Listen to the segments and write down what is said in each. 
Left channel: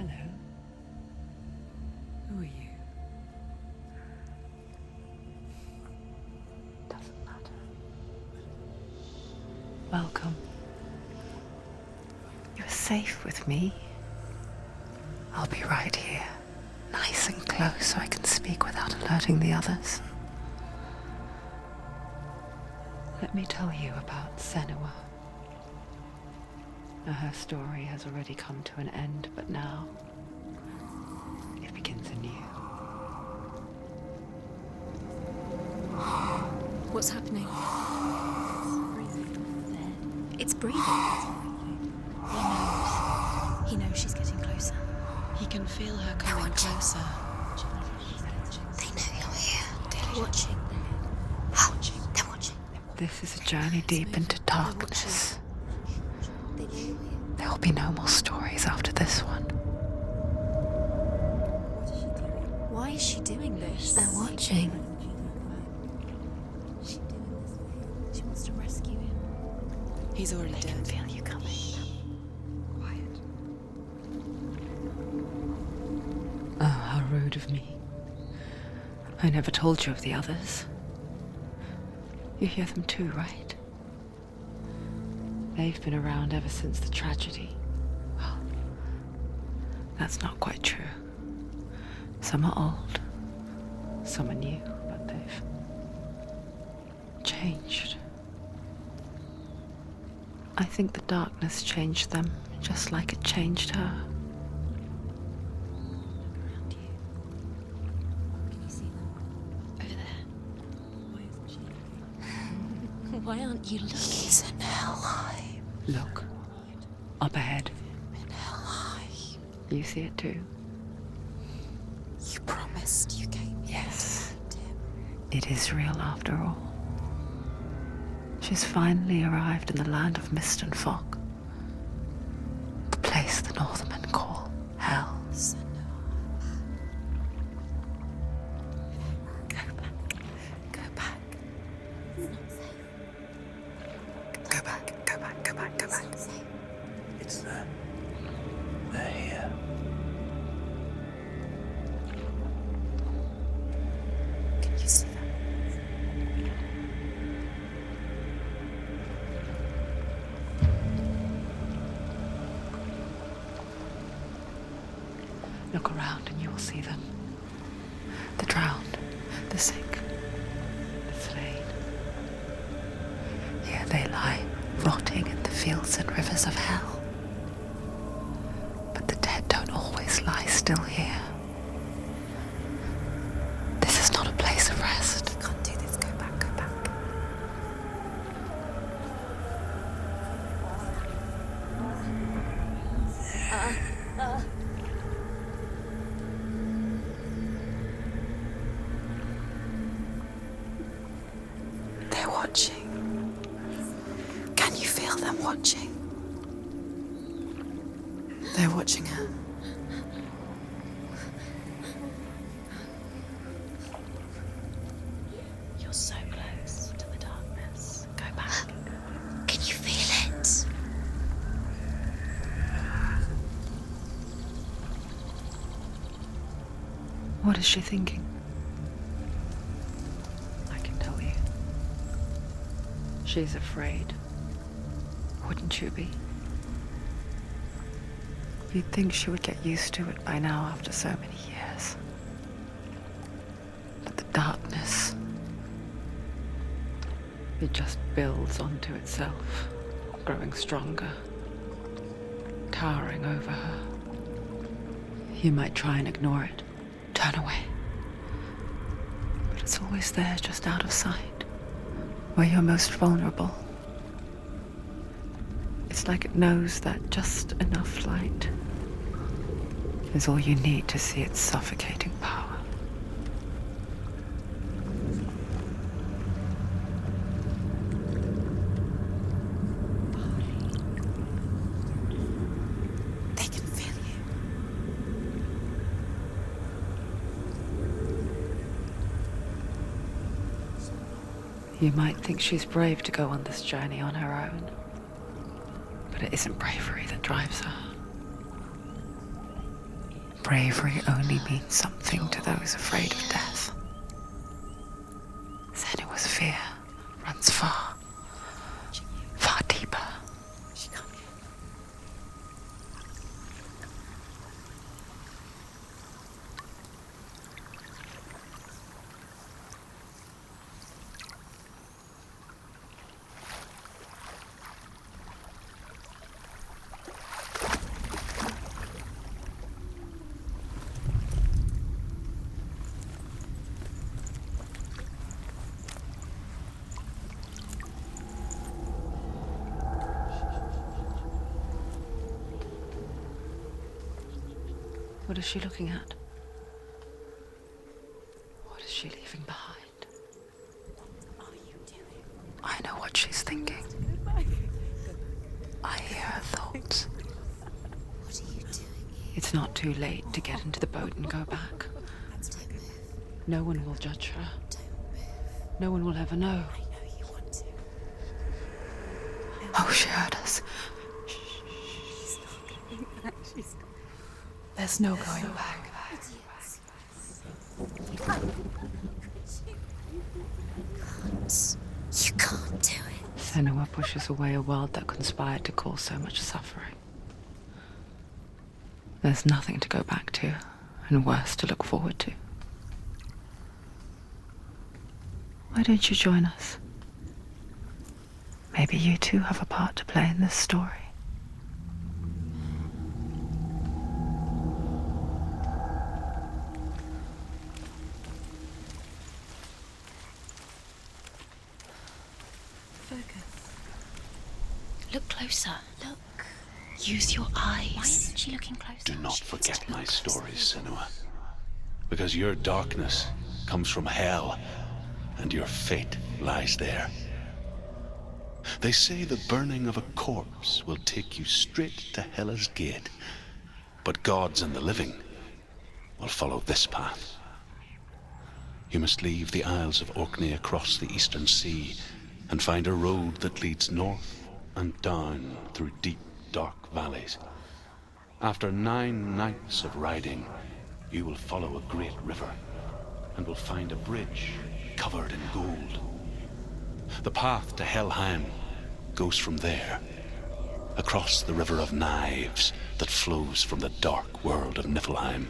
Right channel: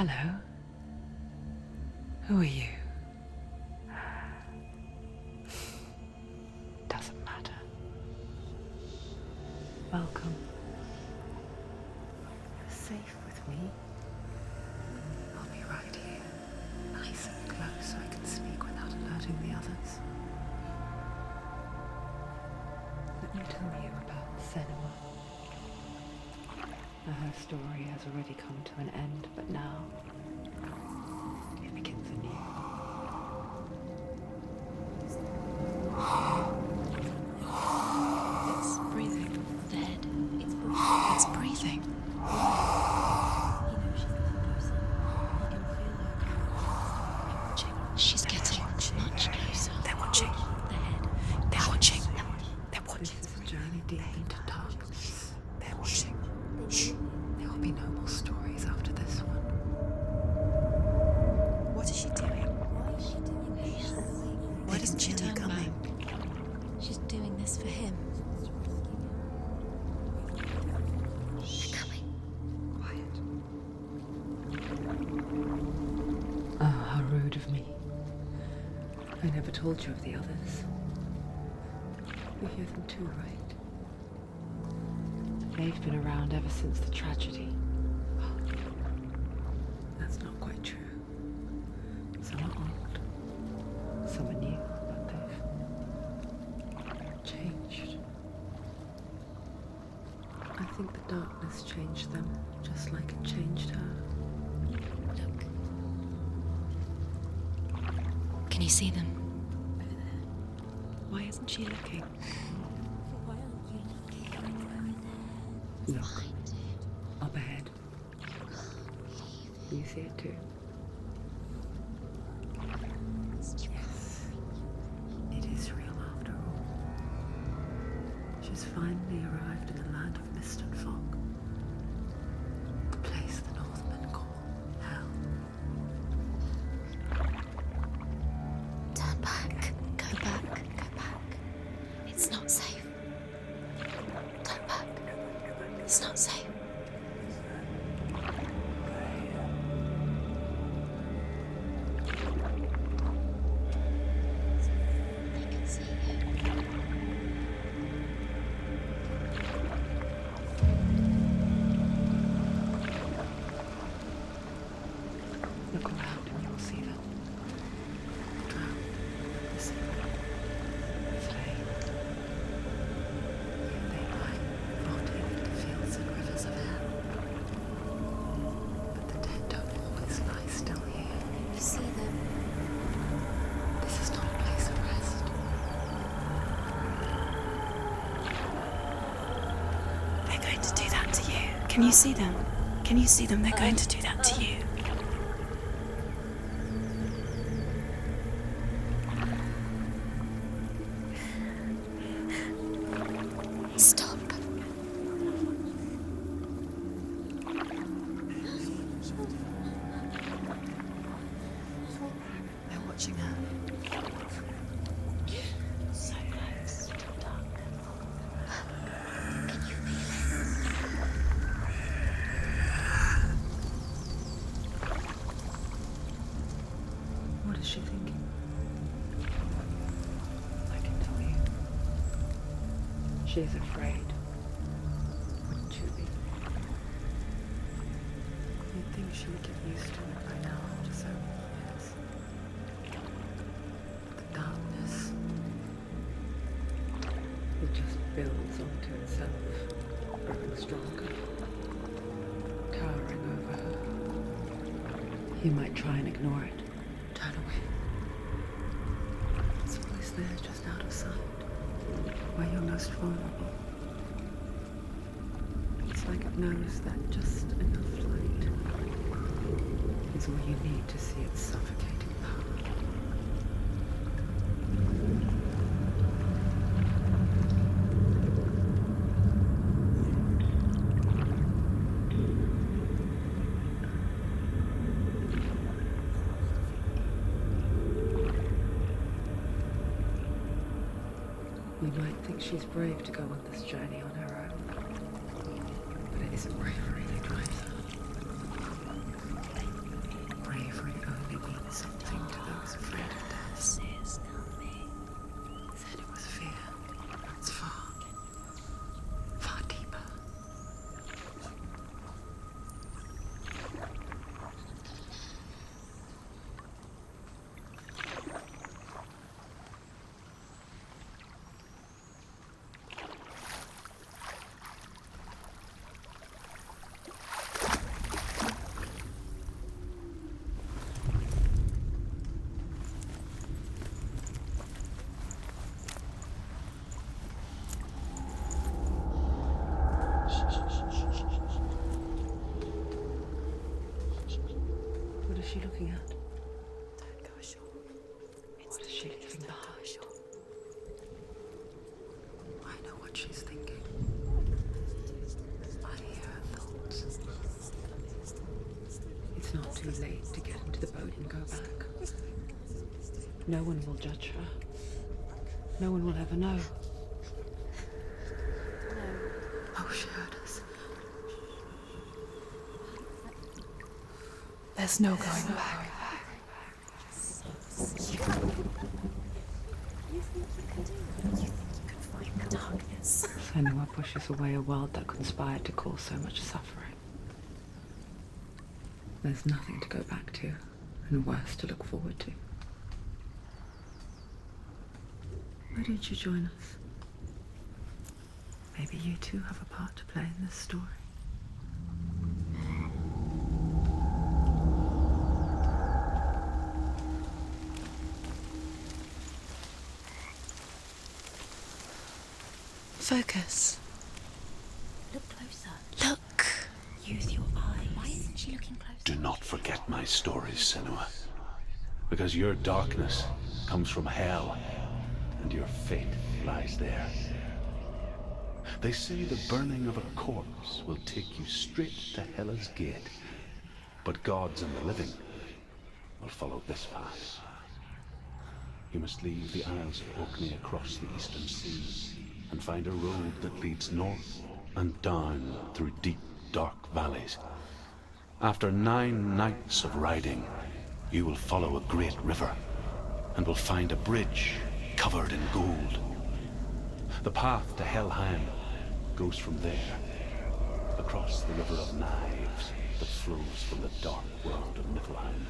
Hello. Who are you? Doesn't matter. Welcome. You're safe with me. I'll be right here, nice and close so I can speak without alerting the others. Let me tell you about Senua. Now, her story has already come to an end, but now it begins anew. What's happening? It's breathing. Dead. It's breathing. It's breathing. He knows she's getting closer. He can feel her coming closer. She's getting closer. They're watching. They're watching. They're watching. This is a journey deep into darkness. They're watching. There will be no more stories after this one. What is she doing? Why is she doing this? They're watching. Why doesn't she turn coming? She's doing this for him. She wants to rescue him. He's already dead. I feel you coming. Quiet. Oh, how rude of me. I never told you of the others. You hear them too, right? They've been around ever since the tragedy. Well, that's not quite true. Some are old, some are new, but they've changed. I think the darkness changed them, just like it changed her. Look around you. Can you see them over there? Why isn't she looking? Why aren't you looking? He's in hell. Look, up ahead. You see it too? You promised you gave. Yes. It is real after all. She's finally arrived in the land of mist and fog. The place the Northmen call hell. Turn back. Go back. Go back. It's not safe. Go back, go back, go back, go It's back. not safe. It's them. They're here. Can you see them? You can see it. Look around and you will see them. The drowned, the sick, the slain. Here they lie, rotting in the fields and rivers of hell. But the dead don't always lie still here. You see them? This is not a place of rest. You can't do this. Go back. Go back. They're going to do that to you. Can you see them? Can you see them? They're going to do that to you. They're watching. Stop. Can you feel them watching? They're watching her. They're watching her. You're so close to the darkness. Go back. Can you feel it? What is she thinking? I can tell you. She's afraid. Wouldn't you be? You'd think she would get used to it by now after so many years. But the darkness, it just builds onto itself, growing stronger, towering over her. You might try and ignore it, turn away. But it's always there, just out of sight, where you're most vulnerable. It's like it knows that just enough light is all you need to see its suffocating power. They can feel you. You might think she's brave to go on this journey on her own, but it isn't bravery that drives her. bravery only means something to those afraid of death. Senua's fear runs far, far deeper. What is she looking at? What is she leaving behind? I know what she's thinking. I hear her thoughts. It's not too late to get into the boat and go back. No one will judge her. No one will ever know. Oh, she heard us. There's no going back. You can't do it. Senua pushes away a world that conspired to cause so much suffering. There's nothing to go back to, and worse to look forward to. Why don't you join us? Maybe you too have a part to play in this story. Focus. Look closer. Look. Use your eyes. Why isn't she looking closer? Do not forget my stories, Senua. Because your darkness comes from hell, and your fate lies there. They say the burning of a corpse will take you straight to Hela's gate, but gods and the living will follow this path. You must leave the Isles of Orkney across the eastern sea and find a road that leads north and down through deep, dark valleys. After 9 nights of riding, you will follow a great river and will find a bridge covered in gold. The path to Helheim goes from there, across the River of Knives that flows from the dark world of Niflheim.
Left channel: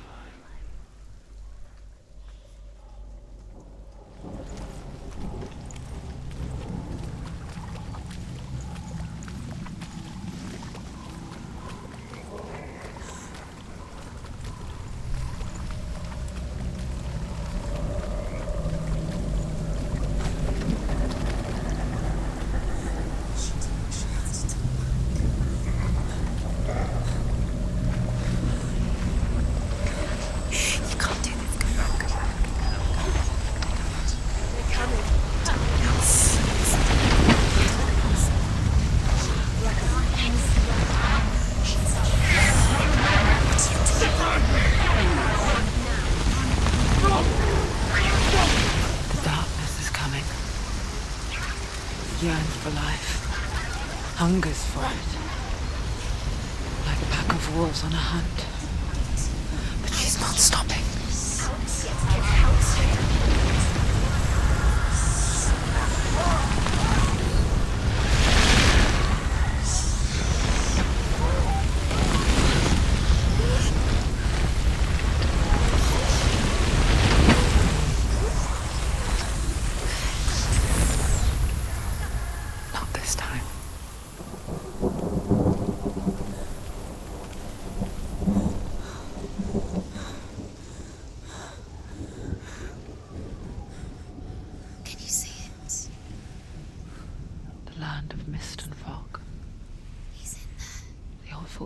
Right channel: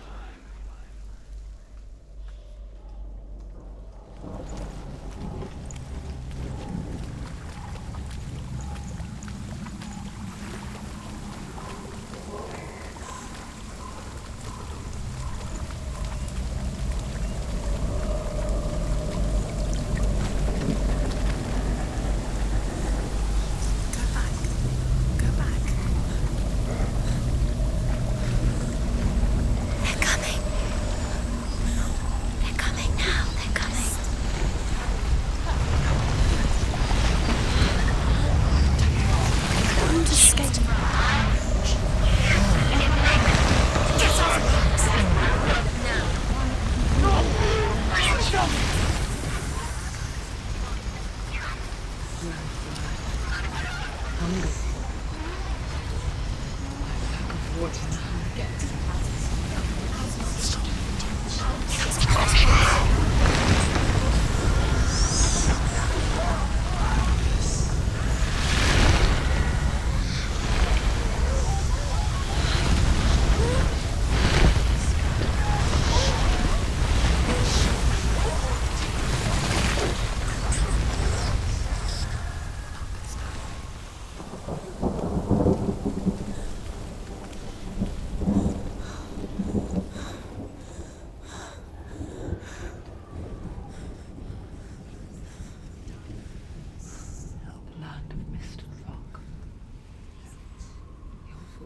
Yearns for life, hungers for it, like a pack of wolves on a hunt. But she's not stopping.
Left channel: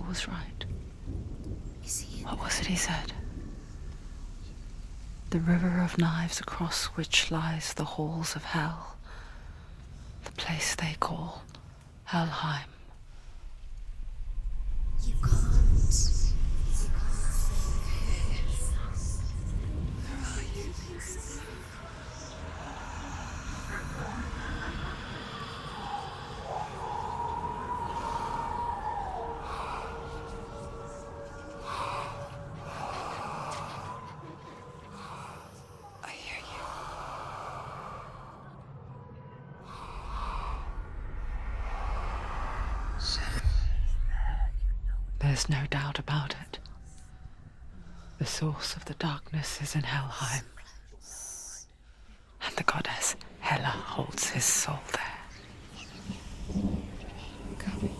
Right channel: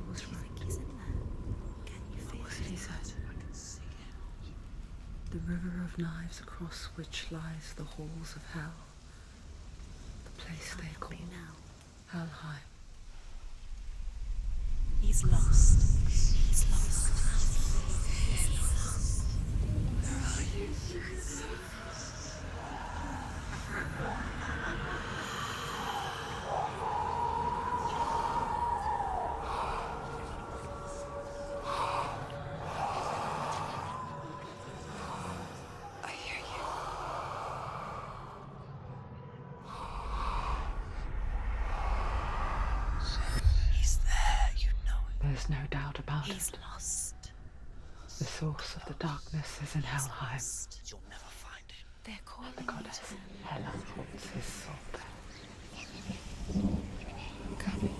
Was right. What was it he said? The river of knives across which lies the halls of hell. The place they call Helheim. He's lost. Where are you? There's no doubt about He's it. lost. The source of the darkness is in Helheim, They're calling and the goddess Hela holds his soul there. coming.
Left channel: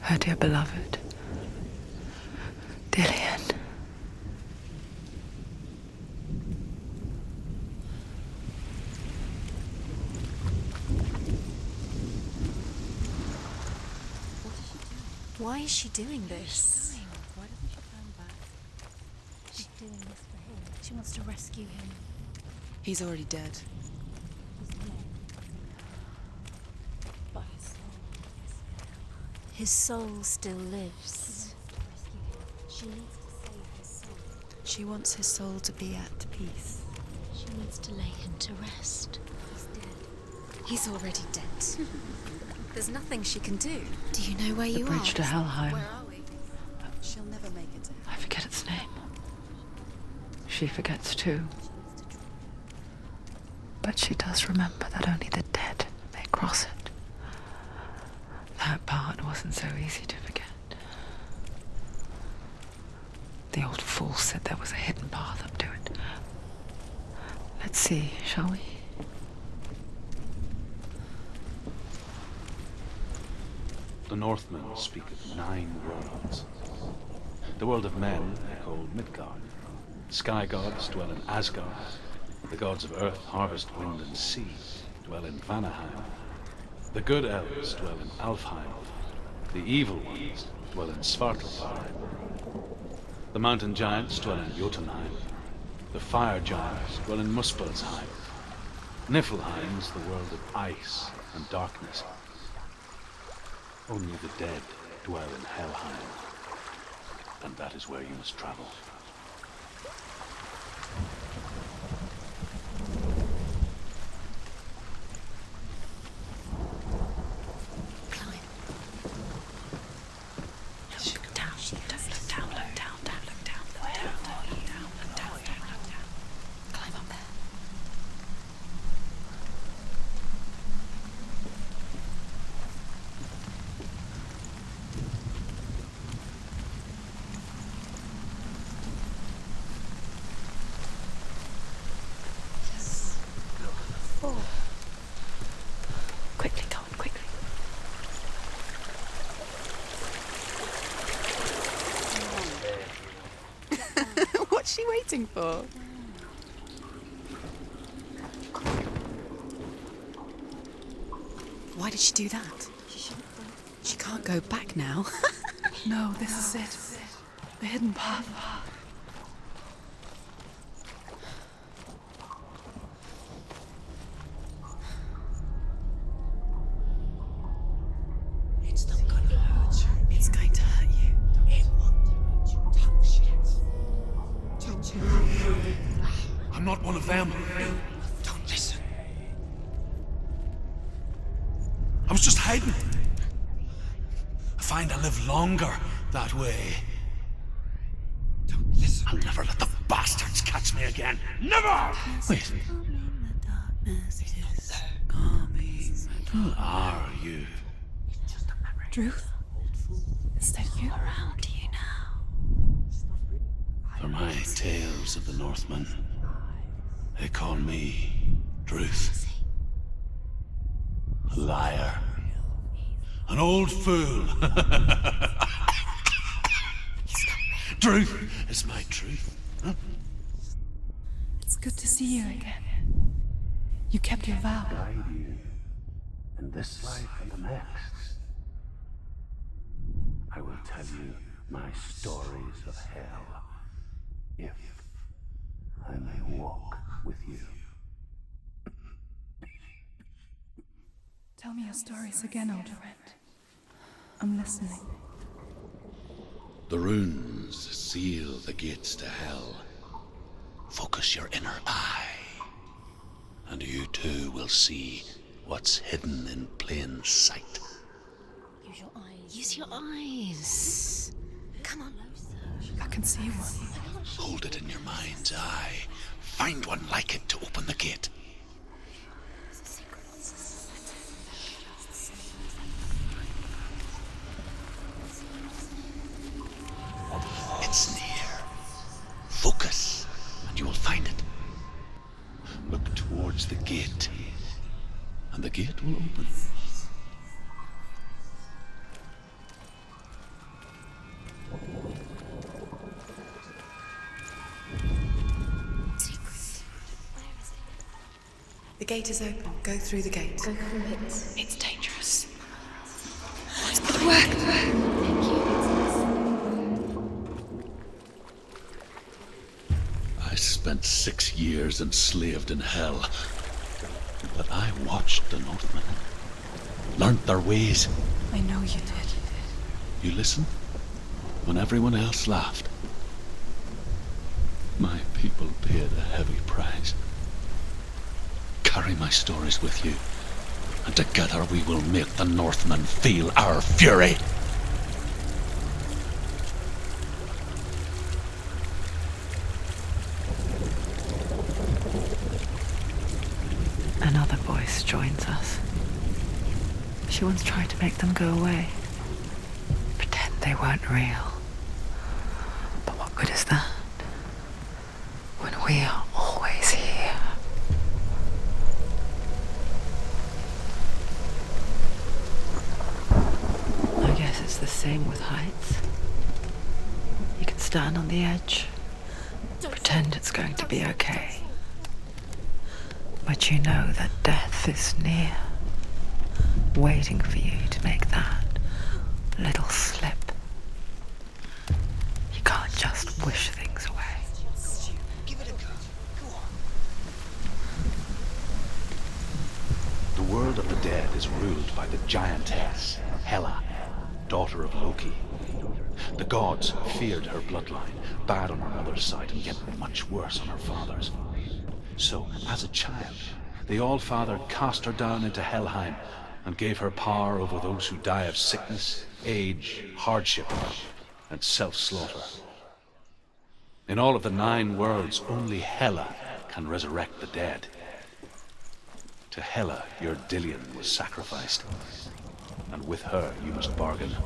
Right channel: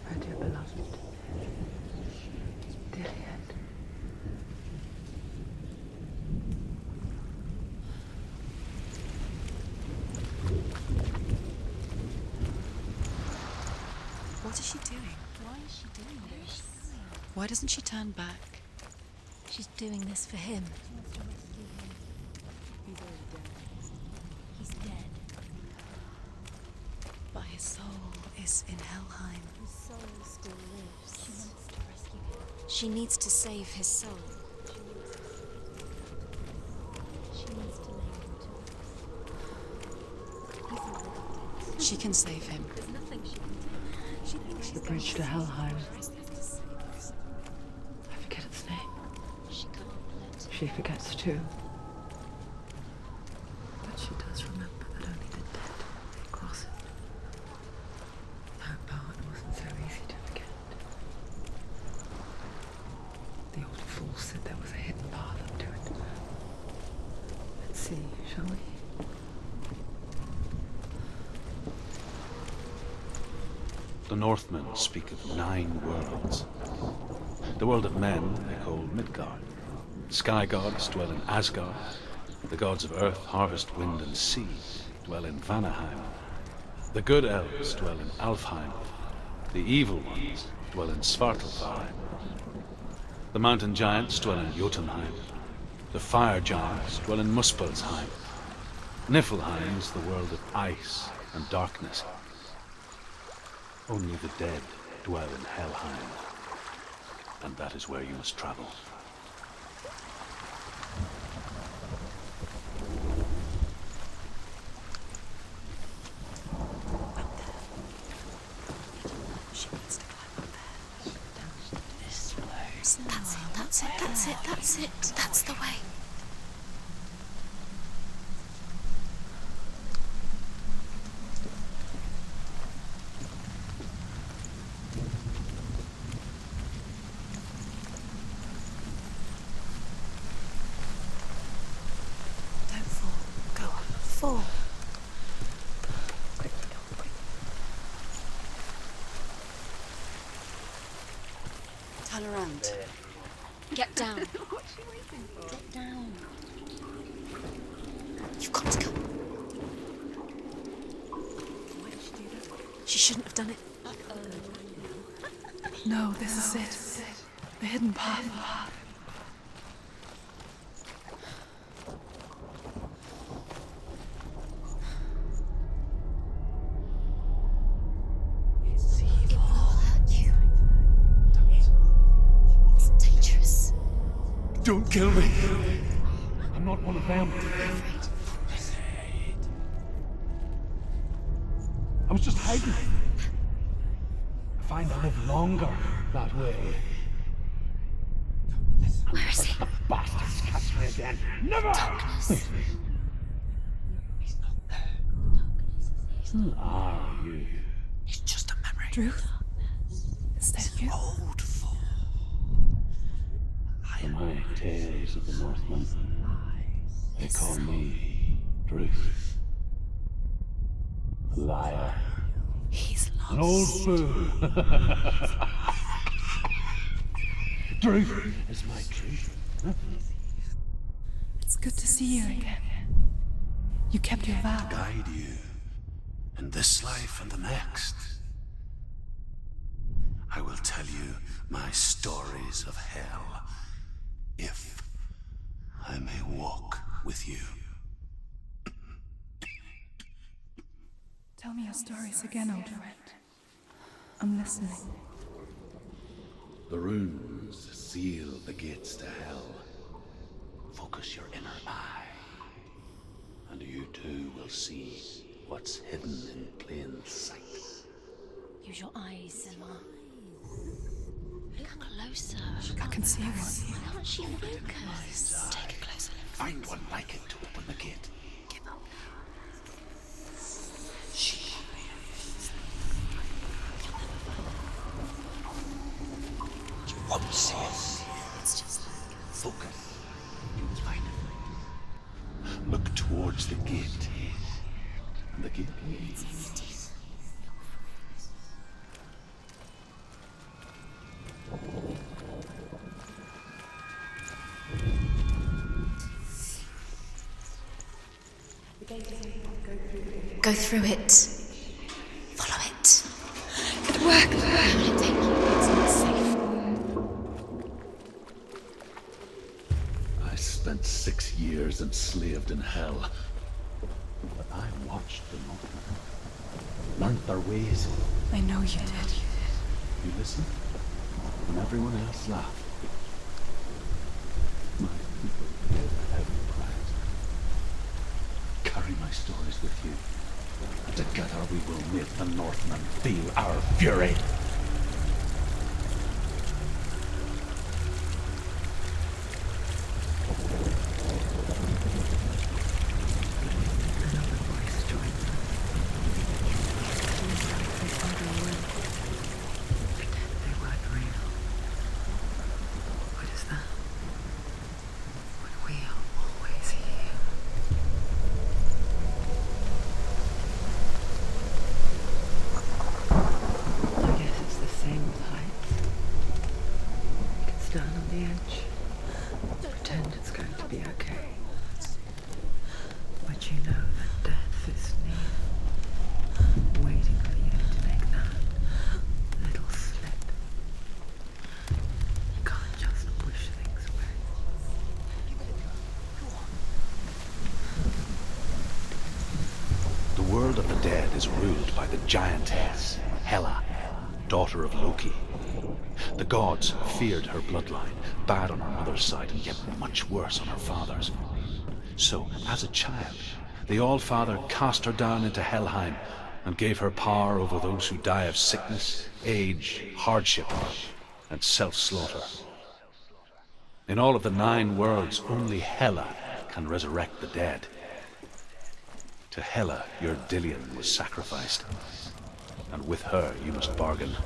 Her dear beloved, Dillian. What is she doing? Why is she doing this? Why doesn't she turn back? She's doing this for him. She wants to rescue him. He's already dead. He's dead. But his soul is in Helheim. His soul still lives. She needs to save his soul. She wants his soul to be at peace. She wants to lay him to rest. He's already dead. She can save him. There's nothing she can do. Do you know where The you bridge are? to Helheim. She'll never make it. I forget its name. She forgets too. But she does remember that only the dead may cross it. That part wasn't so easy to forget. The old fool said there was a hidden path up to it. Let's see, shall we? The Northmen speak of 9 worlds. The world of men they call Midgard. The sky gods dwell in Asgard. The gods of earth, harvest, wind, and sea dwell in Vanaheim. The good elves dwell in Alfheim. The evil ones dwell in Svartalfheim. The mountain giants dwell in Jotunheim. The fire giants dwell in Muspelheim. Niflheim's the world of ice and darkness. Only the dead dwell in Helheim, and that is where you must travel. That's it. That's the way. Climb up there. Go. Fall. Quickly, go. Quickly. Get down. What's she waiting for? You've got to go. Why did she do that? She shouldn't have done it. She can't go back now. No, this is it. The hidden path. It's going to hurt you. It's dangerous. Don't kill me. I'm not one of them. Don't listen. I was just hiding. I find I live longer that way. Don't listen. I'll never let the bastards catch me again. Never! Wait, who are you? It's just a memory. Druth? Is that you? For my tales of the Northmen, they call me Druth. Liar. He's lost. An old fool. Truth is my truth. It's good to see you again. You kept your vow. Guide you in this life and the next. I will tell you my stories of hell, if I may walk with you. Tell me your stories again, old friend. I'm listening. The runes seal the gates to hell. Focus your inner eye, and you too will see what's hidden in plain sight. Use your eyes. Use your eyes. Come on, closer. I can see one. Hold it in your mind's eye. Find one like it to open the gate. towards the gate. And the gate will open. The gate is open. Go through the gate. Go through it. It's dangerous. Follow it. It worked. Where will it take you? It's not safe. I spent 6 years enslaved in hell. But I watched the Northmen. Learned their ways. I know you did. You listened when everyone else laughed. My people paid a heavy price. Carry my stories with you, and together we will make the Northmen feel our fury. Another voice joins us. She once tried to make them go away. Pretend they weren't real. But what good is that? When we are always here. I guess it's the same with heights. You can stand on the edge, pretend it's going to be okay. But you know that death is near, waiting for you to make that little slip. You can't just wish things away. The world of the dead is ruled by the giantess, Hela, daughter of Loki. The gods feared her bloodline, bad on her mother's side and yet much worse on her father's. So, as a child, the All-Father cast her down into Helheim and gave her power over those who die of sickness, age, hardship, and self-slaughter. In all of the 9 worlds, only Hela can resurrect the dead. To Hela, your Dillion was sacrificed, and with her you must bargain.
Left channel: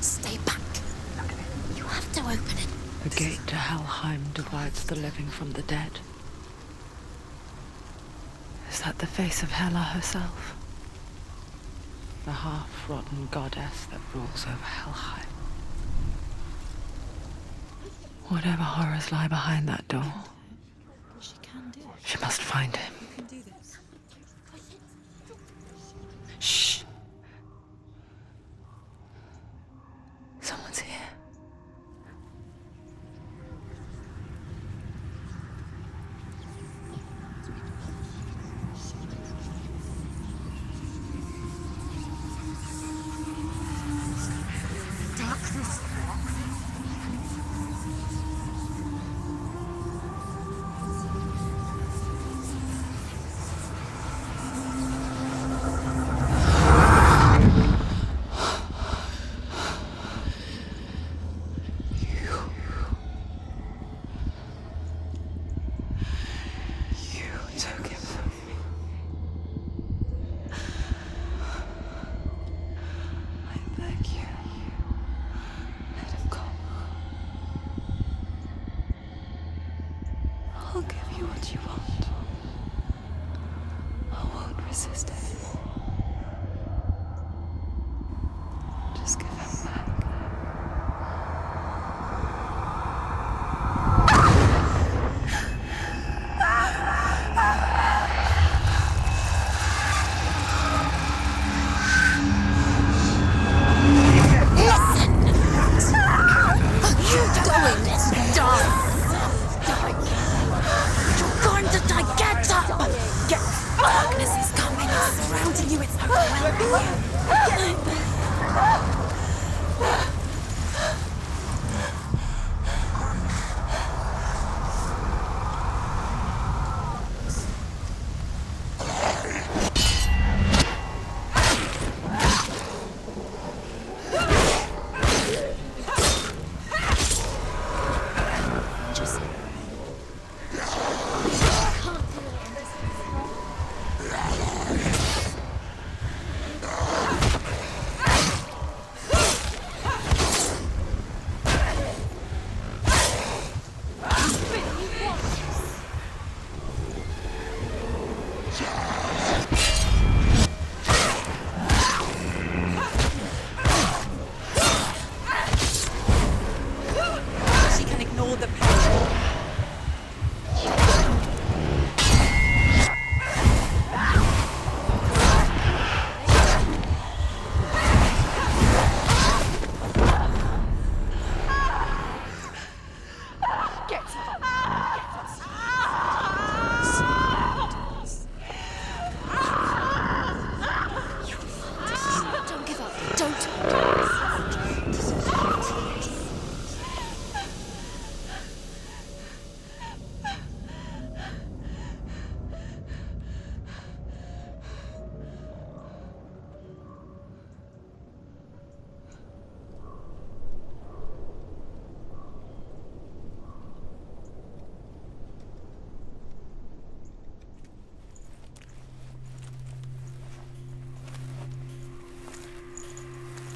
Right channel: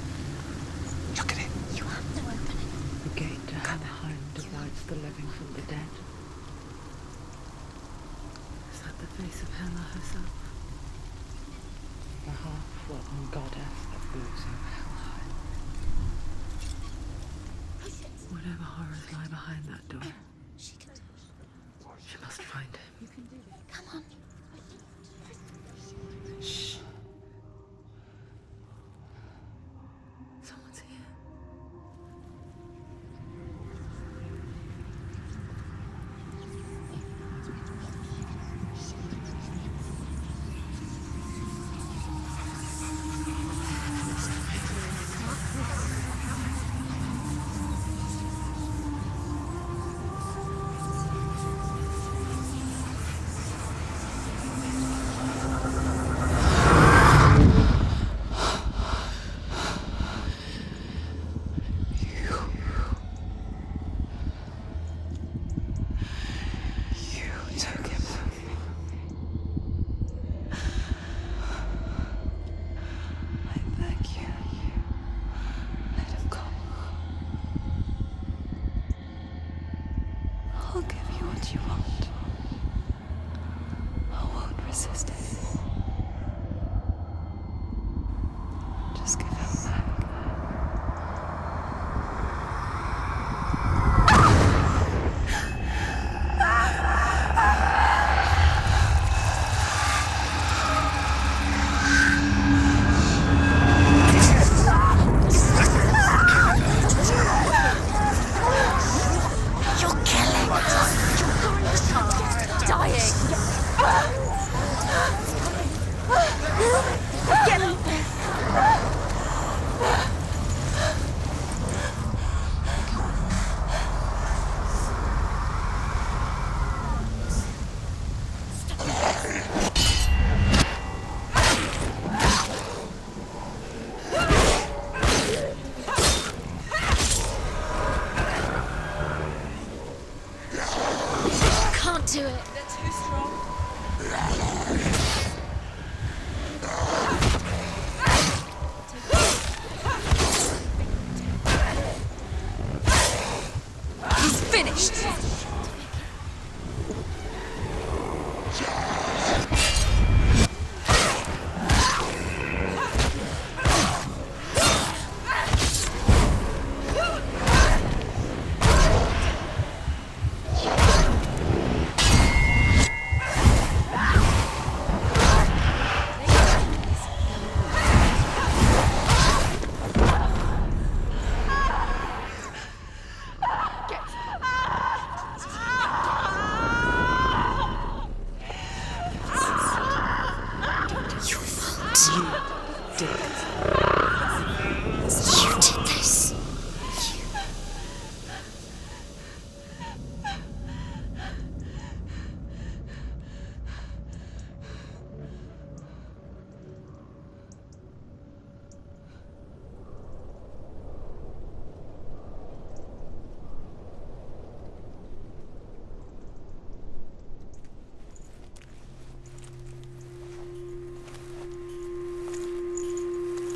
Stay back. Look at it. You have to open it. The gate to Helheim divides the living from the dead. Is that the face of Hela herself? The half-rotten goddess that walks over Helheim. Whatever horrors lie behind that door, she must find him. Shh. Someone's here. Took him from me. I beg you, let him go. I'll give you what you want. I won't resist anymore. Just give him back.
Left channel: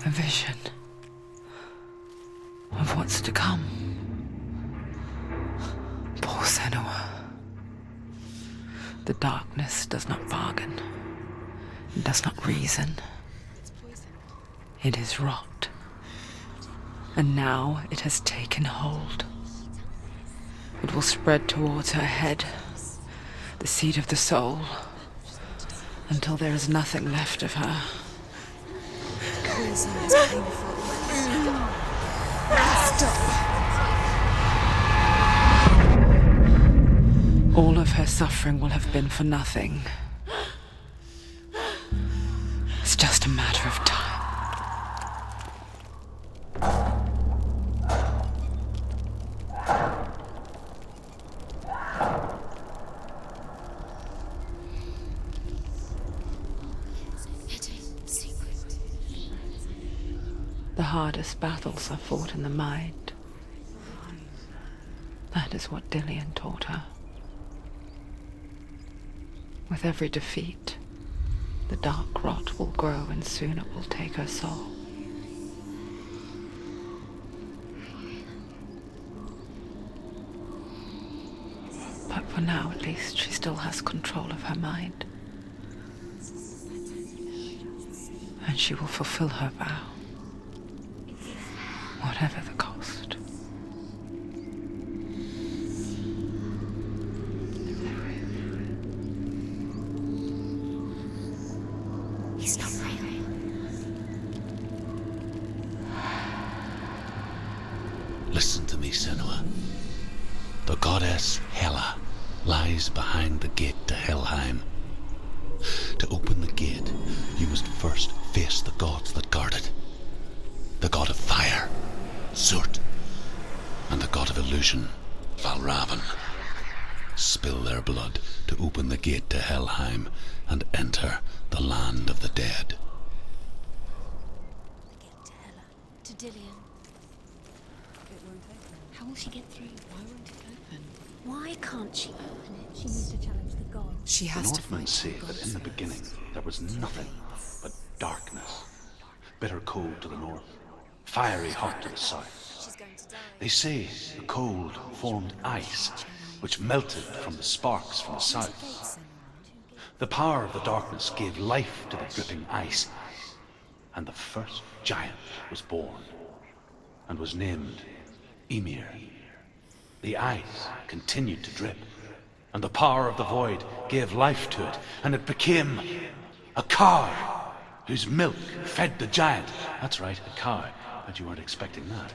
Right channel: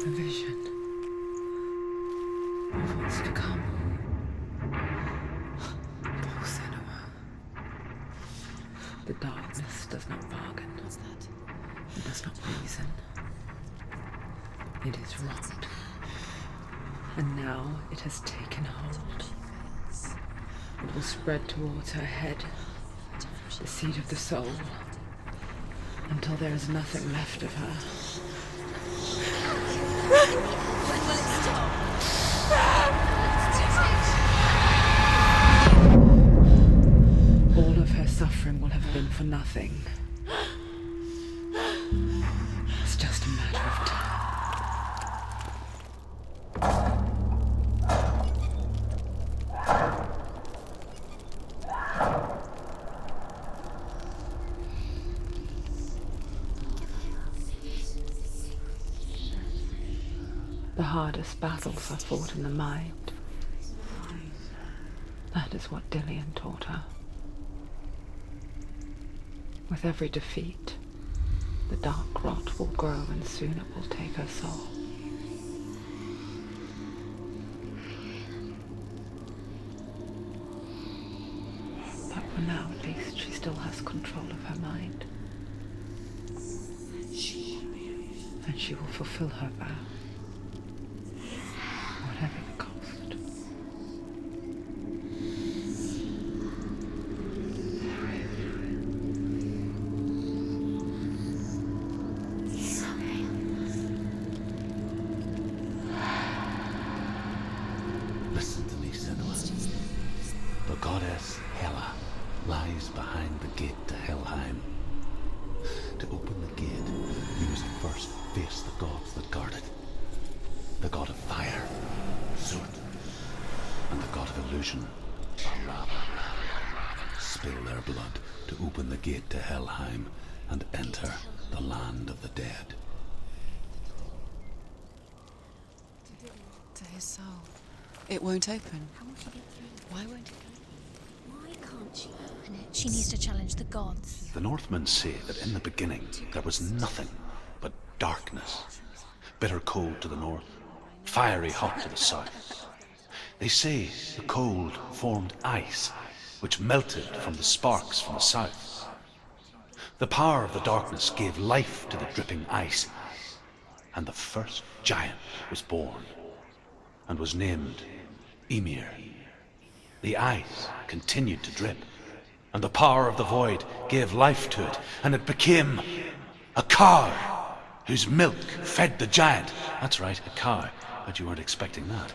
A vision of what's to come. Poor Senua. The darkness does not bargain. It does not reason. It is wrought. And now it has taken hold. It will spread towards her head, the seat of the soul, until there is nothing left of her. All of her suffering will have been for nothing. It's just a matter of time. The hardest battles are fought in the mind. That is what Dillian taught her. With every defeat, the dark rot will grow and soon it will take her soul. But for now, at least, she still has control of her mind. And she will fulfill her vow, whatever the cost. He's not breathing. Listen to me, Senua. The goddess Hela lies behind the gate to Helheim. To open the gate, you must first face the gods that guard it. The god of fire, Surt, and the god of illusion, Valravn. Spill their blood to open the gate to Helheim and enter the land of the dead. To Dillian. To his soul. It won't open. How will she get through? Why won't it open? Why can't she open it? She needs to challenge the gods. She The has to. Northmen say that in the beginning there was nothing but darkness. Bitter cold to the north, fiery hot to the south. They say the cold formed ice, which melted from the sparks from the south. The power of the darkness gave life to the dripping ice, and the first giant was born, and was named Ymir. The ice continued to drip, and the power of the void gave life to it, and it became a cow whose milk fed the giant. That's right, a cow. Bet you weren't expecting that.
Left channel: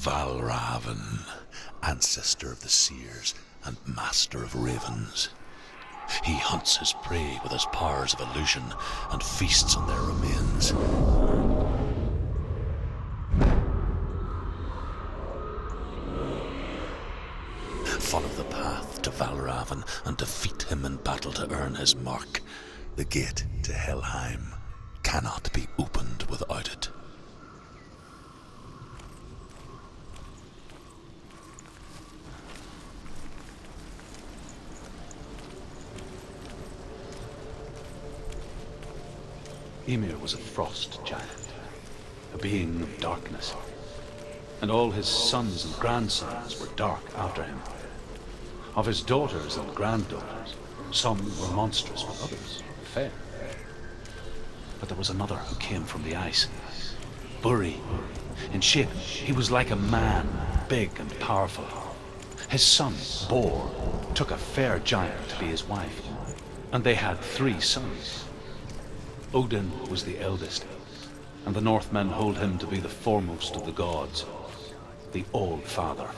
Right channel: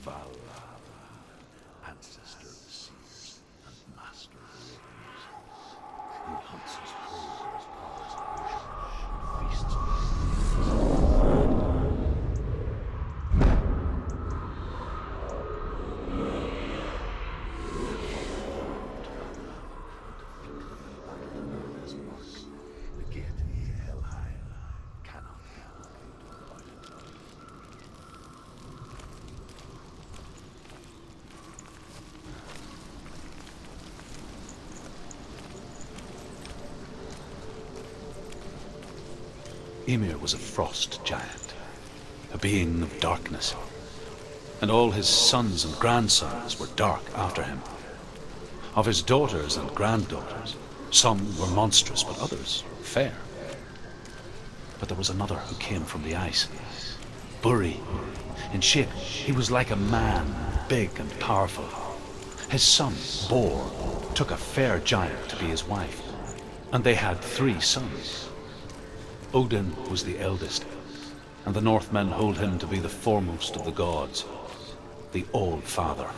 Valravn, ancestor of the seers and master of ravens. He hunts his prey with his powers of illusion and feasts on their remains. Follow the path to Valravn and defeat him in battle to earn his mark. The gate to Helheim cannot be opened without it. Ymir was a frost giant, a being of darkness, and all his sons and grandsons were dark after him. Of his daughters and granddaughters, some were monstrous, but others fair. But there was another who came from the ice, Buri. In shape, he was like a man, big and powerful. His son, Bor, took a fair giant to be his wife, and they had 3 sons. Odin was the eldest, and the Northmen hold him to be the foremost of the gods, the All-Father.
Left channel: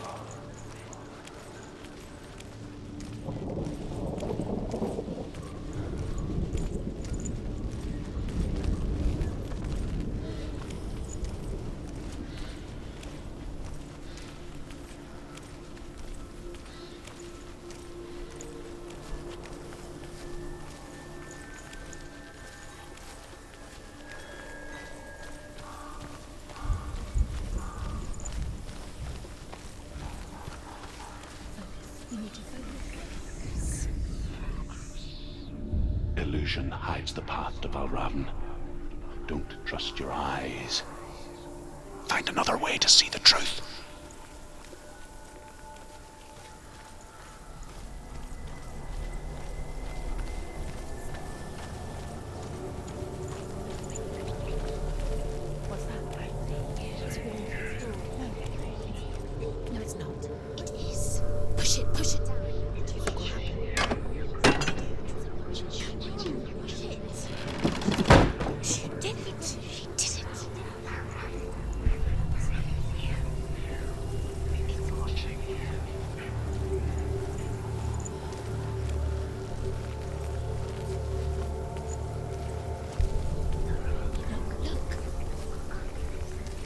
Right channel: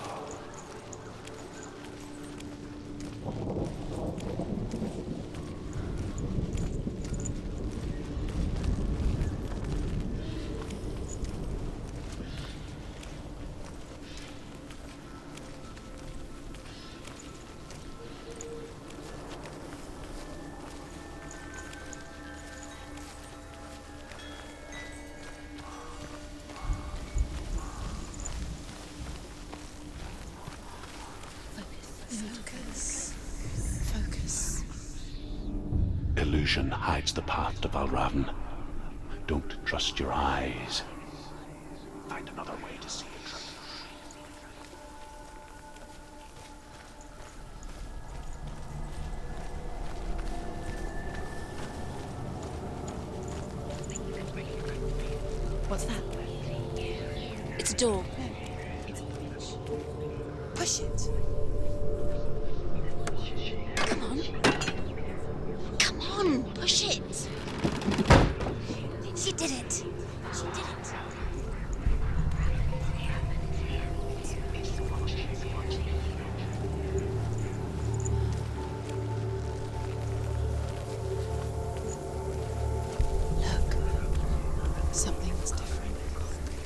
illusion hides the path to Valravn. Don't trust your eyes. Find another way to see the truth. What's that? It's a door. No, it's not. Push it. Push it. Push it. Come on. Come on. Push it. He did it. He did it. He did it. Look, something is different.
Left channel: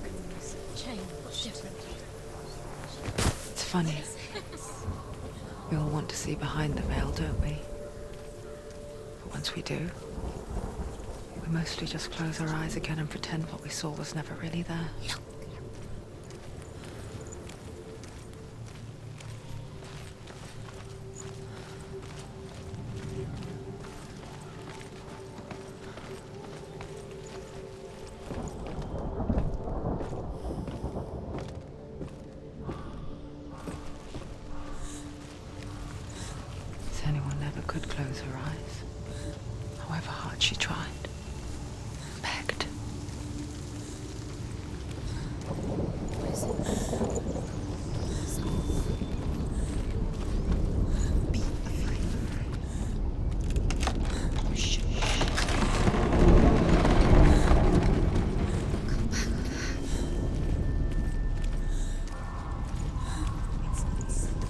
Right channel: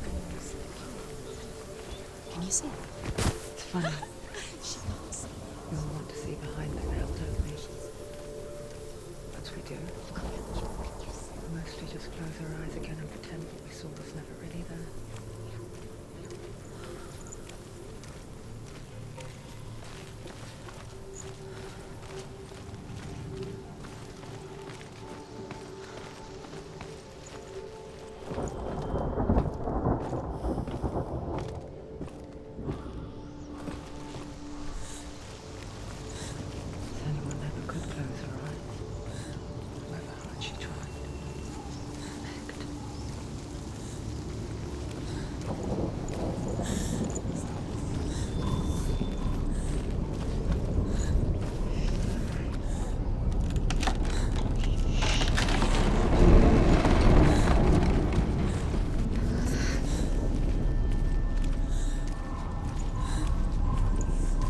Things change. Can you see? It's funny. We all want to see behind the veil, don't we? But once we do, we mostly just close our eyes again and pretend what we saw was never really there. Anyone never could close her eyes, however hard she tried, begged.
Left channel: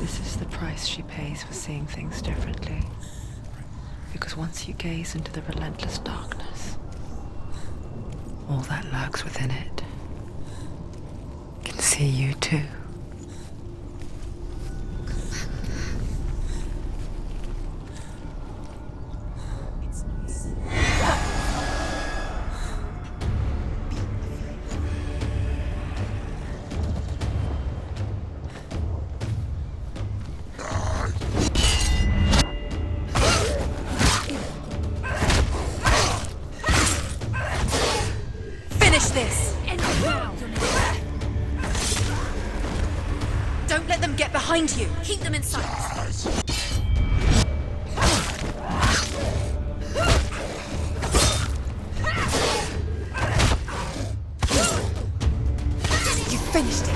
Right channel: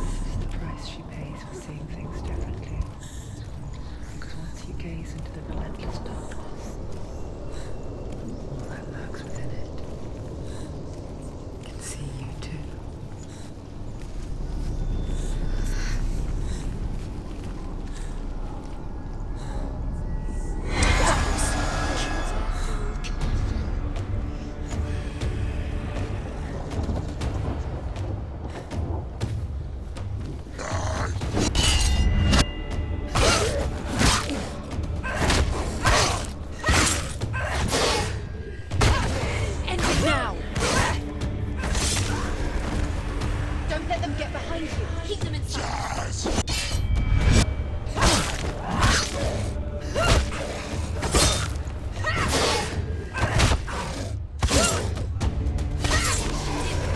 This is the price she pays for seeing things differently. Because once you gaze into the relentless darkness, all that lurks within it can see you too. Finish this! End it now! Don't let them get behind you! Keep them inside! You finished it!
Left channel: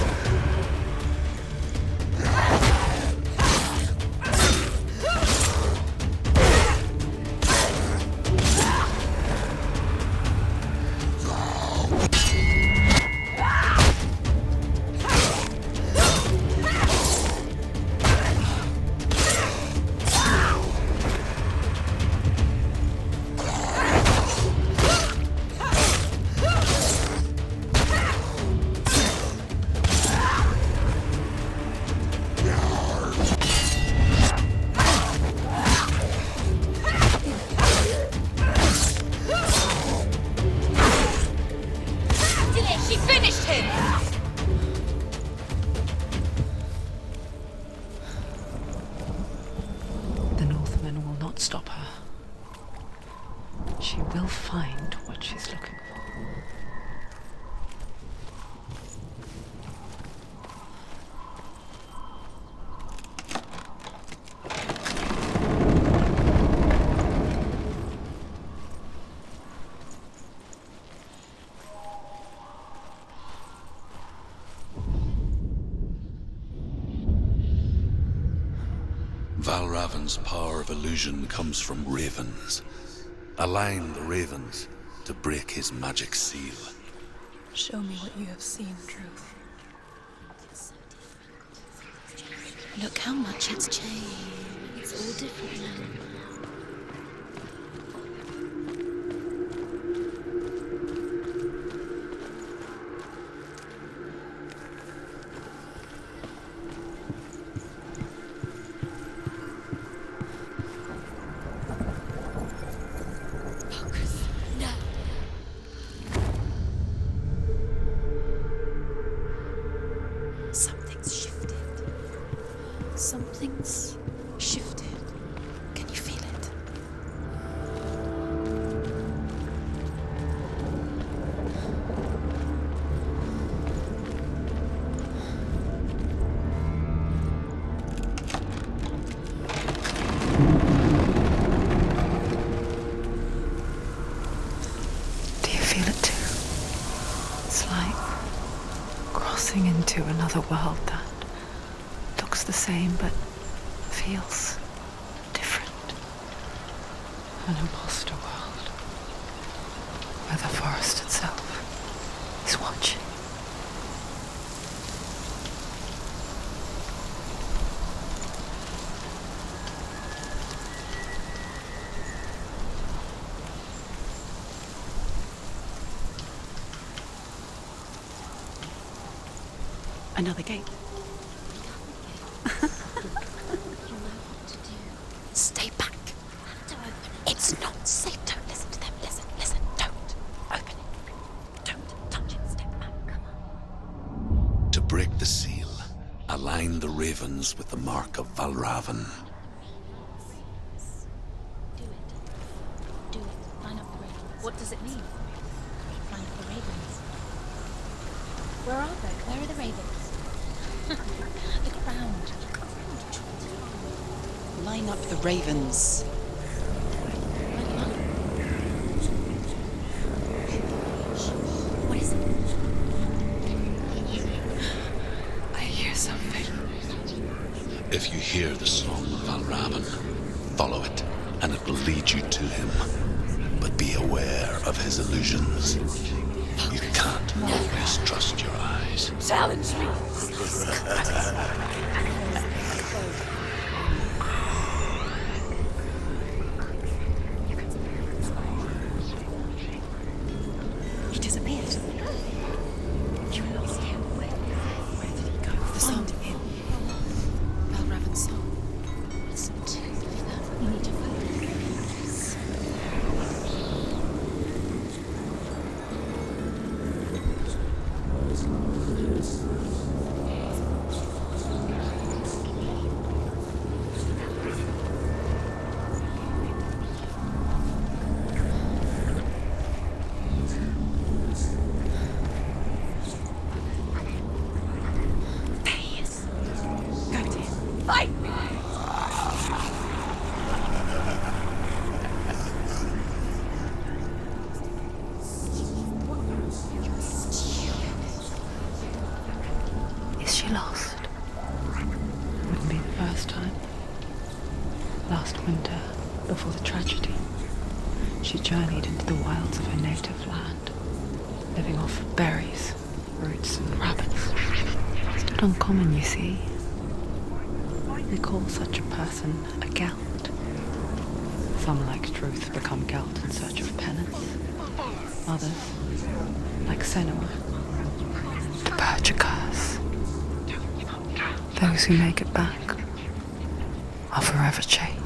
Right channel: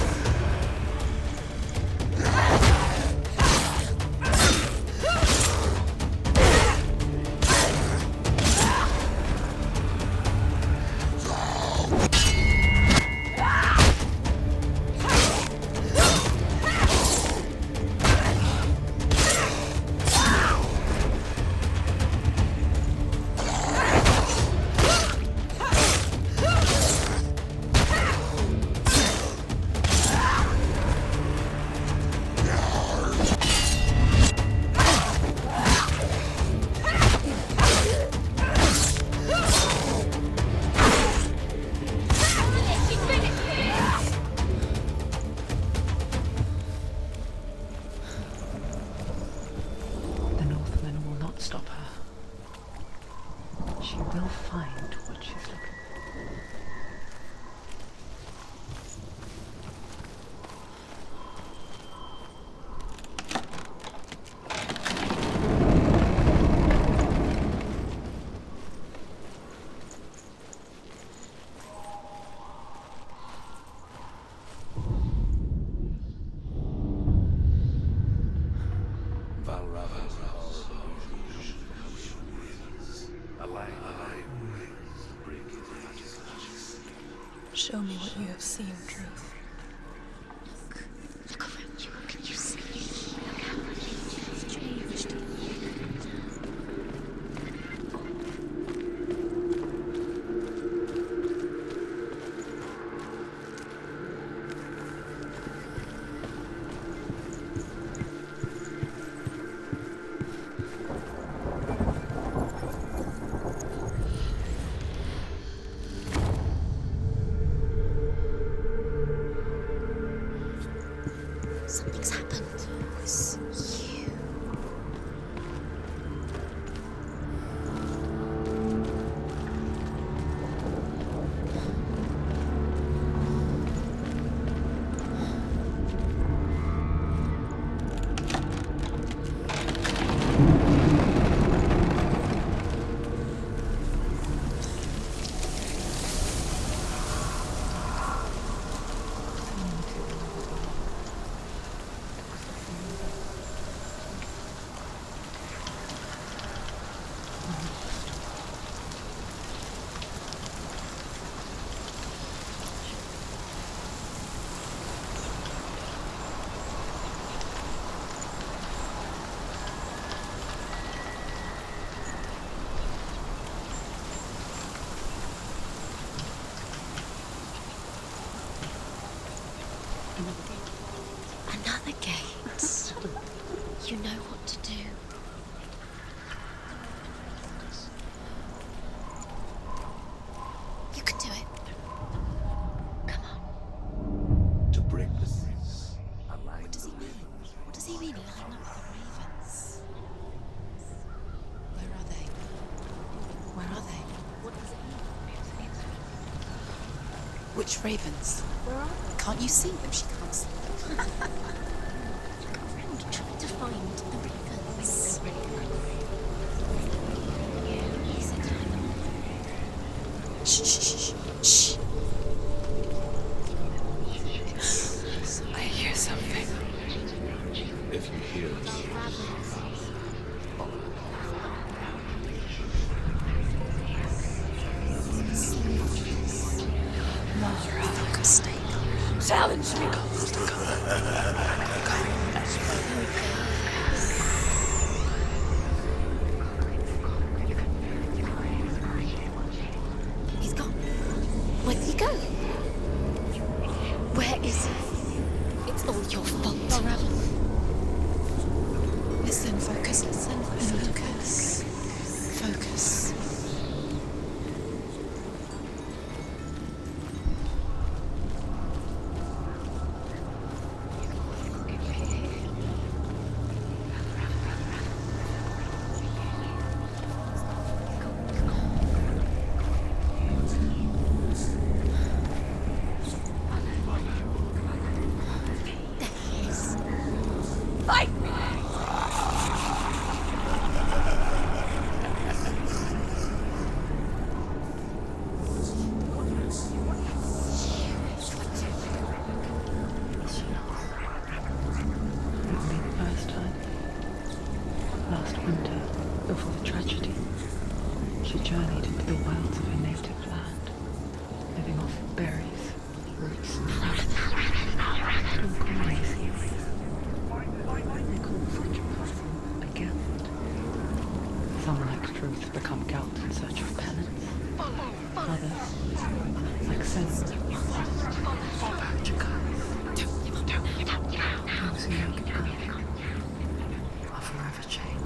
She finished him! The Northmen will not stop her. She will find what she's looking for. Valravn's power of illusion comes from ravens. Align the ravens to break his magic seal. Show me what you have seen, Truth. Look how much it's changed. It's so different. Something's shifted. Something's happened. Something new. into another world that looks the same but feels different. An imposter world where the forest itself is watching. Another gate. Another gate. You know what to do. Stay back. Don't open it. It's not safe. Don't listen to them. Listen. Don't. Open it. You can do it. Don't touch it. Step back. Come on. To break the seal, align the ravens with the mark of Valravan. Where are they? Where are they? What does it mean? Which ravens? Where are they? Can't you see them? Line up the ravens. Shh. What is it? I hear something. If you hear the song of Valravan, follow it, and it will lead you to him. But be aware of his illusions. You can't always trust your eyes. Challenge me! He's gone. He disappeared. Where did he go? Where is he? It's all your fault. Valravan's song. Listen, focus. You need to focus. Focus. Fight me! Is she lost? Wouldn't be the first time. Last winter, before the tragedy, she journeyed into the wilds of her native land, living off of berries, roots, and rabbits. It's not uncommon, you see. They call such a person a Gelt. Some, like Truth, become Gelt in search of penance. Others, like Senua, to purge a curse. Those who make it back are forever changed.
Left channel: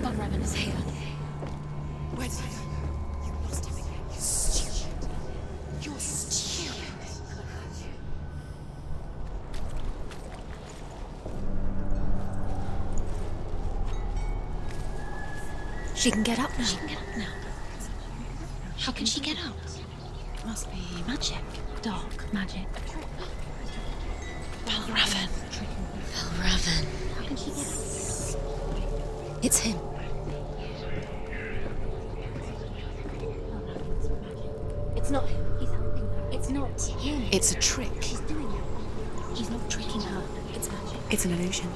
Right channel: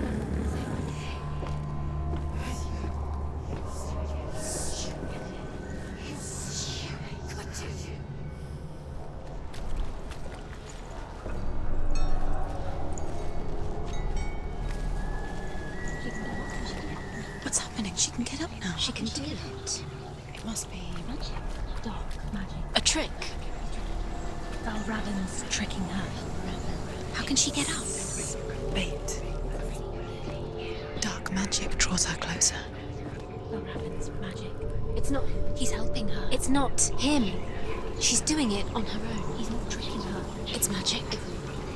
Valravan is here. She can get up now. What's happening? She can get up now. How can she get out? Must be magic. Dark magic. A trick. Valravan tricking her. Valravan. How can she get out? Wait. It's him. Dark magic draws her closer. Valravan's magic. It's not him. He's helping her. It's not him. It's a trick. She's doing it on her own. He's not tricking her. It's magic. It's an illusion.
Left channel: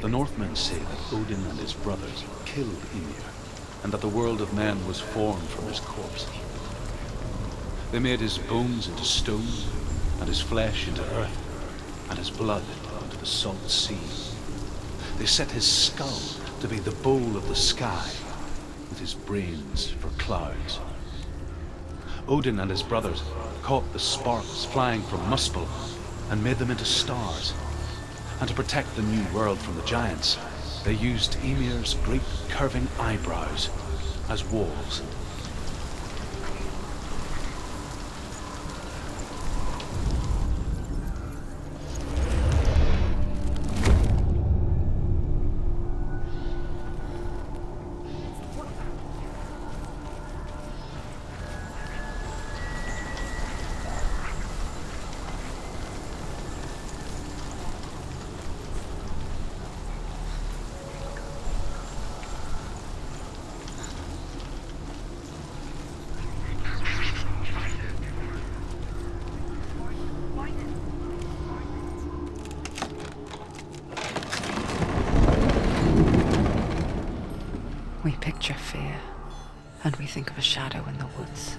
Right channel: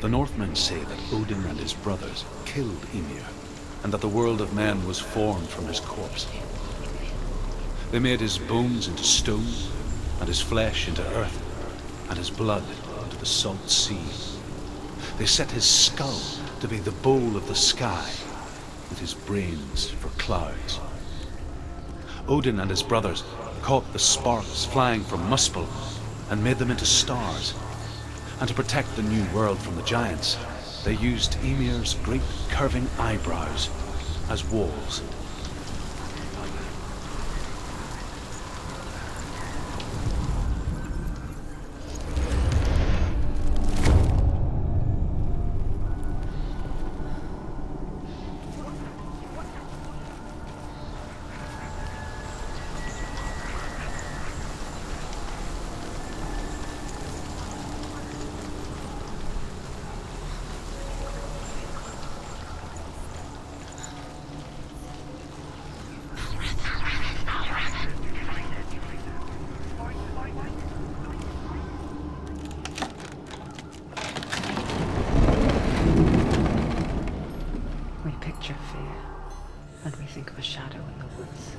The Northmen say that Odin and his brothers killed Ymir, and that the world of men was formed from his corpse. They made his bones into stone, and his flesh into earth, and his blood into the salt sea. They set his skull to be the bowl of the sky, and his brains for clouds. Odin and his brothers caught the sparks flying from Muspel and made them into stars. And to protect the new world from the giants, they used Ymir's great curving eyebrows as walls. picture fear, and we think of a shadow in the woods,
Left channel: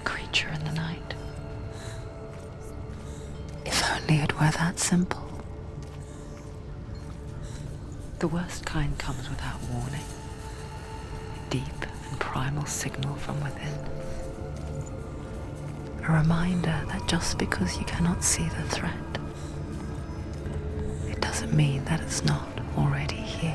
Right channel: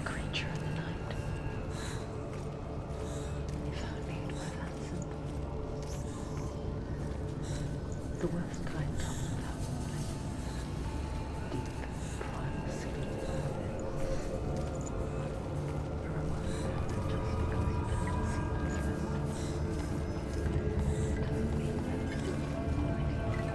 a creature in the night. If only it were that simple. The worst kind comes without warning. Deep and primal signal from within. A reminder that just because you cannot see the threat, it doesn't mean that it's not already here.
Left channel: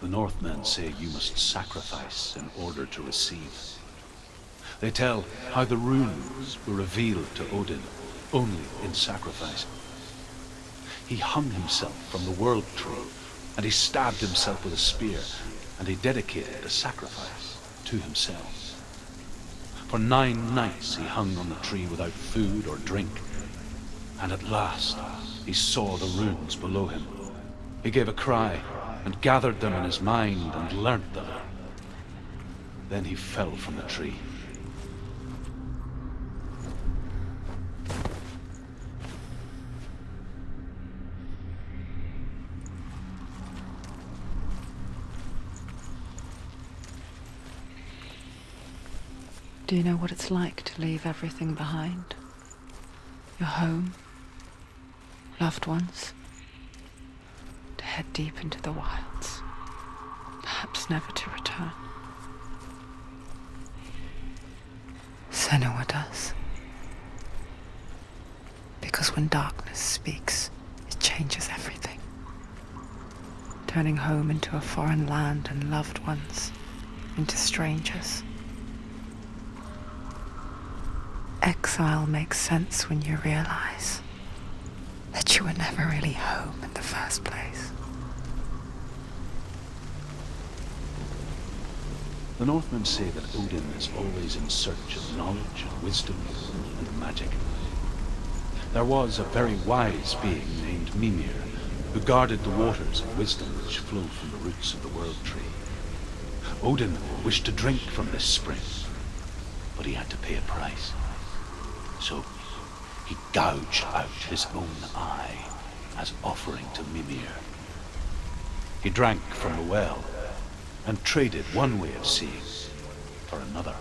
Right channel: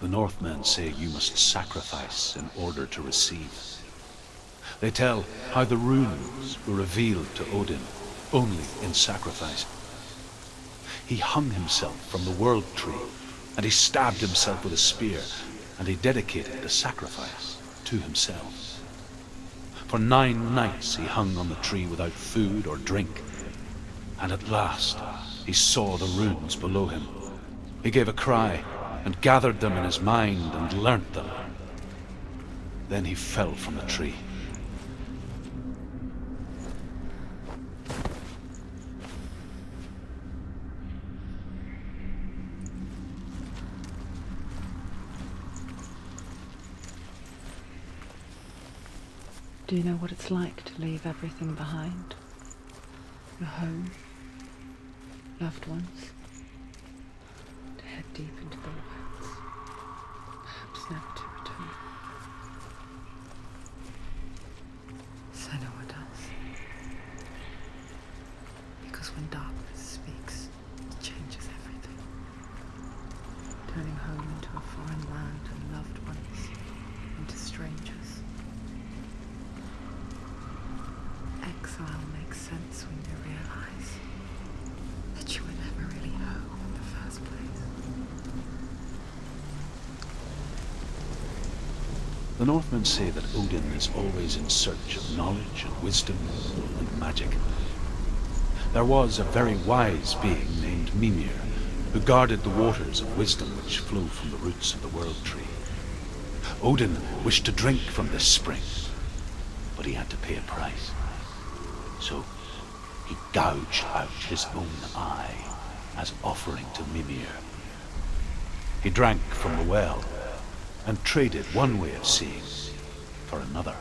The Northmen say you must sacrifice in order to receive. They tell how the runes were revealed to Odin only in sacrifice. He hung himself from the world tree, and he stabbed himself with a spear, and he dedicated the sacrifice to himself. For 9 nights he hung on the tree without food or drink, and at last he saw the runes below him. He gave a cry, and gathered them in his mind and learnt them. Then he fell from the tree. Do you know what it's like to leave everything behind? Your home, loved ones, to head deep into the wilds, perhaps never to return. Senua does. Because when darkness speaks, it changes everything. Turning home into a foreign land and loved ones into strangers. Exile makes sense when you realize that you were never really home in the first place. The Northmen say that Odin is always in search of knowledge and wisdom and magic. There was a very wise being named Mimir who guarded the waters of wisdom which flow from the roots of the world tree. Odin wished to drink from this spring, but he had to pay a price. So he gouged out his own eye as offering to Mimir. He drank from the well and traded one way of seeing for another.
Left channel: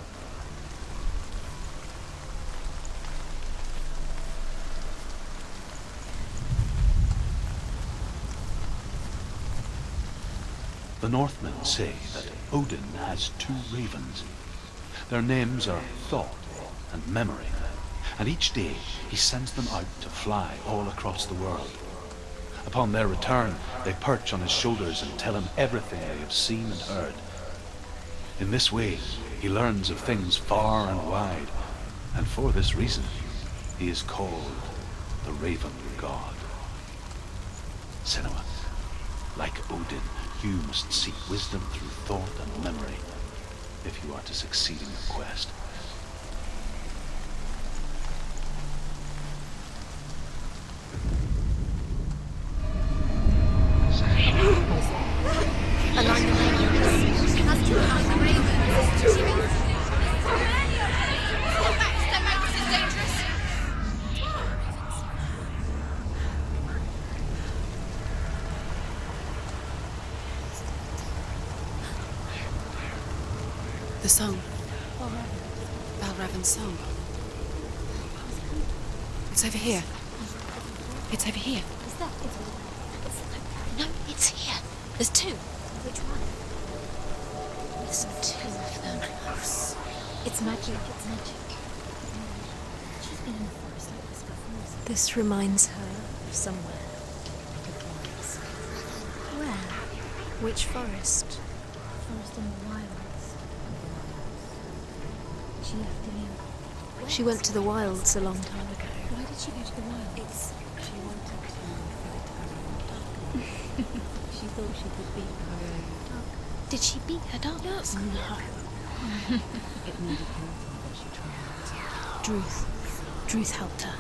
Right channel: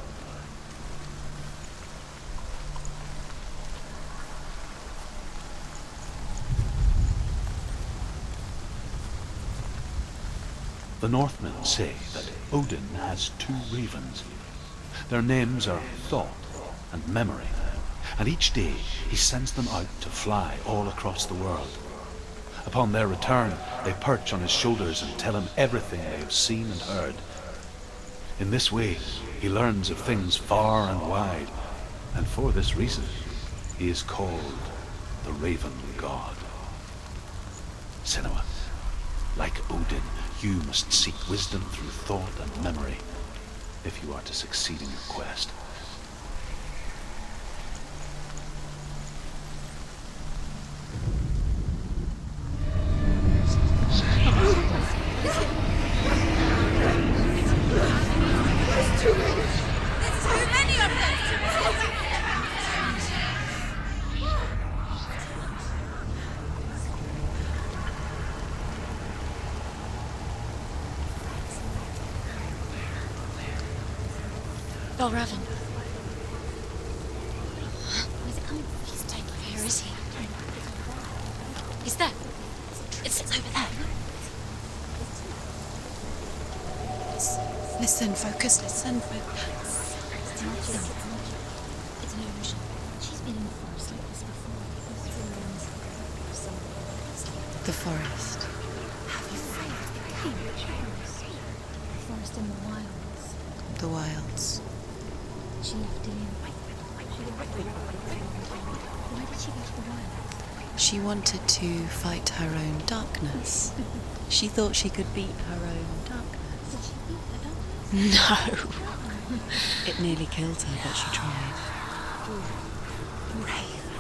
The Northmen say that Odin has 2 ravens. Their names are Thought and Memory, and each day he sends them out to fly all across the world. Upon their return, they perch on his shoulders and tell him everything they have seen and heard. In this way, he learns of things far and wide, and for this reason, he is called the Raven God. Senua, like Odin, you must seek wisdom through thought and memory if you are to succeed in your quest. song. Balravan. Balravan's song. It's over here. It's over here. Is that? It's over there. No, it's here. There's two. Listen, focus, listen. It's magic. It's magic. It's an illusion. She's been in the forest like this before. This reminds her of somewhere. The forest. Which forest? Forest in the wilds. The wilds. She left Dillian. She went to the wilds a long time ago. Why did she go to the wilds? She wanted to fight her own darkness. She thought she could beat her own darkness. Did she beat her darkness? No. It nearly killed her, but she tried. Druth helped her.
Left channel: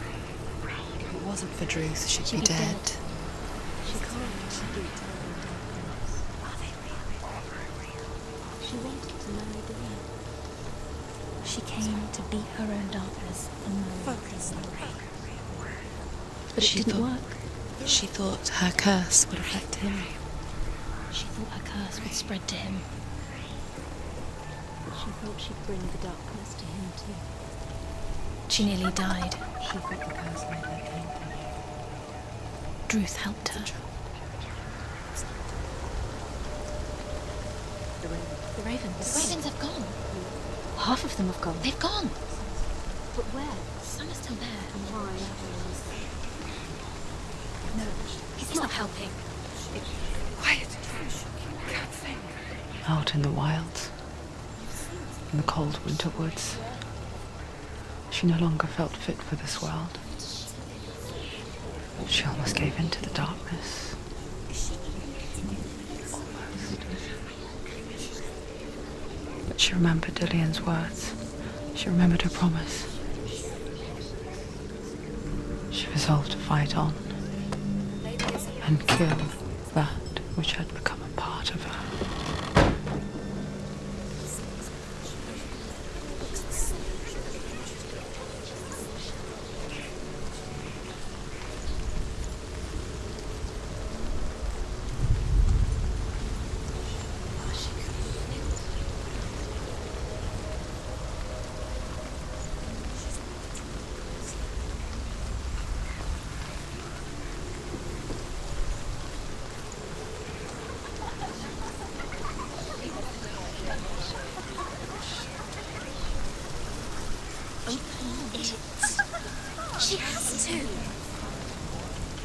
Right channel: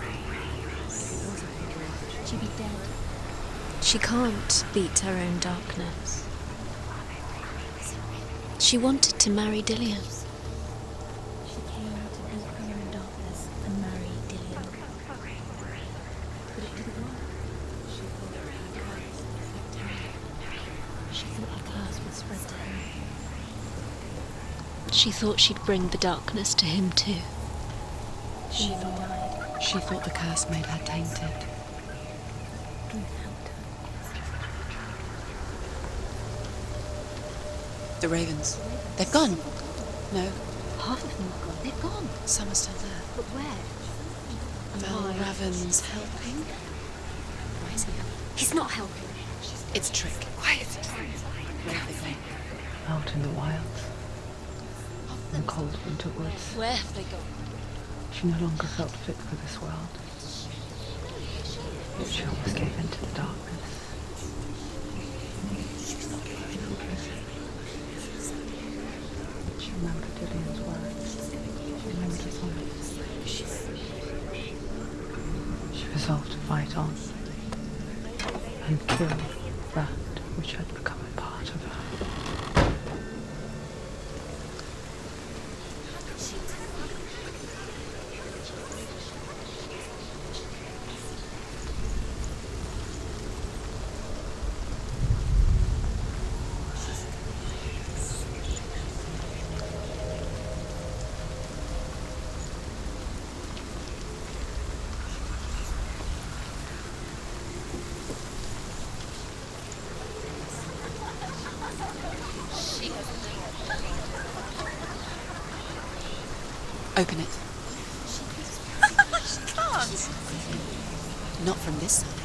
If it wasn't for Druth, she'd be dead. She can't beat her own darkness. She wanted to marry Dillian. She came to beat her own darkness and marry Dillian. But it didn't work. She thought her curse would affect him. She thought her curse would spread to him. She thought she'd bring the darkness to him too. She nearly died. She thought the curse made her tainted. Druth helped her. The ravens. The ravens. They've gone. They've gone. No. Half of them have gone. They've gone. Some are still there. But where? Some are still there. Ravens. He's not helping. It's trick. Quiet. Out in the wilds. In the cold winter woods. Where? She no longer felt fit for this world. She almost gave in to the darkness. But she remembered Dillian's words. She remembered her promise. She resolved to fight on and kill that which had become a part of her. Open it. She has to. Not from this side.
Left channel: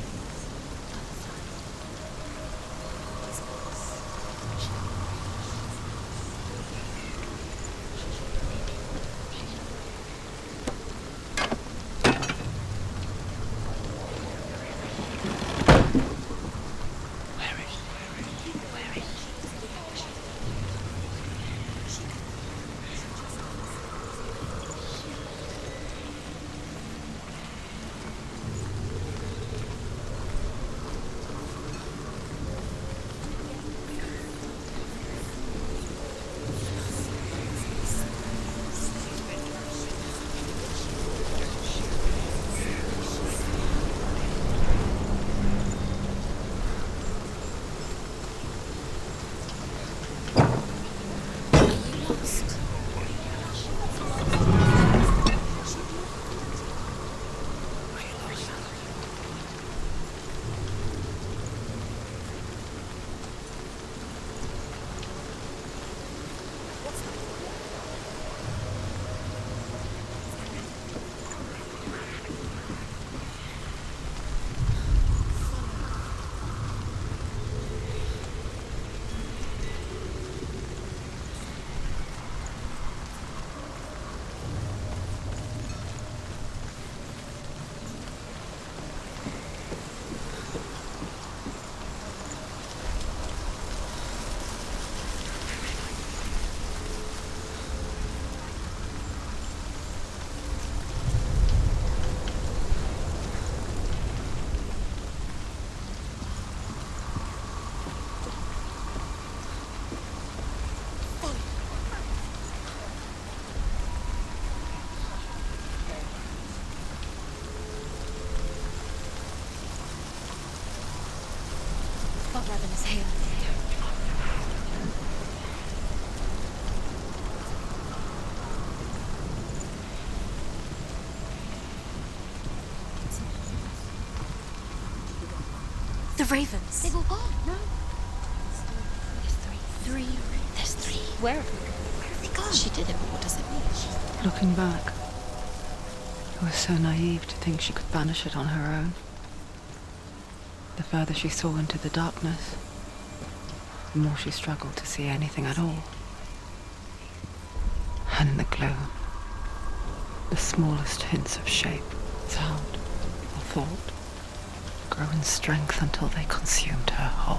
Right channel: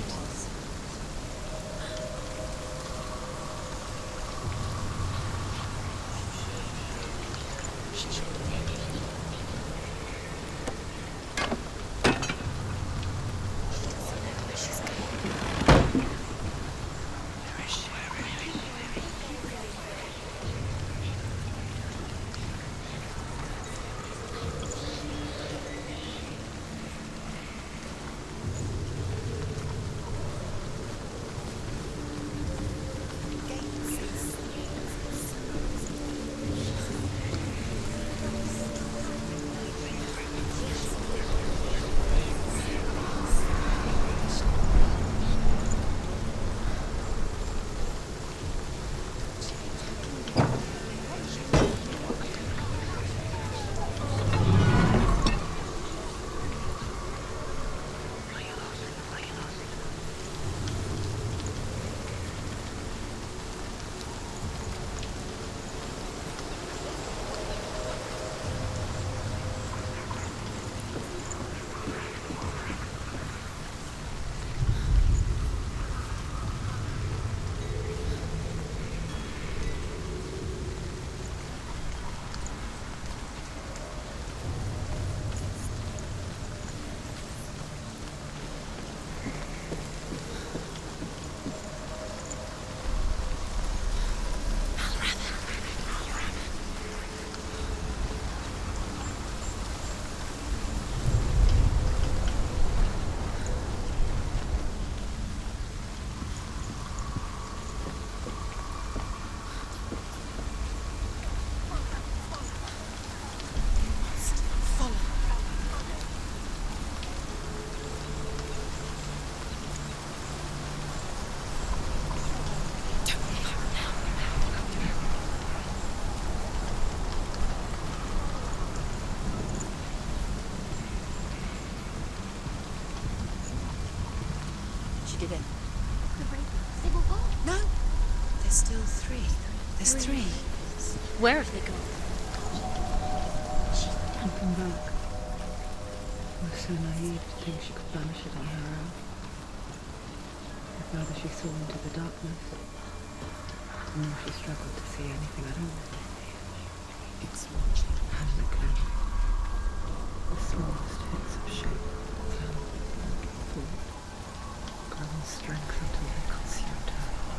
The ravens. They've all gone. No. There's still three. There's three. There's three. Where have they gone? Where have they gone? She did it. What does it mean? Looking back, I was so naive to think she could banish it on her own. The further she saw into the darkness, the more she struggled to see anything at all. And in the glow, the smallest hints of shape, sound, or thought grow in strength until they consumed her whole.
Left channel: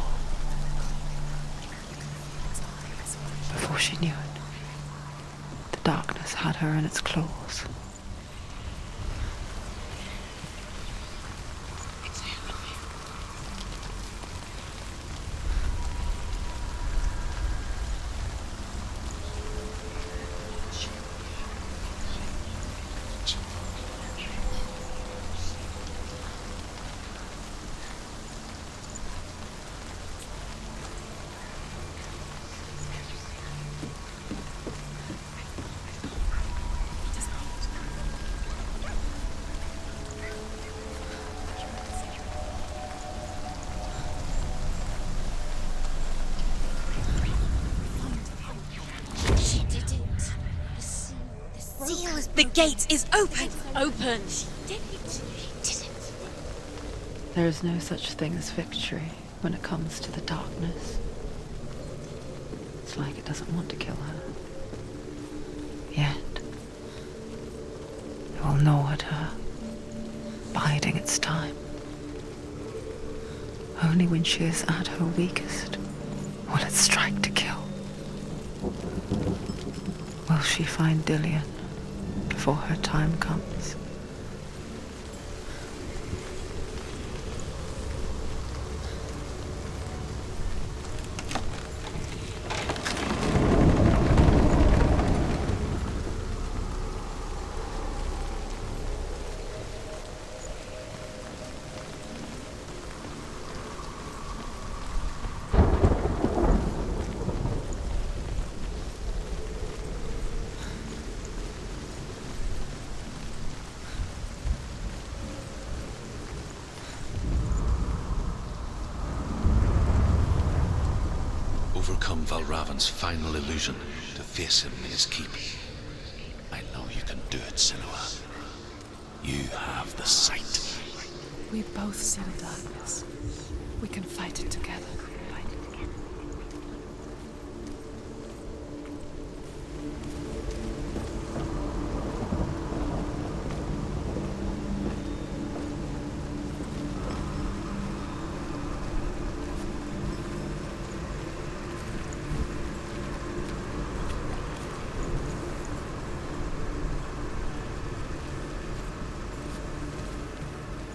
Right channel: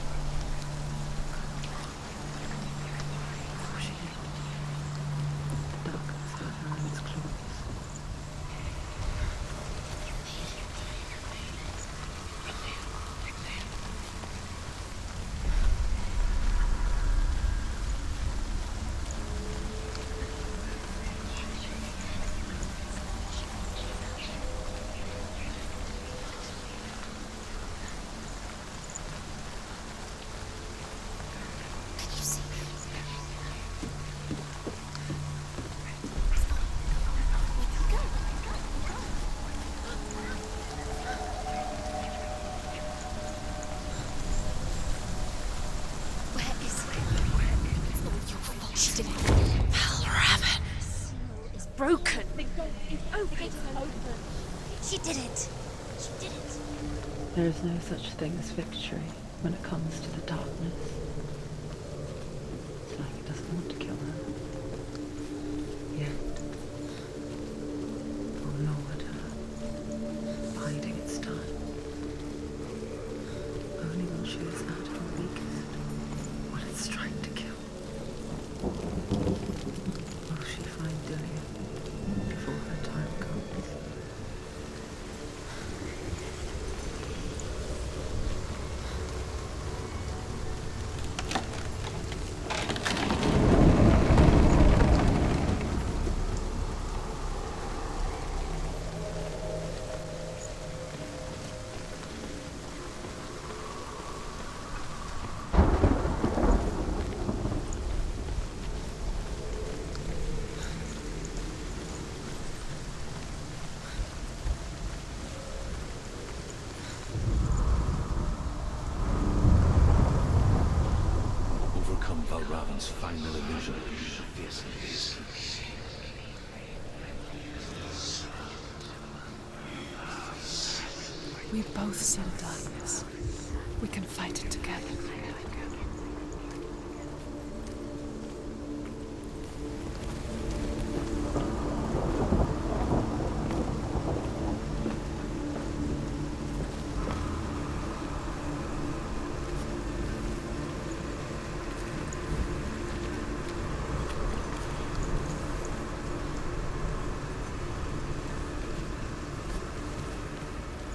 Before she knew it, the darkness had her in its claws. Broke. The gate is open. Open. She did it. There is no such thing as victory when it comes to the darkness. It's like it doesn't want to kill her. Yet, it will gnaw at her, biding its time. Only when she is at her weakest will it strike to kill. Will she find Dillion before her time comes? Overcome Valravan's final illusion to face him in his keep. I know you can do it, Senua. You have the sight. We both see the darkness. We can fight it together.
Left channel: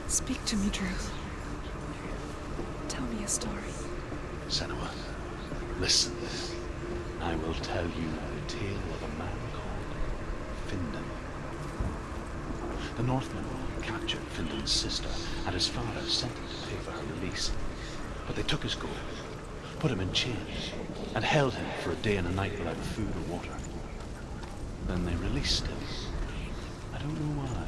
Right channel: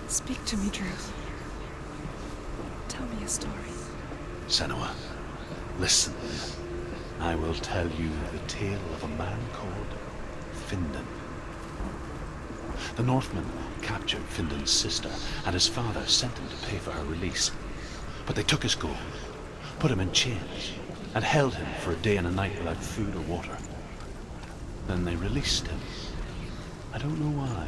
Speak to me, Druth. Tell me a story. Senua, listen. I will tell you the tale of a man called Findan. The Northmen captured Findan's sister, and his father sent him to pay for her release. But they took his gold, put him in chains, and held him for a day and a night without food or water. Then they released him. I don't know why.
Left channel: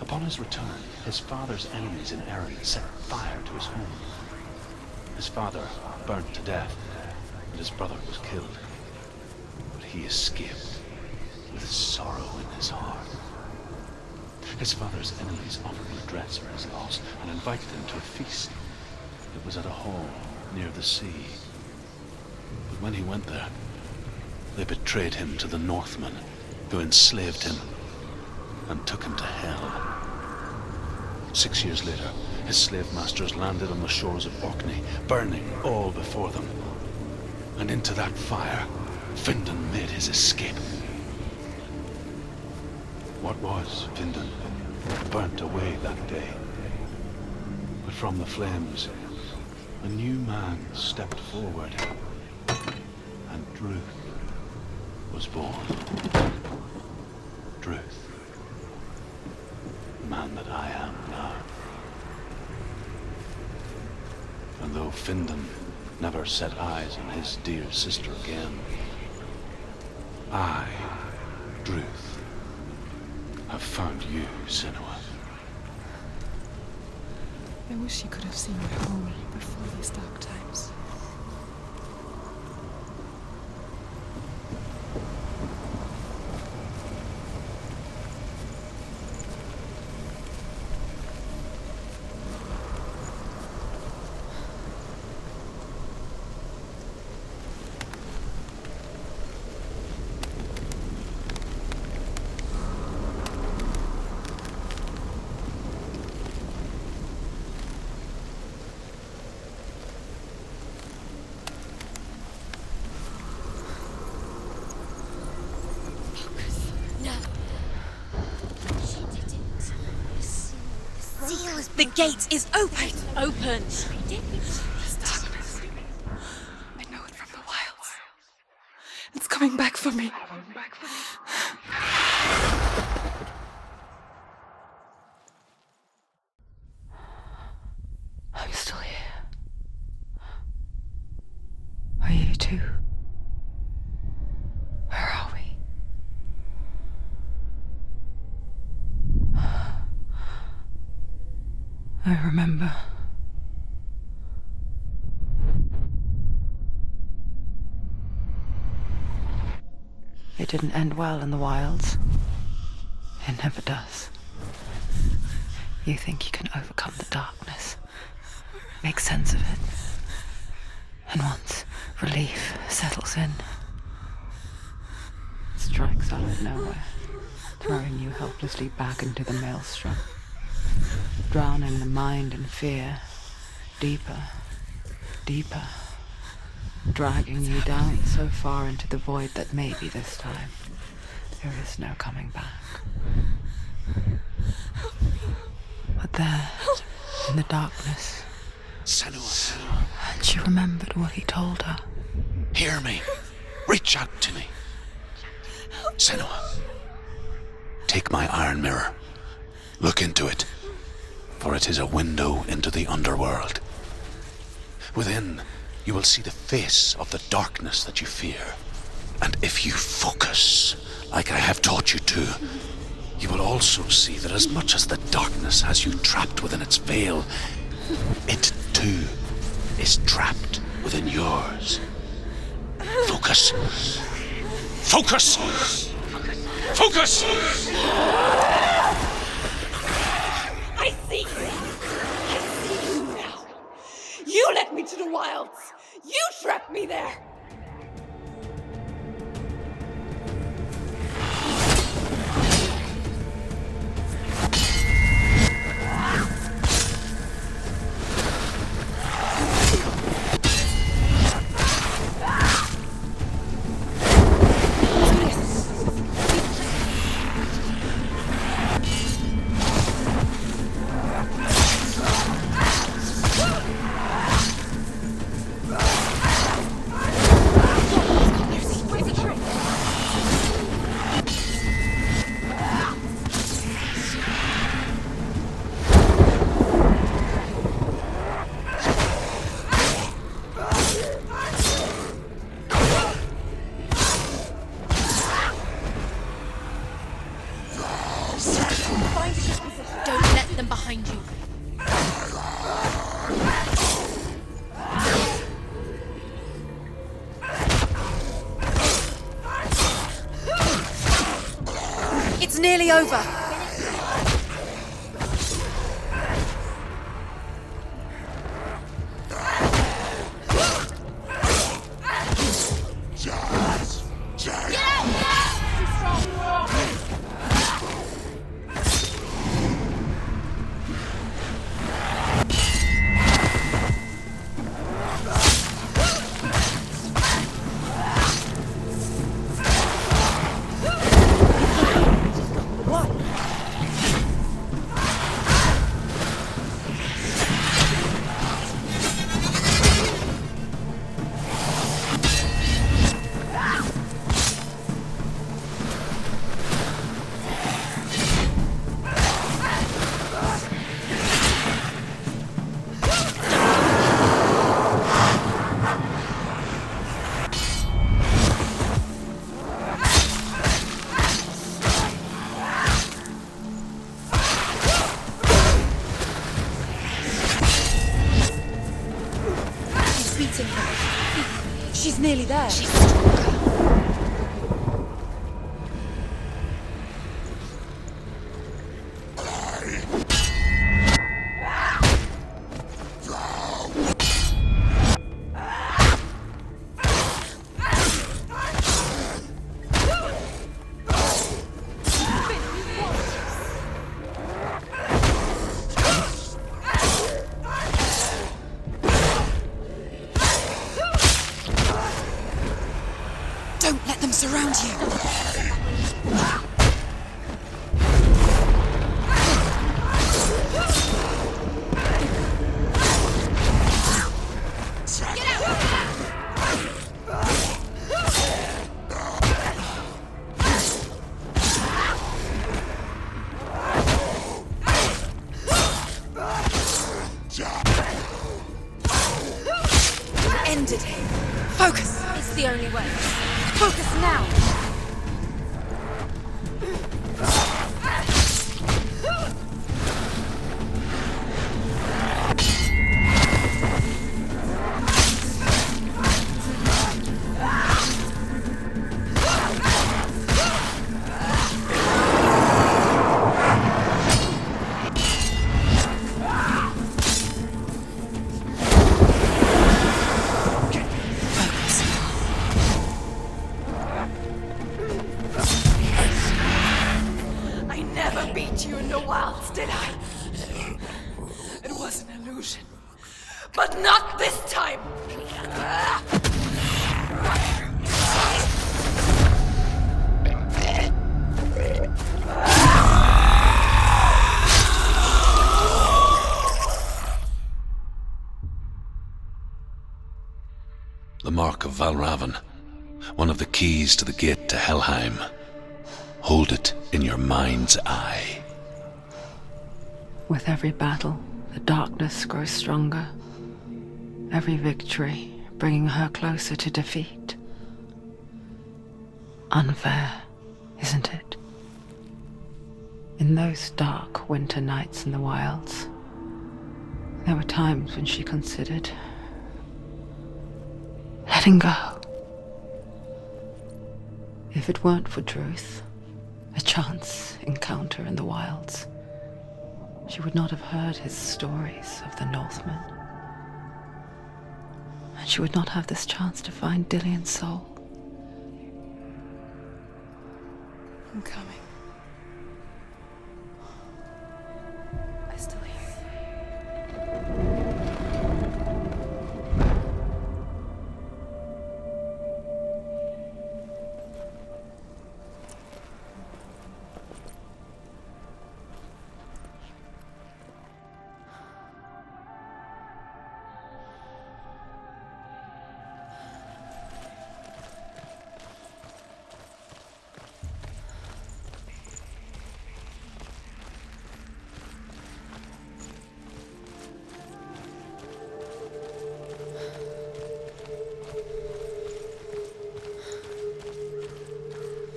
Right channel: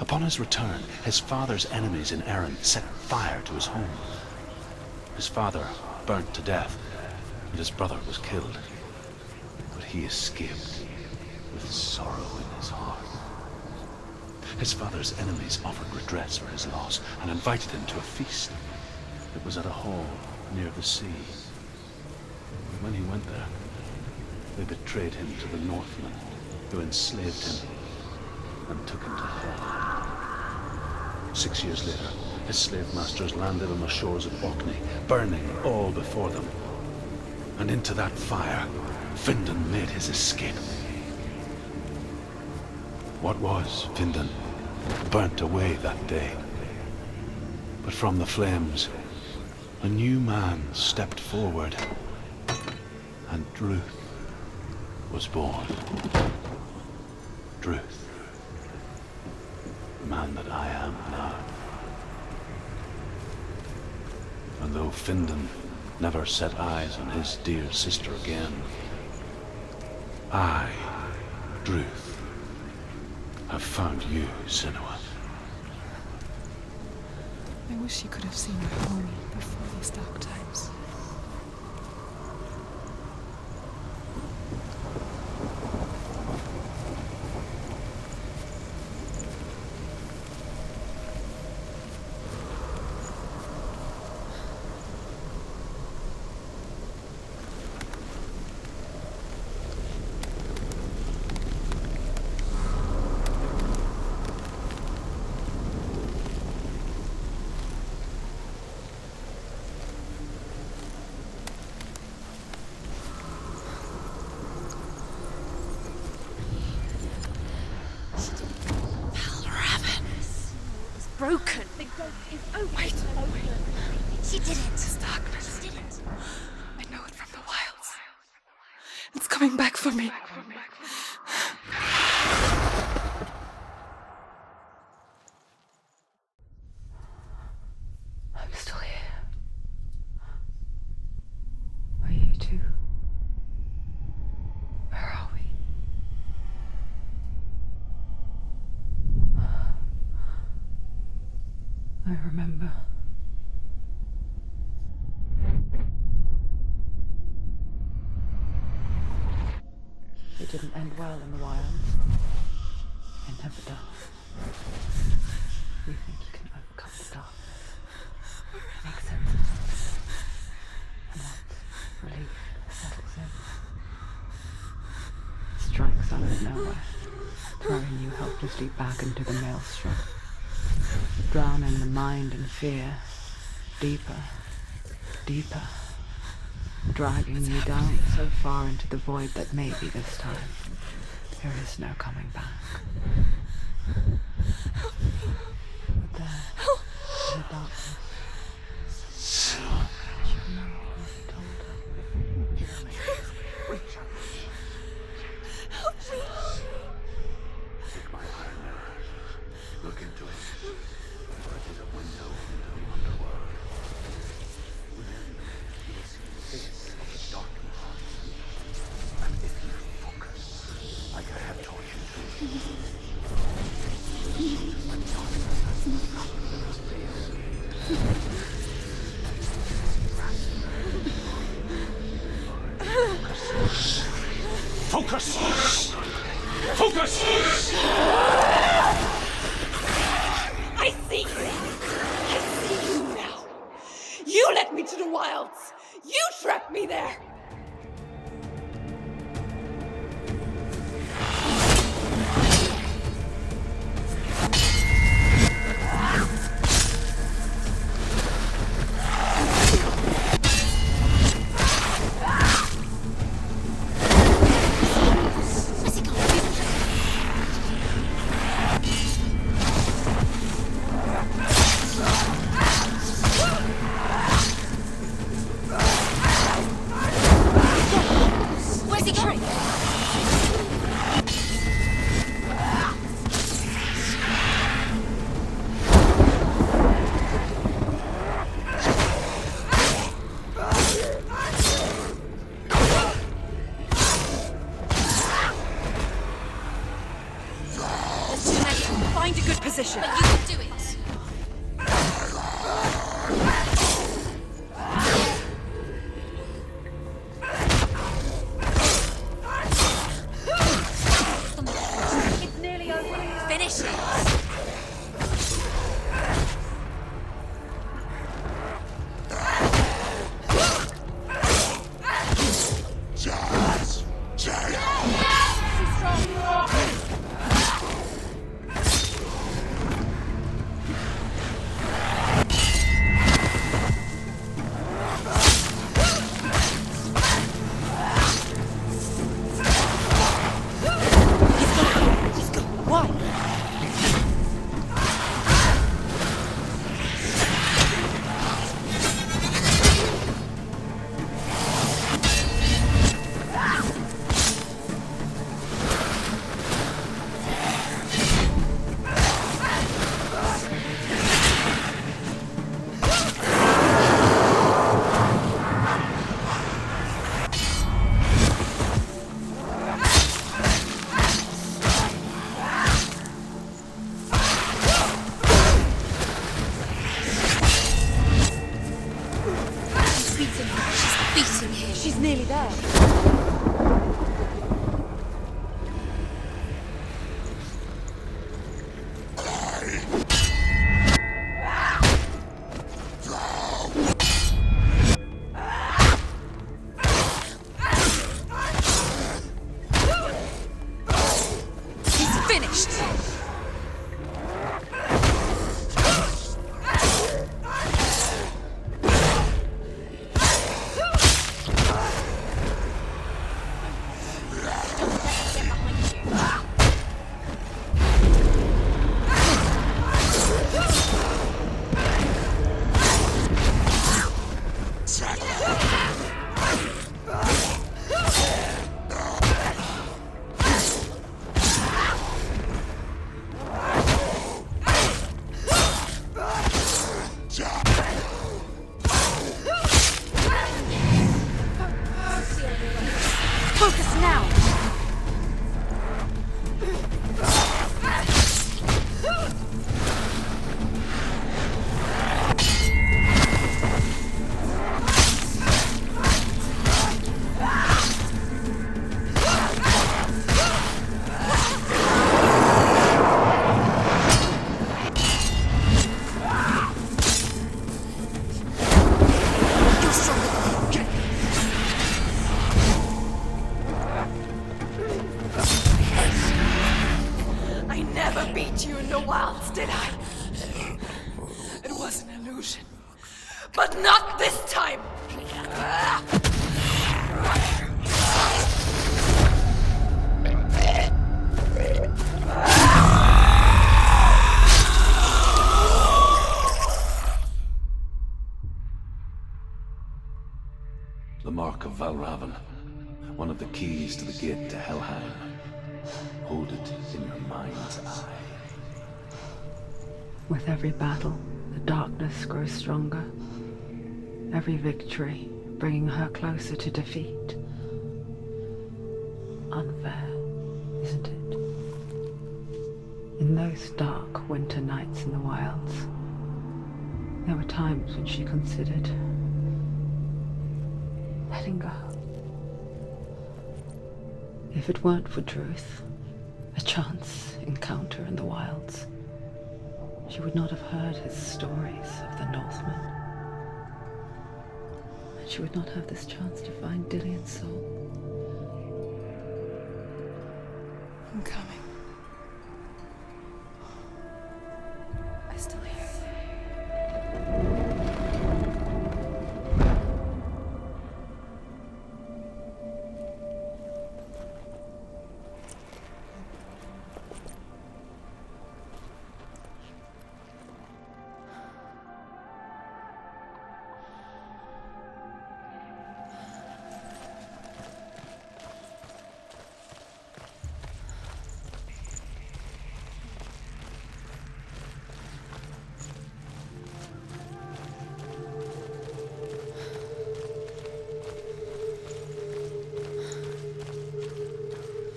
Upon his return, his father's enemies in Erin set fire to his home. His father burnt to death, and his brother was killed. But he escaped with sorrow in his heart. His father's enemies offered redress for his loss and invited him to a feast. It was at a hall near the sea. But when he went there, they betrayed him to the Northmen, who enslaved him and took him to hell. 6 years later, his slave masters landed on the shores of Orkney, burning all before them. And into that fire, Findan made his escape. What was Findan burnt away that day. But from the flames, a new man stepped forward, and Druth was born. Druth. The man that I am now. And though Findan never set eyes on his dear sister again, I, Druth, have found you, Senua. I wish she could have seen my home before these dark times. Broke. The gate is open. Open. This darkness. I know it from the wilds. It's coming back for me. I'm still here. Are you too? Where are we? I remember. It didn't end well in the wilds. It never does. You think you can overcome the darkness, make sense of it, and once relief settles in, it strikes out of nowhere, throwing you helplessly back into the maelstrom, drowning the mind in fear, deeper, deeper, dragging you down so far into the void that maybe this time there is no coming back. But there, in the darkness, Senua, and she remembered what he told her. hear me. Reach out to me. Senua, take my iron mirror. Look into it, for it is a window into the underworld. Within, you will see the face of the darkness that you fear. And if you focus, like I have taught you to, you will also see that as much as the darkness has you trapped within its veil, it too is trapped within yours. Focus. Focus! Focus! I see you! I see you now! You led me to the wilds! You trapped me there! Where's he going? Find a good position. Don't let them behind you. It's nearly over. Finish it. Whoa! really there? Don't let them surround you. End it. Focus. It's the only way. Focus now. I never beat you in the wilds, did I? It was an illusion. But not this time! The Mark of Valravn, one of the keys to the gate to Helheim. Hold it in your mind's eye. With every battle, the darkness grows stronger. Every victory bringing her closer to defeat. Unfair, isn't it? In those dark winter nights in the wilds, there were times when she considered letting go. If it weren't for Druth, a chance encounter in the wilds, she would not have heard his stories of the Northmen. And she would not have this chance to find Dillion's soul. I'm coming. I still hear you.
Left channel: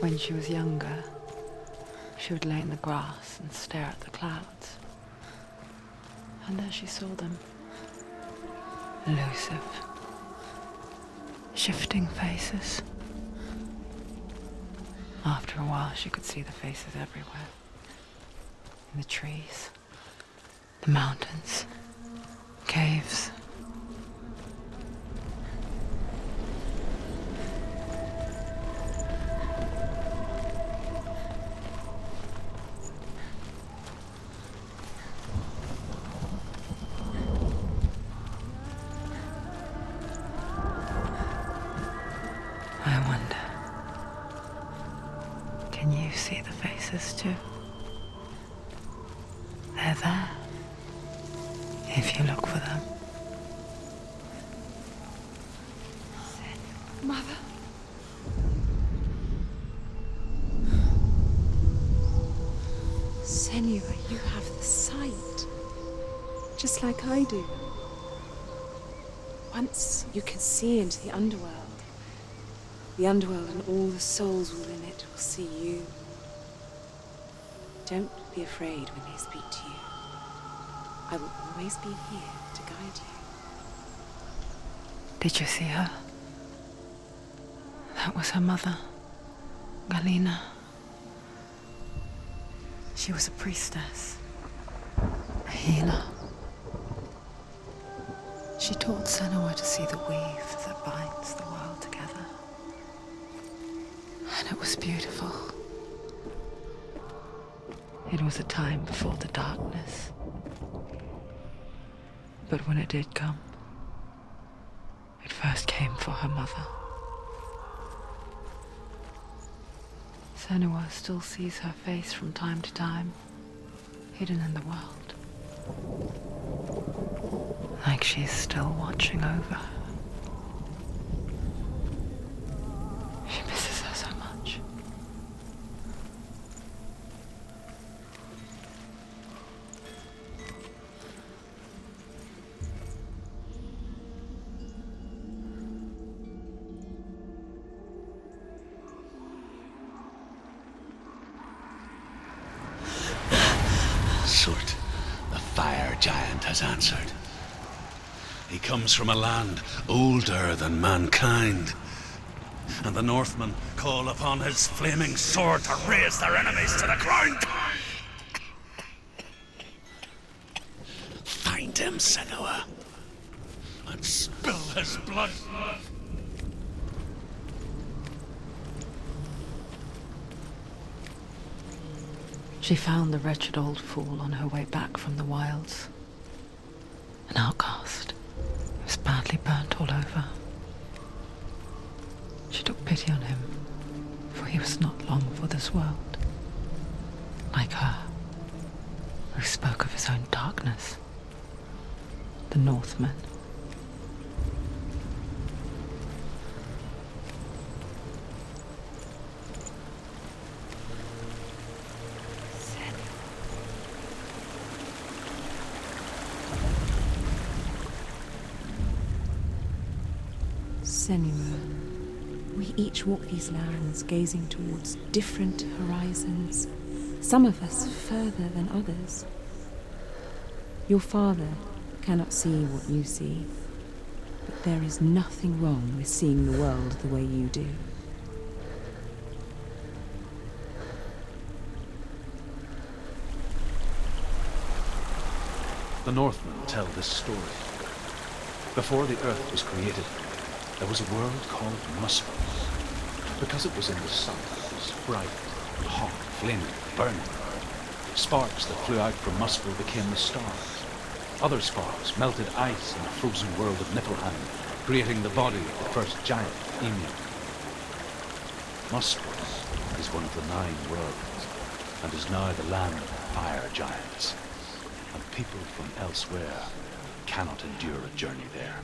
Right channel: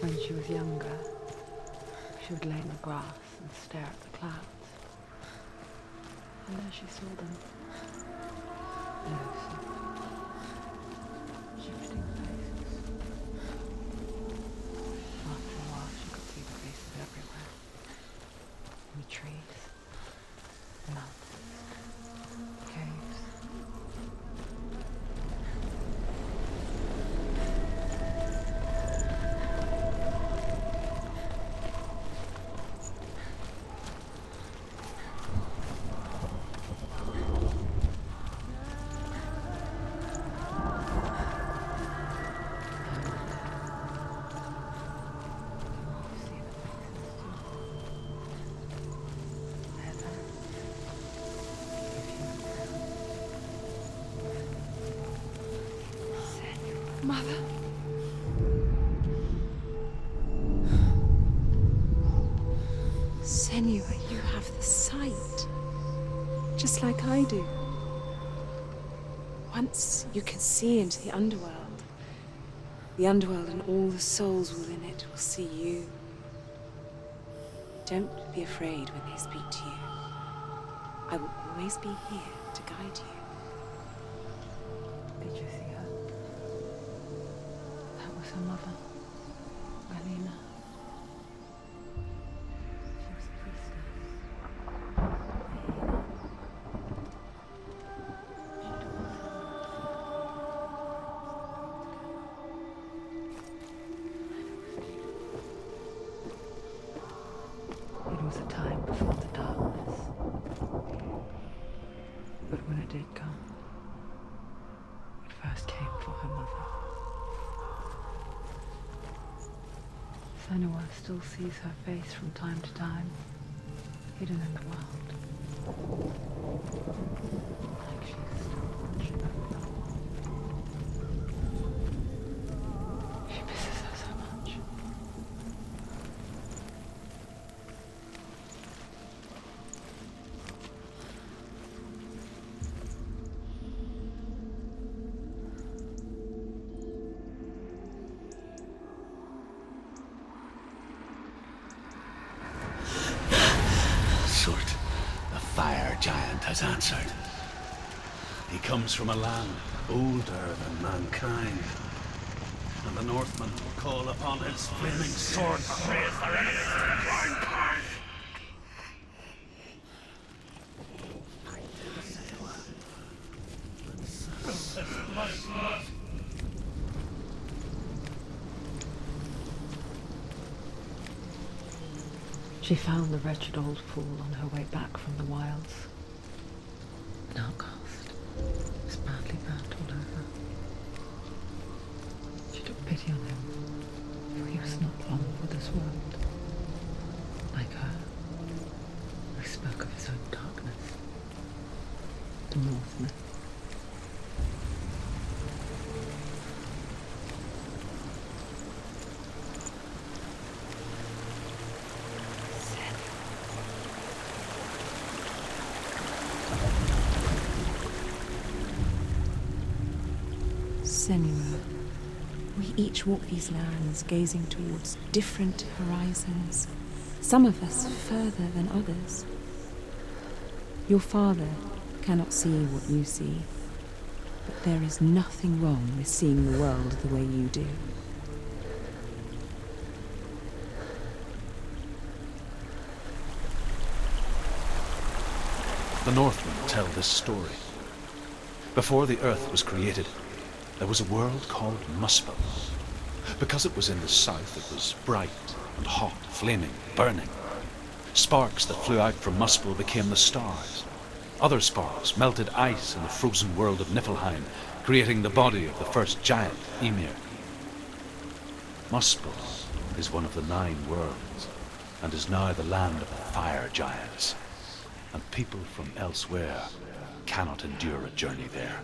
When she was younger, she would lay in the grass and stare at the clouds. And there she saw them. Elusive. Shifting faces. After a while, she could see the faces everywhere. In the trees, the mountains, caves. I wonder, can you see the faces too? They're there, if you look for them. Mother? Senua, you have the sight, just like I do. Once you can see into the underworld and all the souls within it will see you. Don't be afraid when they speak to you. I will always be here to guide you. Did you see her? That was her mother, Galena. She was a priestess, a healer. She taught Senua to see the weave that binds the world together. And it was beautiful. It was a time before the darkness. But when it did come, it first came for her mother. Senua still sees her face from time to time, hidden in the world. Like she's still watching over her. She misses her so much. Surt, the fire giant, has answered. He comes from a land older than mankind. And the Northmen call upon his flaming sword to raze their enemies to the ground. Find him, Senua, and spill his blood. She found the wretched old fool on her way back from the wilds. An outcast. He was badly burnt all over. She took pity on him, for he was not long for this world. Like her, who spoke of his own darkness. The Northmen. Senua, we each walk these lands gazing towards different horizons, some of us further than others. Your father cannot see what you see, but there is nothing wrong with seeing the world the way you do. The Northmen tell this story. Before the earth was created, there was a world called Muspel. Because it was in the south, it was bright and hot, flaming, burning. Sparks that flew out from Muspel became the stars. Other sparks melted ice in the frozen world of Niflheim, creating the body of the first giant, Ymir. Muspel is one of the 9 worlds, and is now the land of the fire giants. And people from elsewhere cannot endure a journey there.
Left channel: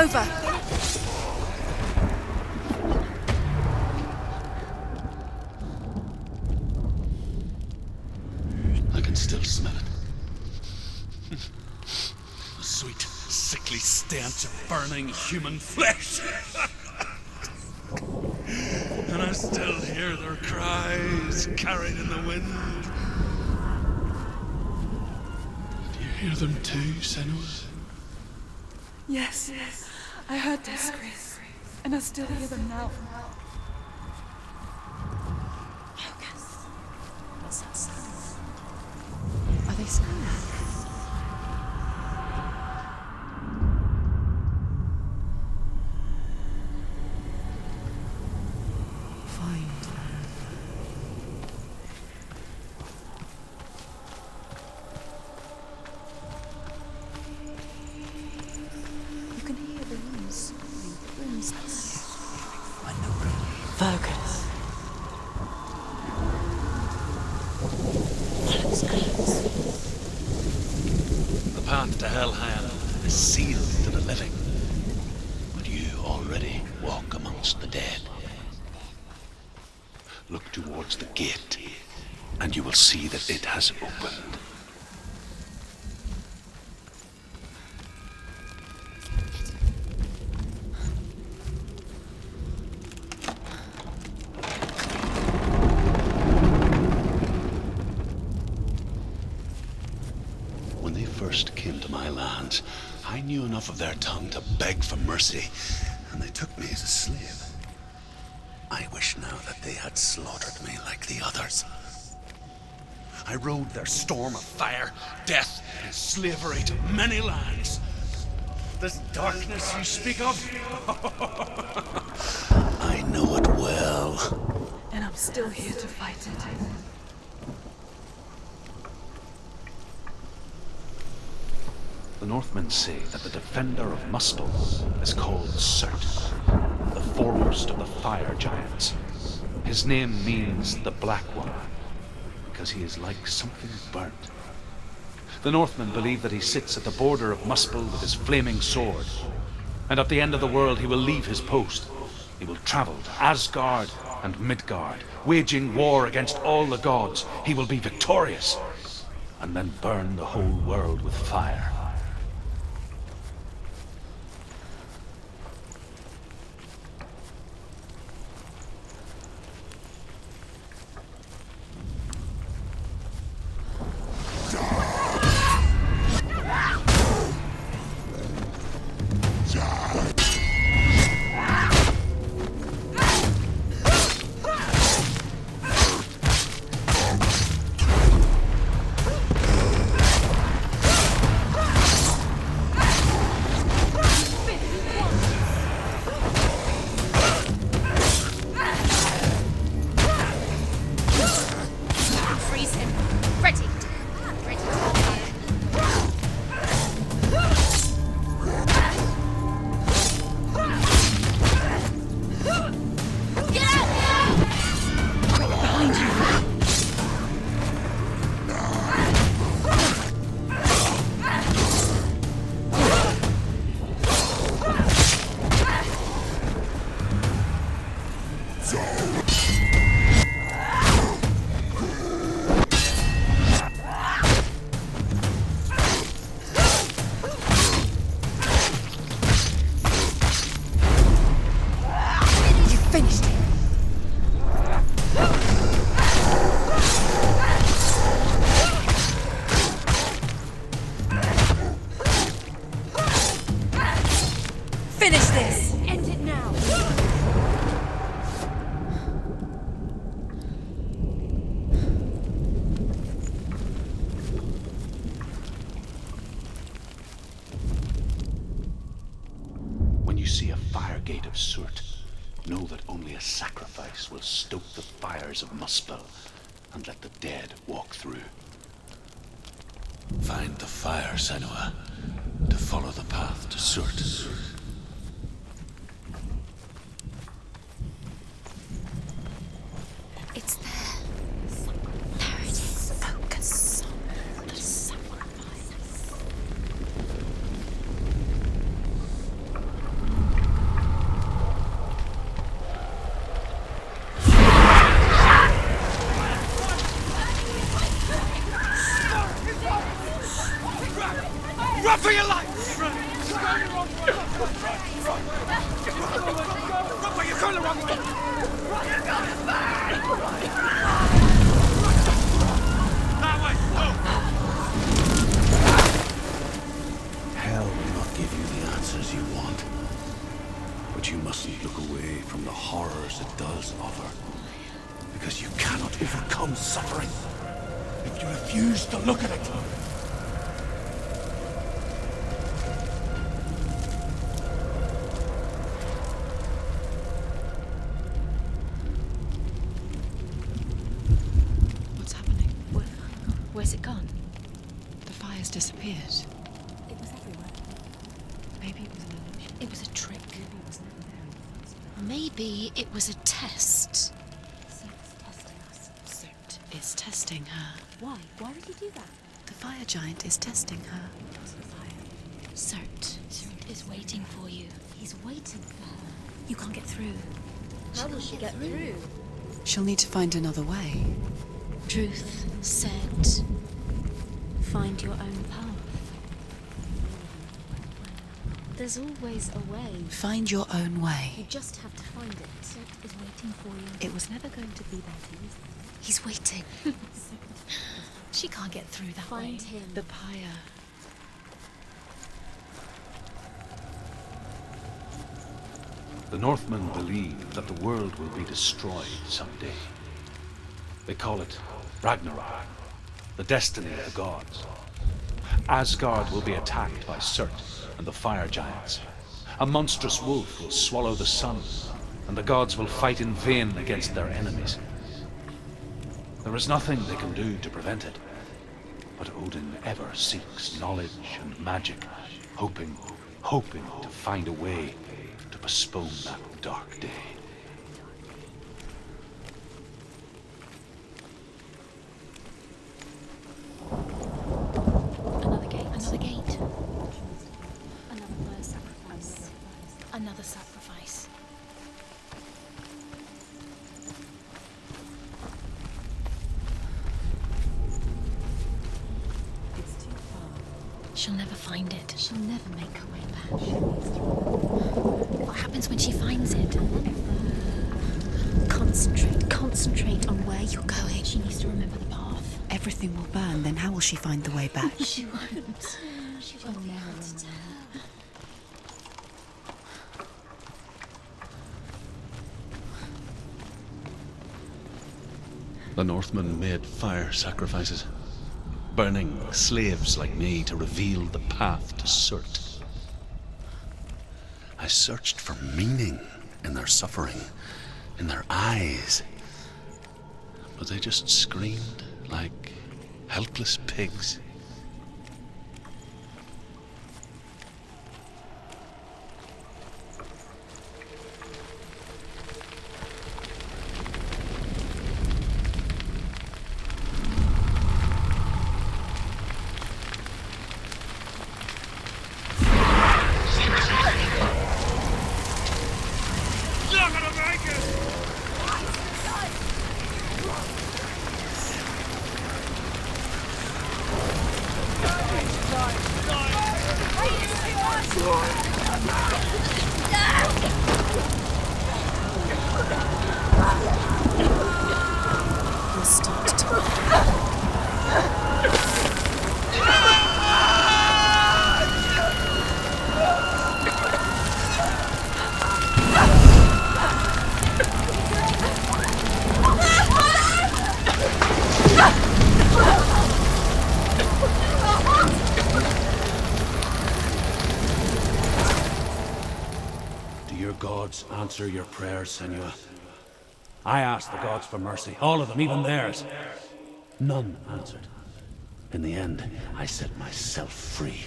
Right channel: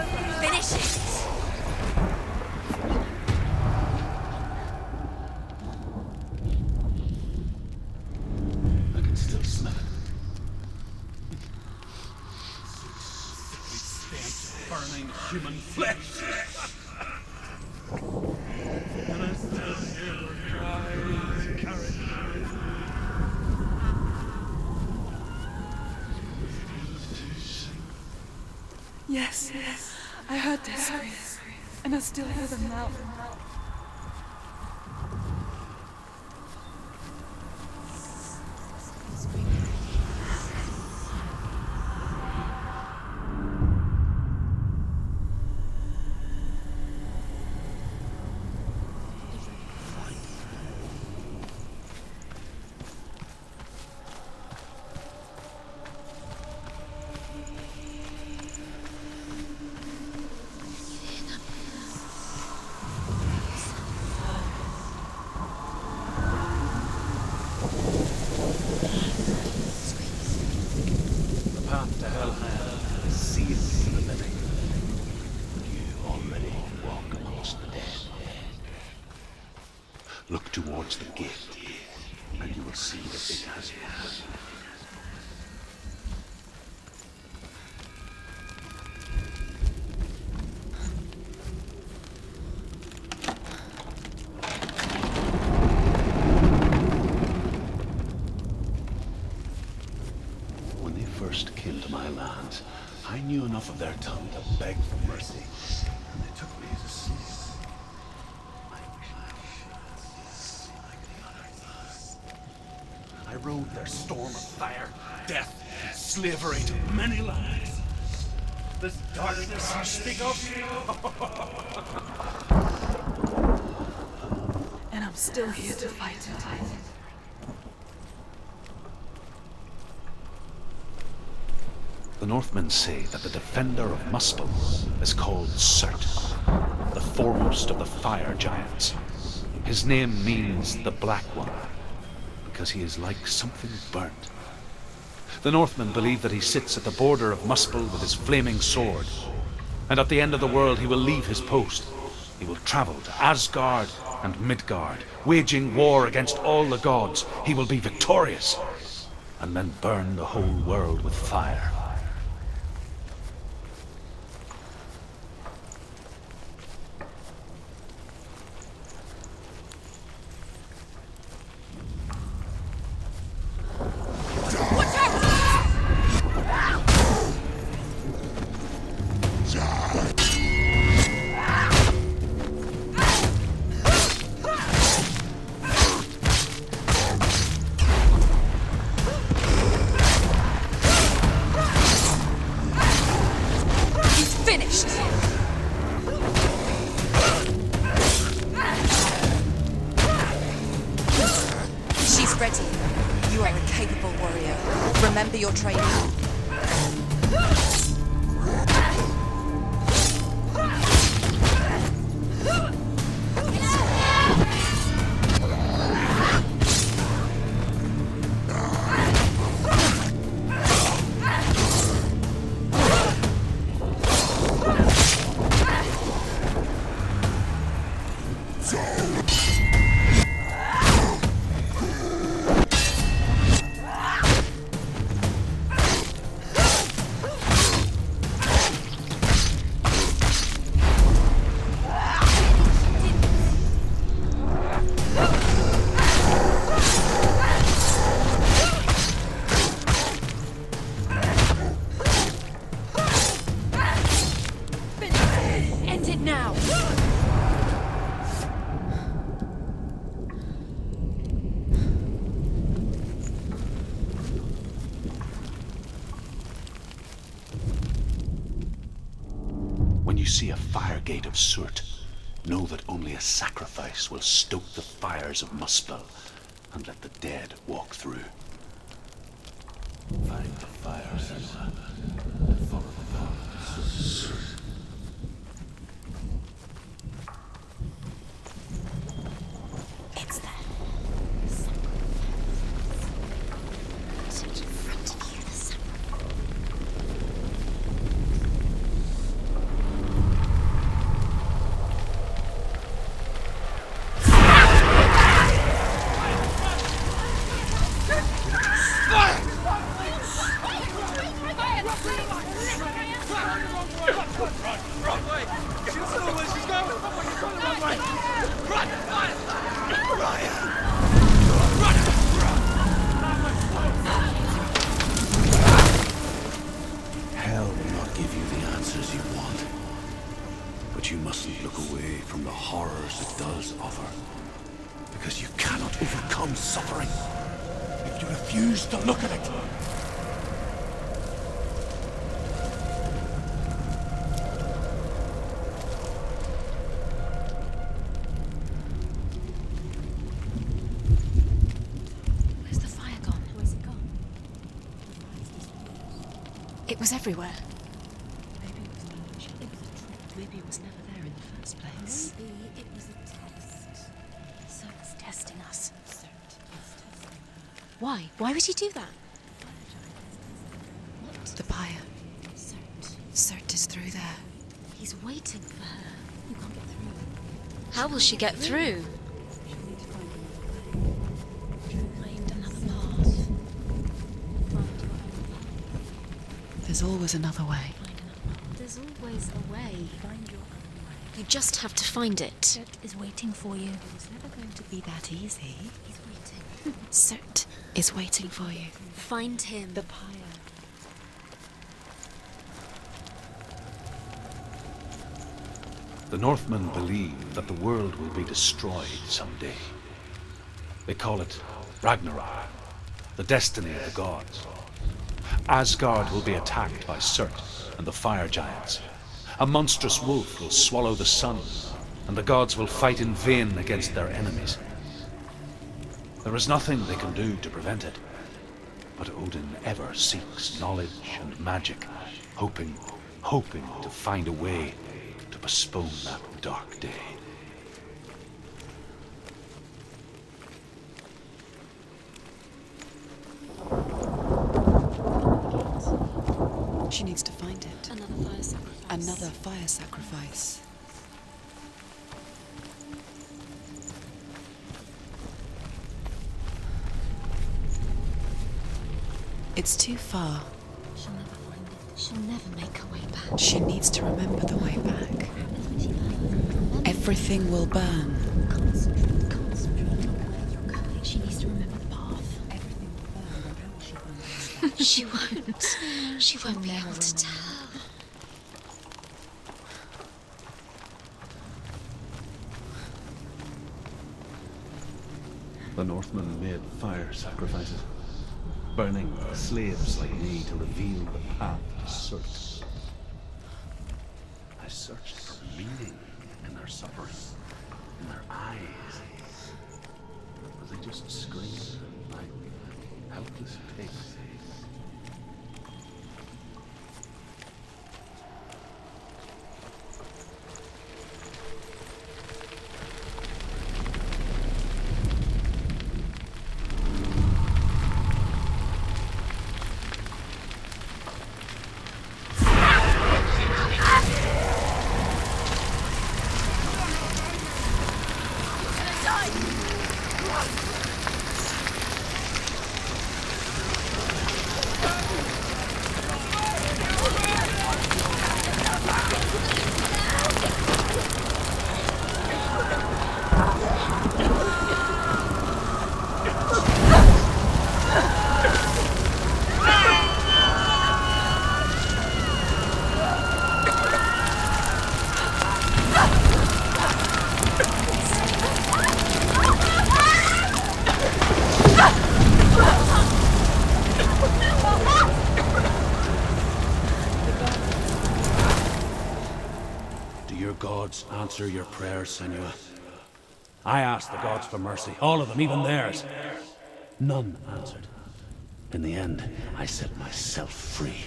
over. Finish it. I can still smell it. The sweet, sickly stench of burning human flesh. And I still hear their cries carried in the wind. Do you hear them too, Senua? Yes, I heard their screams, and I still hear them now. Are they sleeping? You can hear the noise. Fergus. The path to Helheim is sealed to the living. But you already walk amongst the dead. Look towards the gate, and you will see that it has opened. When they first came to my lands, I knew enough of their tongue to beg for mercy, and they took me as a slave. I wish now that they had slaughtered me like the others. I rode their storm of fire, death, and slavery to many lands. This darkness you speak of, I know it well. And I'm still here to fight it. The Northmen say that the defender of Muspel is called Surt, the foremost of the fire giants. His name means the Black One, because he is like something burnt. The Northmen believe that he sits at the border of Muspel with his flaming sword, and at the end of the world he will leave his post. He will travel to Asgard and Midgard, waging war against all the gods. He will be victorious, and then burn the whole world with fire. When you see a fire gate of Surt, know that only a sacrifice will stoke the fires of Muspel and let the dead walk through. Find the fire, Senua, to follow the path to Surt. it does offer. Because you cannot overcome suffering if you refuse to look at it. What's happening? Where's the fire gone? Where's it gone? The fire's disappeared. It was everywhere. Maybe it was an illusion. It was a trick. Maybe it was never there in the first place. Maybe it was a test. Cert's testing us. Cert is testing her. Why? Why would he do that? The fire giant is testing her. The pyre. Cert. Cert is through Waiting there. for you. He's waiting for her. You can't get through. How will she get through? She'll need to find another way. Truth, Cert. Find your own path. There's always another way. There's always a way. Find your own way. You just have to find it. Cert is waiting for you. It was never going to be that easy. He's waiting. Cert is waiting She for can't you. get through that. Find him. The pyre. The Northmen believe that the world will be destroyed someday. They call it Ragnarok, the destiny of the gods. Asgard will be attacked by Surt and the fire giants. A monstrous wolf will swallow the sun, and the gods will fight in vain against their enemies. There is nothing they can do to prevent it, but Odin ever seeks knowledge and magic, hoping to find a way to postpone that dark day. Another gate. Another gate. She needs to find it. Another fire sacrifice. Another fire Another sacrifice. sacrifice. It's too far. She'll never find it. She'll never make her way back. She needs to remember the way back. What happens when she finds it? And then Everything will burn. concentrate on where you're going. She needs to remember the path. Everything will burn. Then how will she find the way back? She won't. She won't be able to tell. The Northmen made fire sacrifices, burning slaves like me to reveal the path to Surt. I searched for meaning in their suffering, in their eyes, but they just screamed like helpless pigs. Do your gods answer your prayers, Senua? I asked the gods for mercy, all of them, even theirs. None answered. In the end, I set myself free.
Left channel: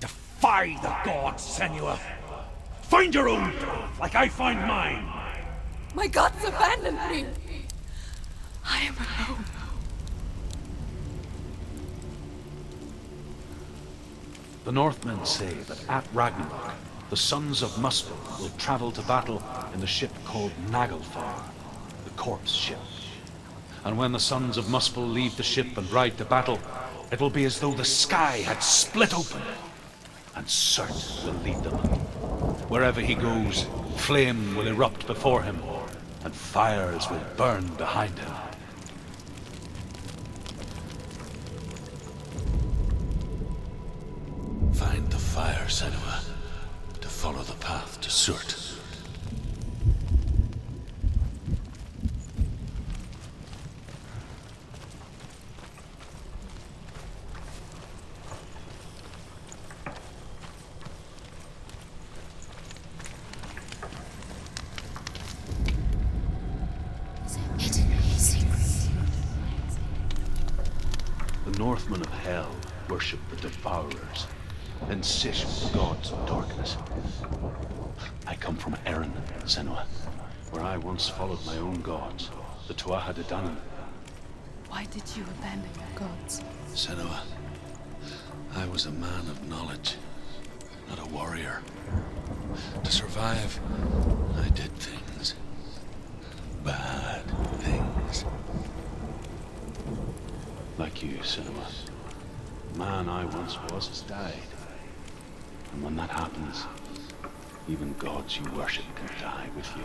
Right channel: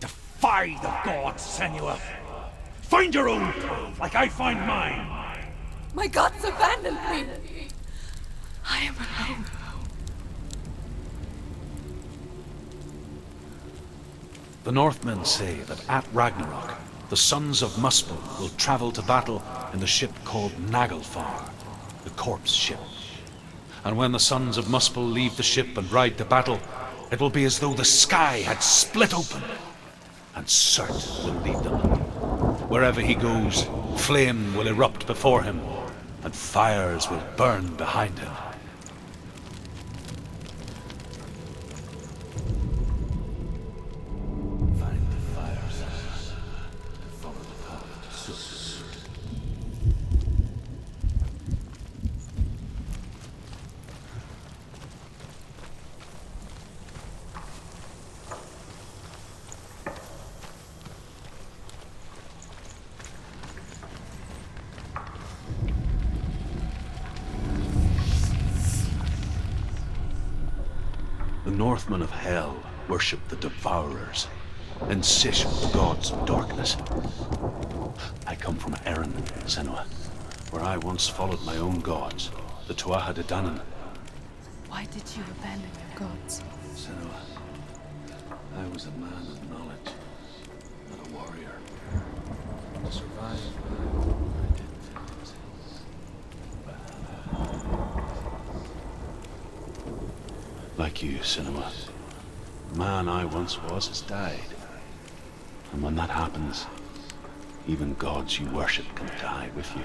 Defy the gods, Senua! Find your own path, like I find mine! My gods abandoned me. I am alone. The Northmen say that at Ragnarok, the sons of Muspel will travel to battle in the ship called Naglfar, the corpse ship. And when the sons of Muspel leave the ship and ride to battle, it will be as though the sky had split open, and Surt will lead them. Wherever he goes, flame will erupt before him, and fires will burn behind him. Find the fire, Senua, to follow the path to Surt. The Northmen of Hell worship the Devourers, insatiable gods of darkness. I come from Erin, Senua, where I once followed my own gods, the Tuatha De Danann. Why did you abandon your gods? Senua, I was a man of knowledge, not a warrior. To survive, I did things. Bad things. Like you, Senua. The man I once was has died. And when that happens, even gods you worship can die with you.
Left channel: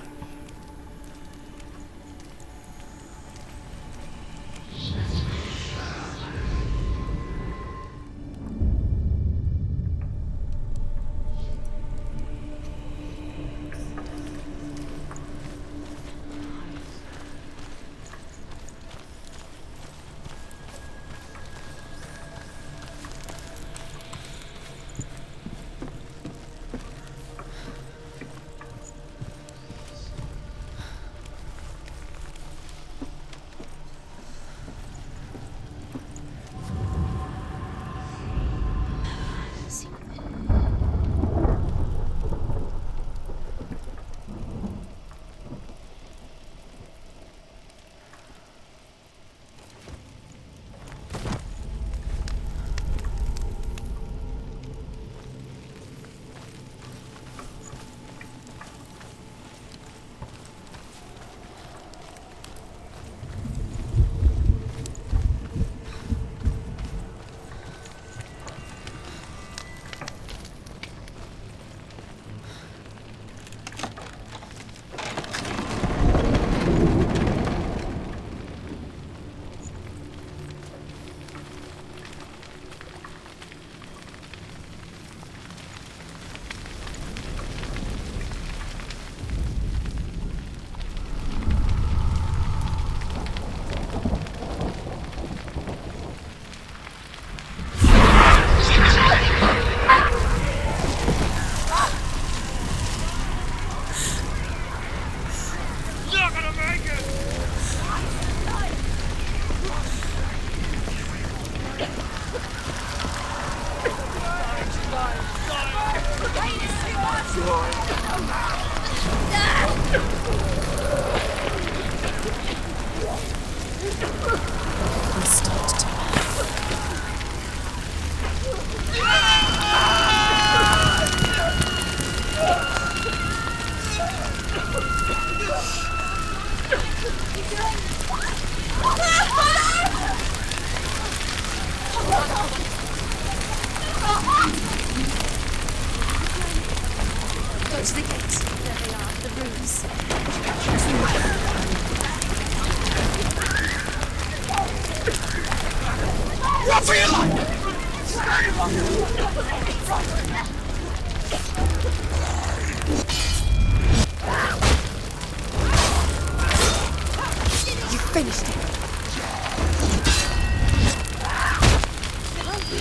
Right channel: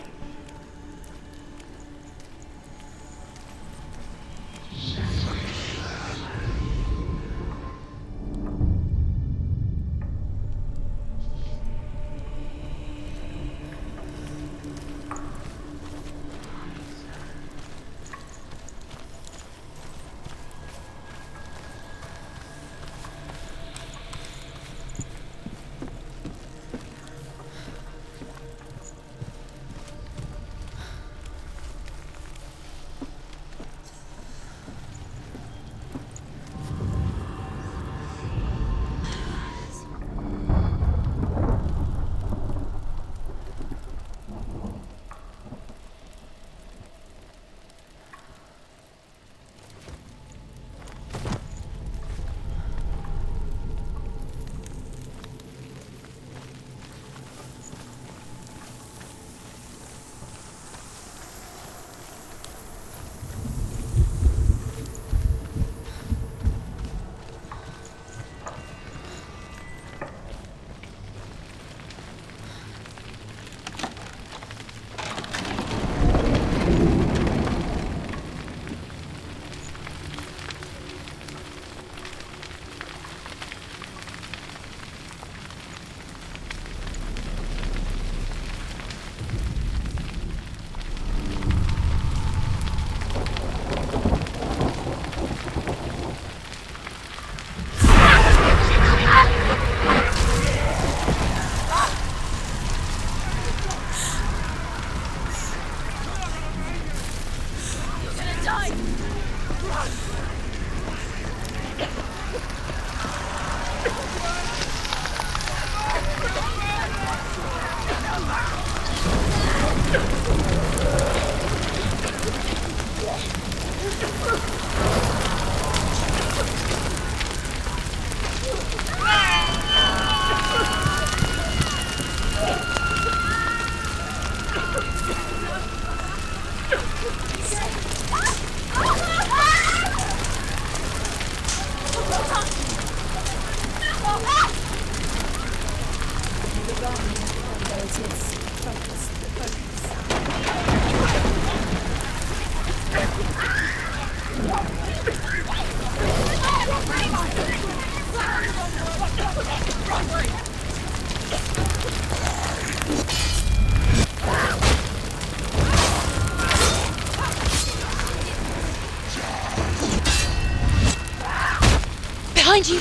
Behind you!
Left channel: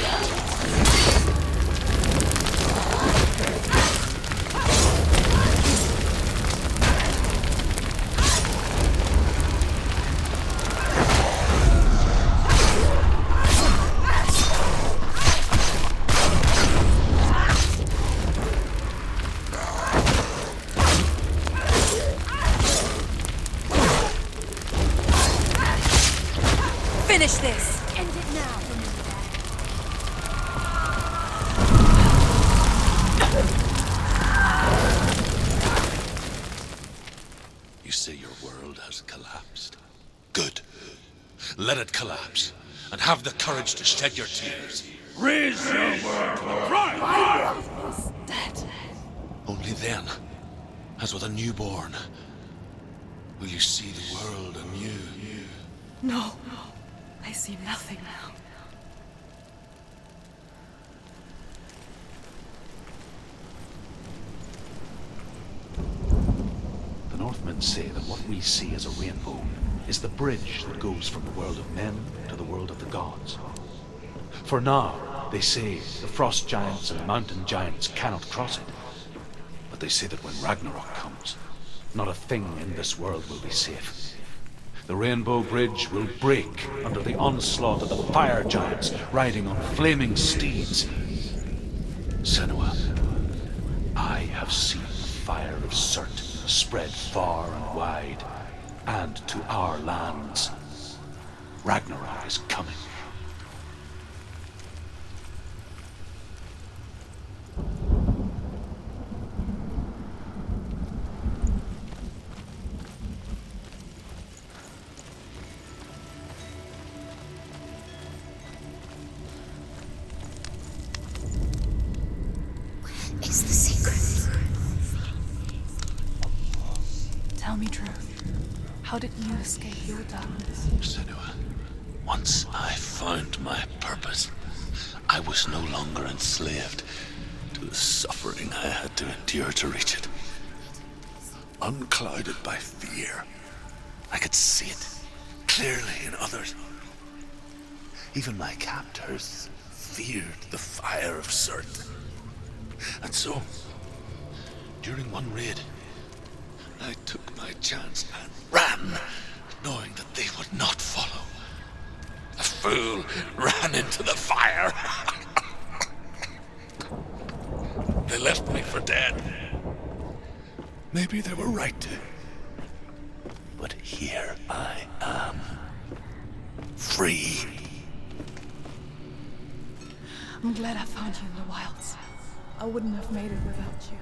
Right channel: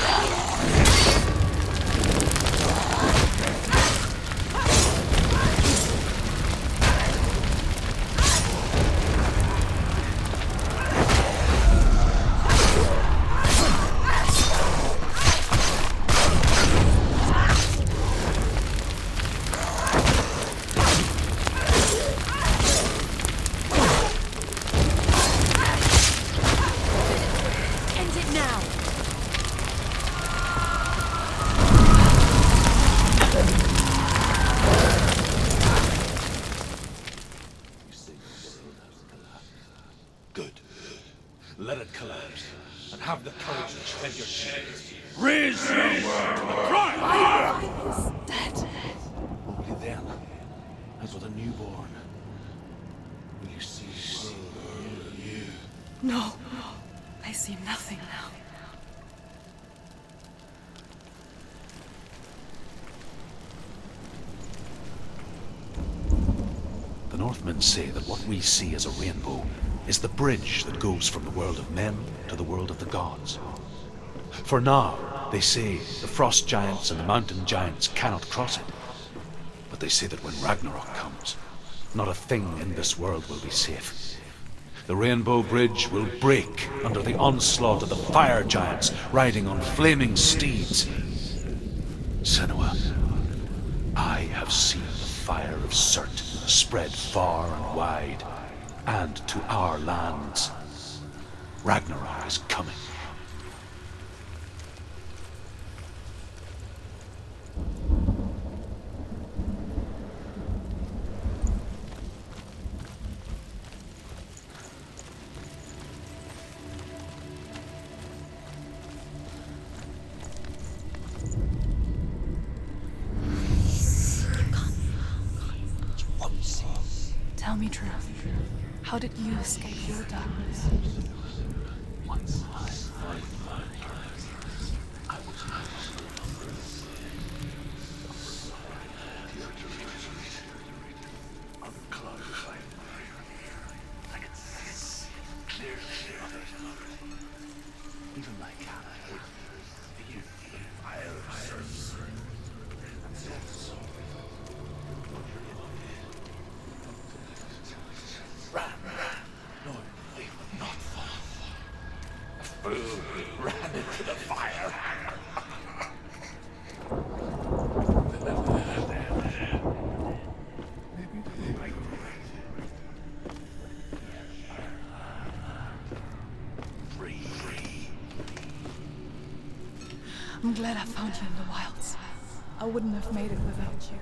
Finish this! End it now! You say your world has collapsed. Good. Let it collapse, and have the courage to shed your tears. Raise your world to the prime! My world is dead. Only then, as with a newborn, will you see the world anew. No, I see nothing now. The Northmen say that what we see as a rainbow is the bridge that goes from the world of men to the world of the gods. For now, they say the frost giants and the mountain giants cannot cross it. But they say that when Ragnarok comes, not a thing in this world will be safe. The Rainbow Bridge will break under the onslaught of the fire giants riding on flaming steeds. Senua, I have seen the fire of Surt spread far and wide, and to our lands. Ragnarok is coming. It's the secret. Tell me truth. How did you escape your darkness? Senua, once I found my purpose, I was no longer enslaved to the suffering I had to endure to reach it. Unclouded by fear, I could see it clearly in others. Even my captors feared the fire of Surt. And so, during one raid, I took my chance and ran, knowing that they would not follow. The fool ran into the fire. They left me for dead. Maybe they were right to. But here I am. Free. I'm glad I found you in the wilds. I wouldn't have made it without you.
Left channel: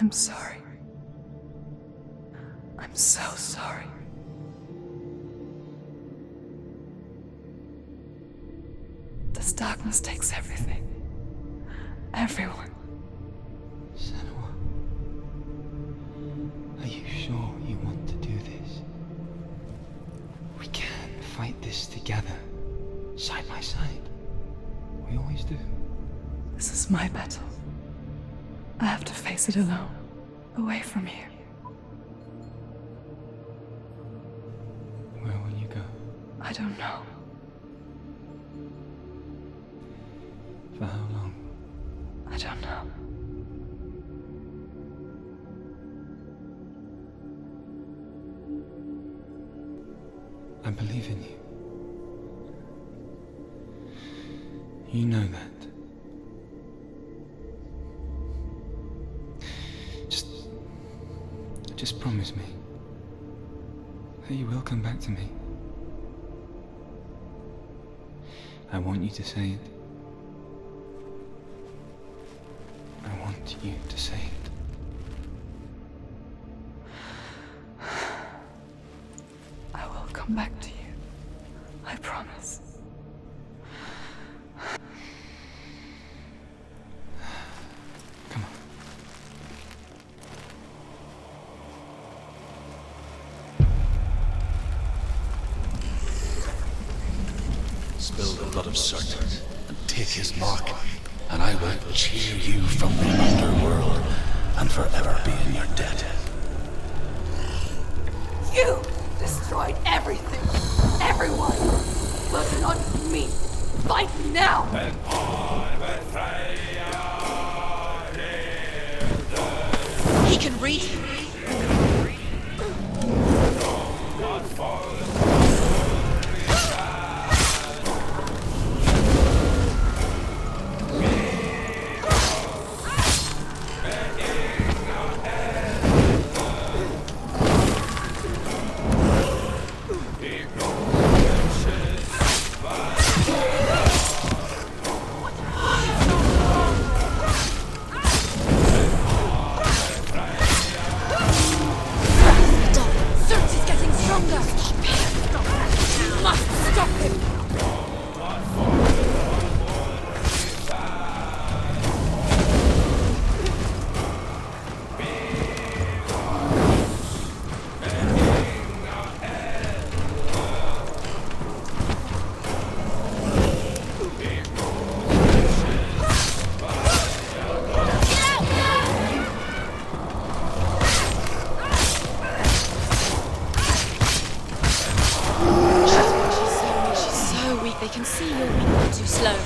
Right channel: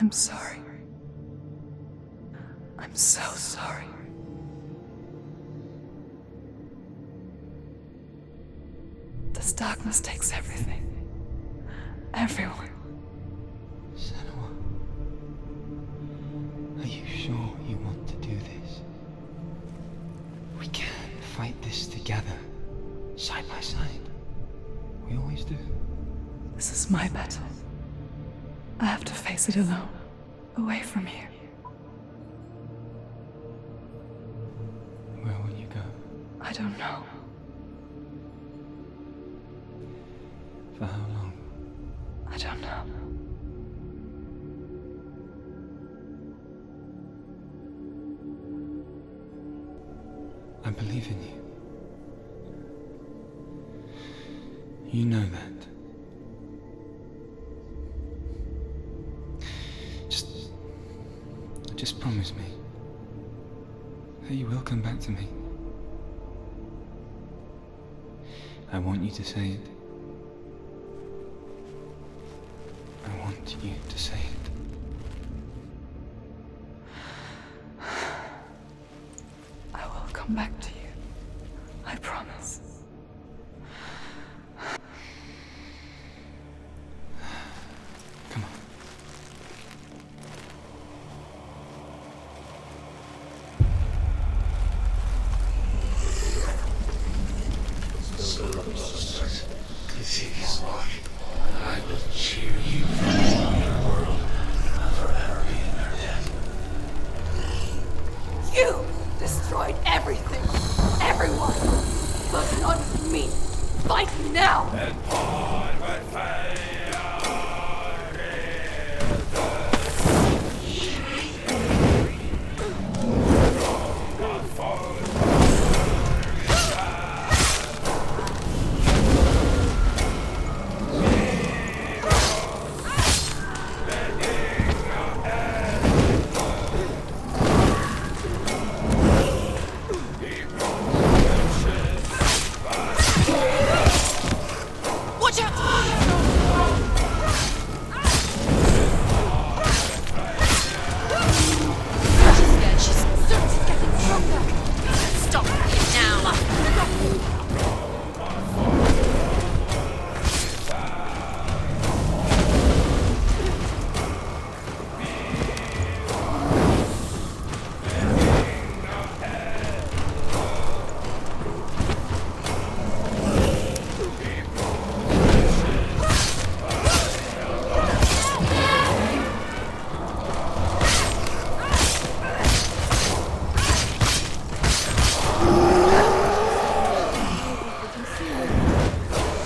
I'm sorry. I'm so sorry. This darkness takes everything. Everyone. Senua, are you sure you want to do this? We can fight this together, side by side. We always do. This is my battle. I have to face it alone, away from here. Where will you go? I don't know. For how long? I don't know. I believe in you. You know that. Just promise me that you will come back to me. I want you to say it. I want you to say it. I will come back to you. I promise. Come on. Spill the blood of Surt and take his mark, and I will cheer you from the underworld and forever be in your debt. You destroyed everything, everyone, but not me. Fight me now! He can read. Watch out! Surt is getting stronger. Stop now. Must stop him. So weak, they can see movement too slow.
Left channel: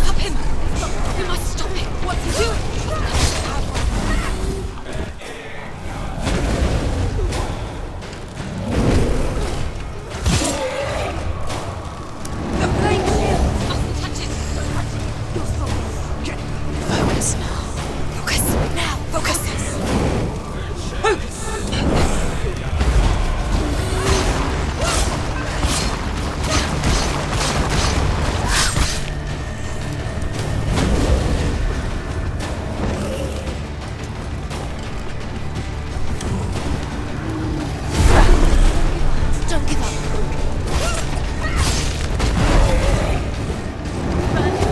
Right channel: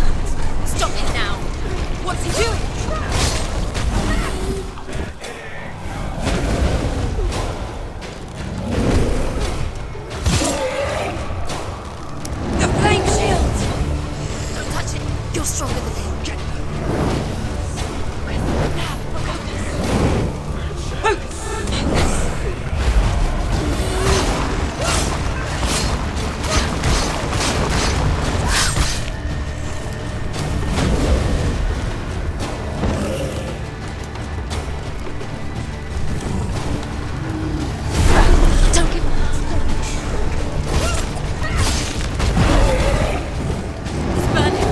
Stop him! Stop it now! Stop it! What's he doing? The flame shields! Catch it! You're stronger than me. Focus now. Focus now. Focus. Focus. Don't give up. Don't give up.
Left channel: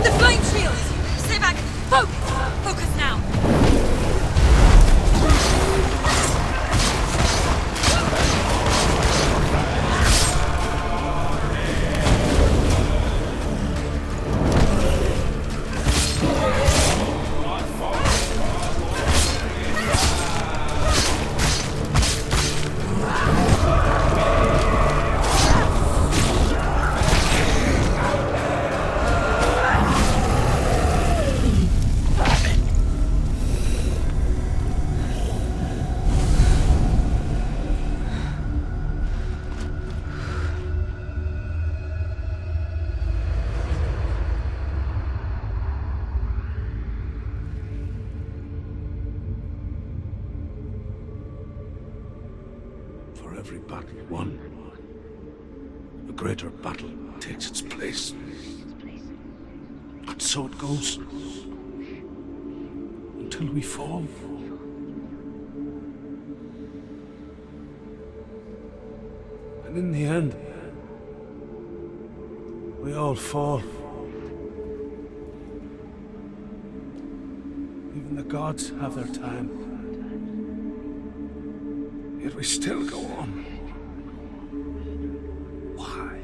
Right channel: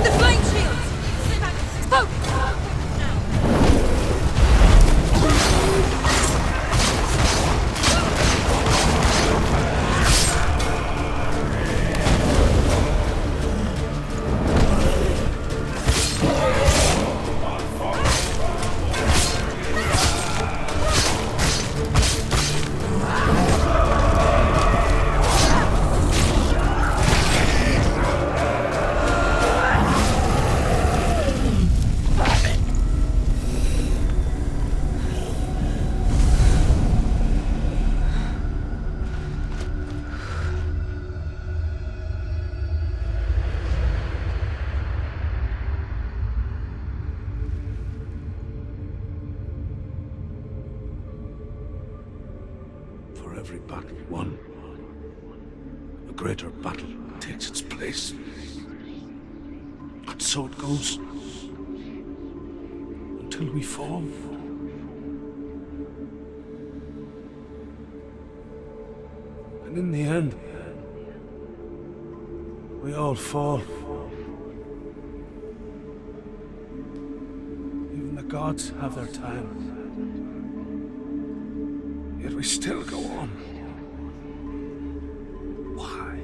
The flame shields! Stay back! Focus! Focus now! For every battle won, a a greater battle takes its place. And so it goes. Until we fall. And in the end, we all fall. Even the gods have their time. Yet we still go on. Why?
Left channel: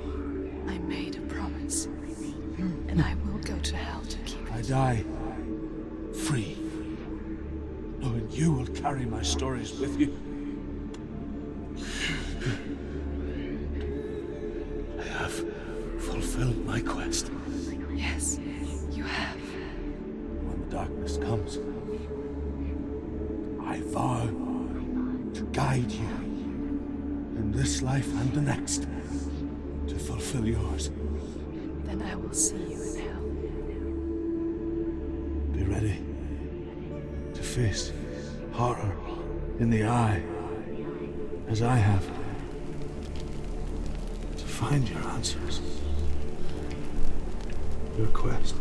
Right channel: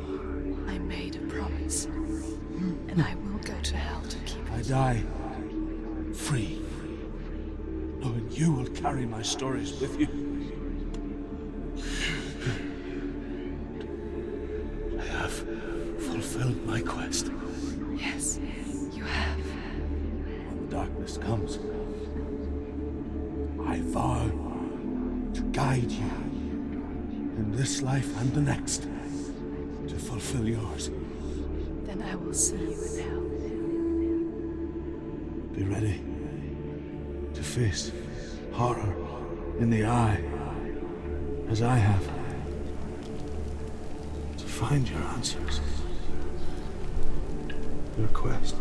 I made a promise, and I will go to hell to keep it. I die free, knowing you will carry my stories with you. I have fulfilled my quest. Yes, you have. When the darkness comes, I vow to guide you in this life and the next to fulfill yours. Then I will see you in hell. Be ready to face horror in the eye, as I have. To find your answers. Your quest.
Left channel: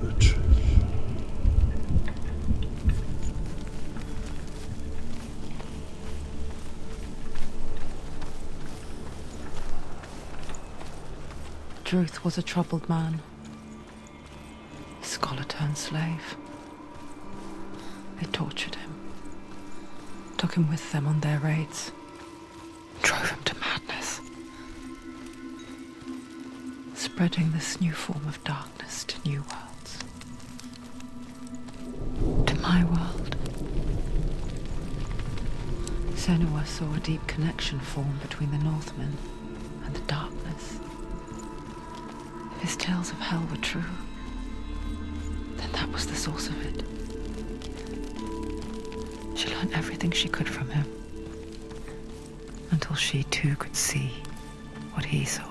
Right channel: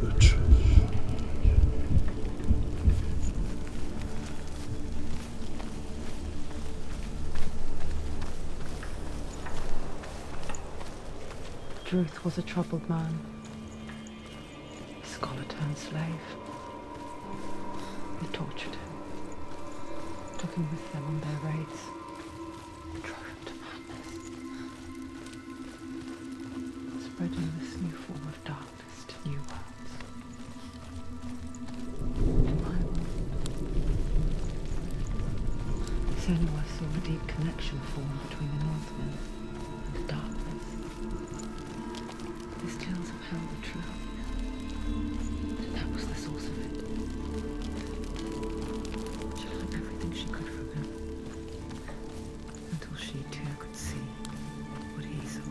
Your truth. Druth was a troubled man. A scholar turned slave. They tortured him. Took him with them on their raids. Drove him to madness. Spreading this new form of darkness to new worlds. To my world. Senua saw a deep connection form between the Northmen and the darkness. If his tales of hell were true, then that was the source of it. She learned everything she could from him, until she too could see what he saw.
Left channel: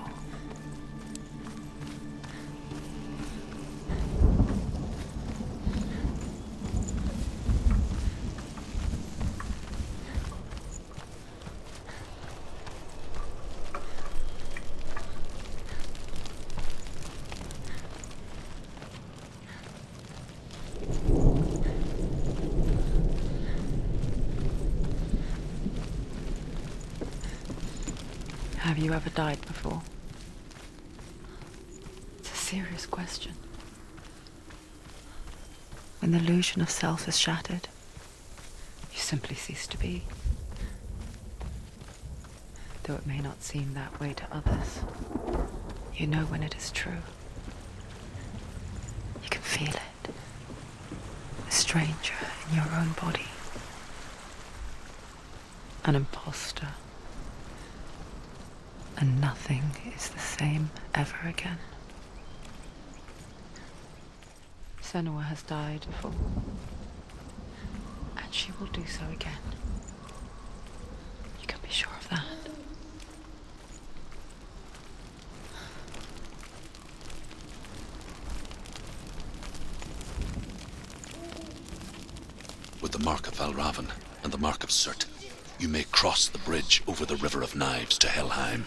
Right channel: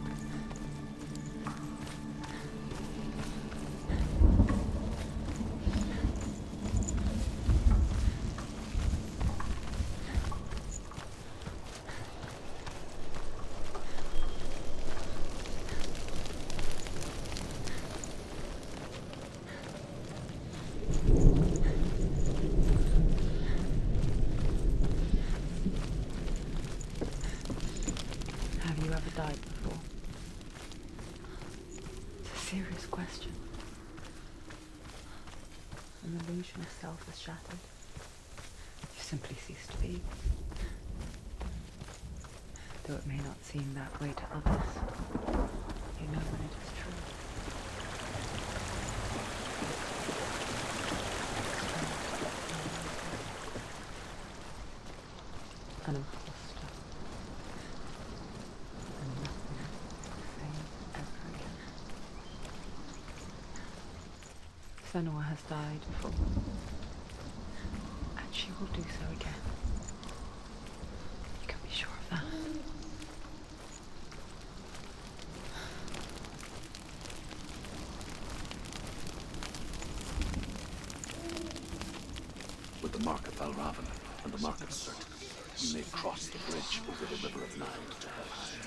Have you ever died before? It's a serious question. When the illusion of self is shattered, you simply cease to be. Though it may not seem that way to others, you know when it is true. You can feel it. A stranger in your own body. An imposter. And nothing is the same ever again. Senua has died before, and she will do so again. You can be sure of that. With the mark of Valravan and the mark of Surt, you may cross the bridge over the River of Knives to Helheim.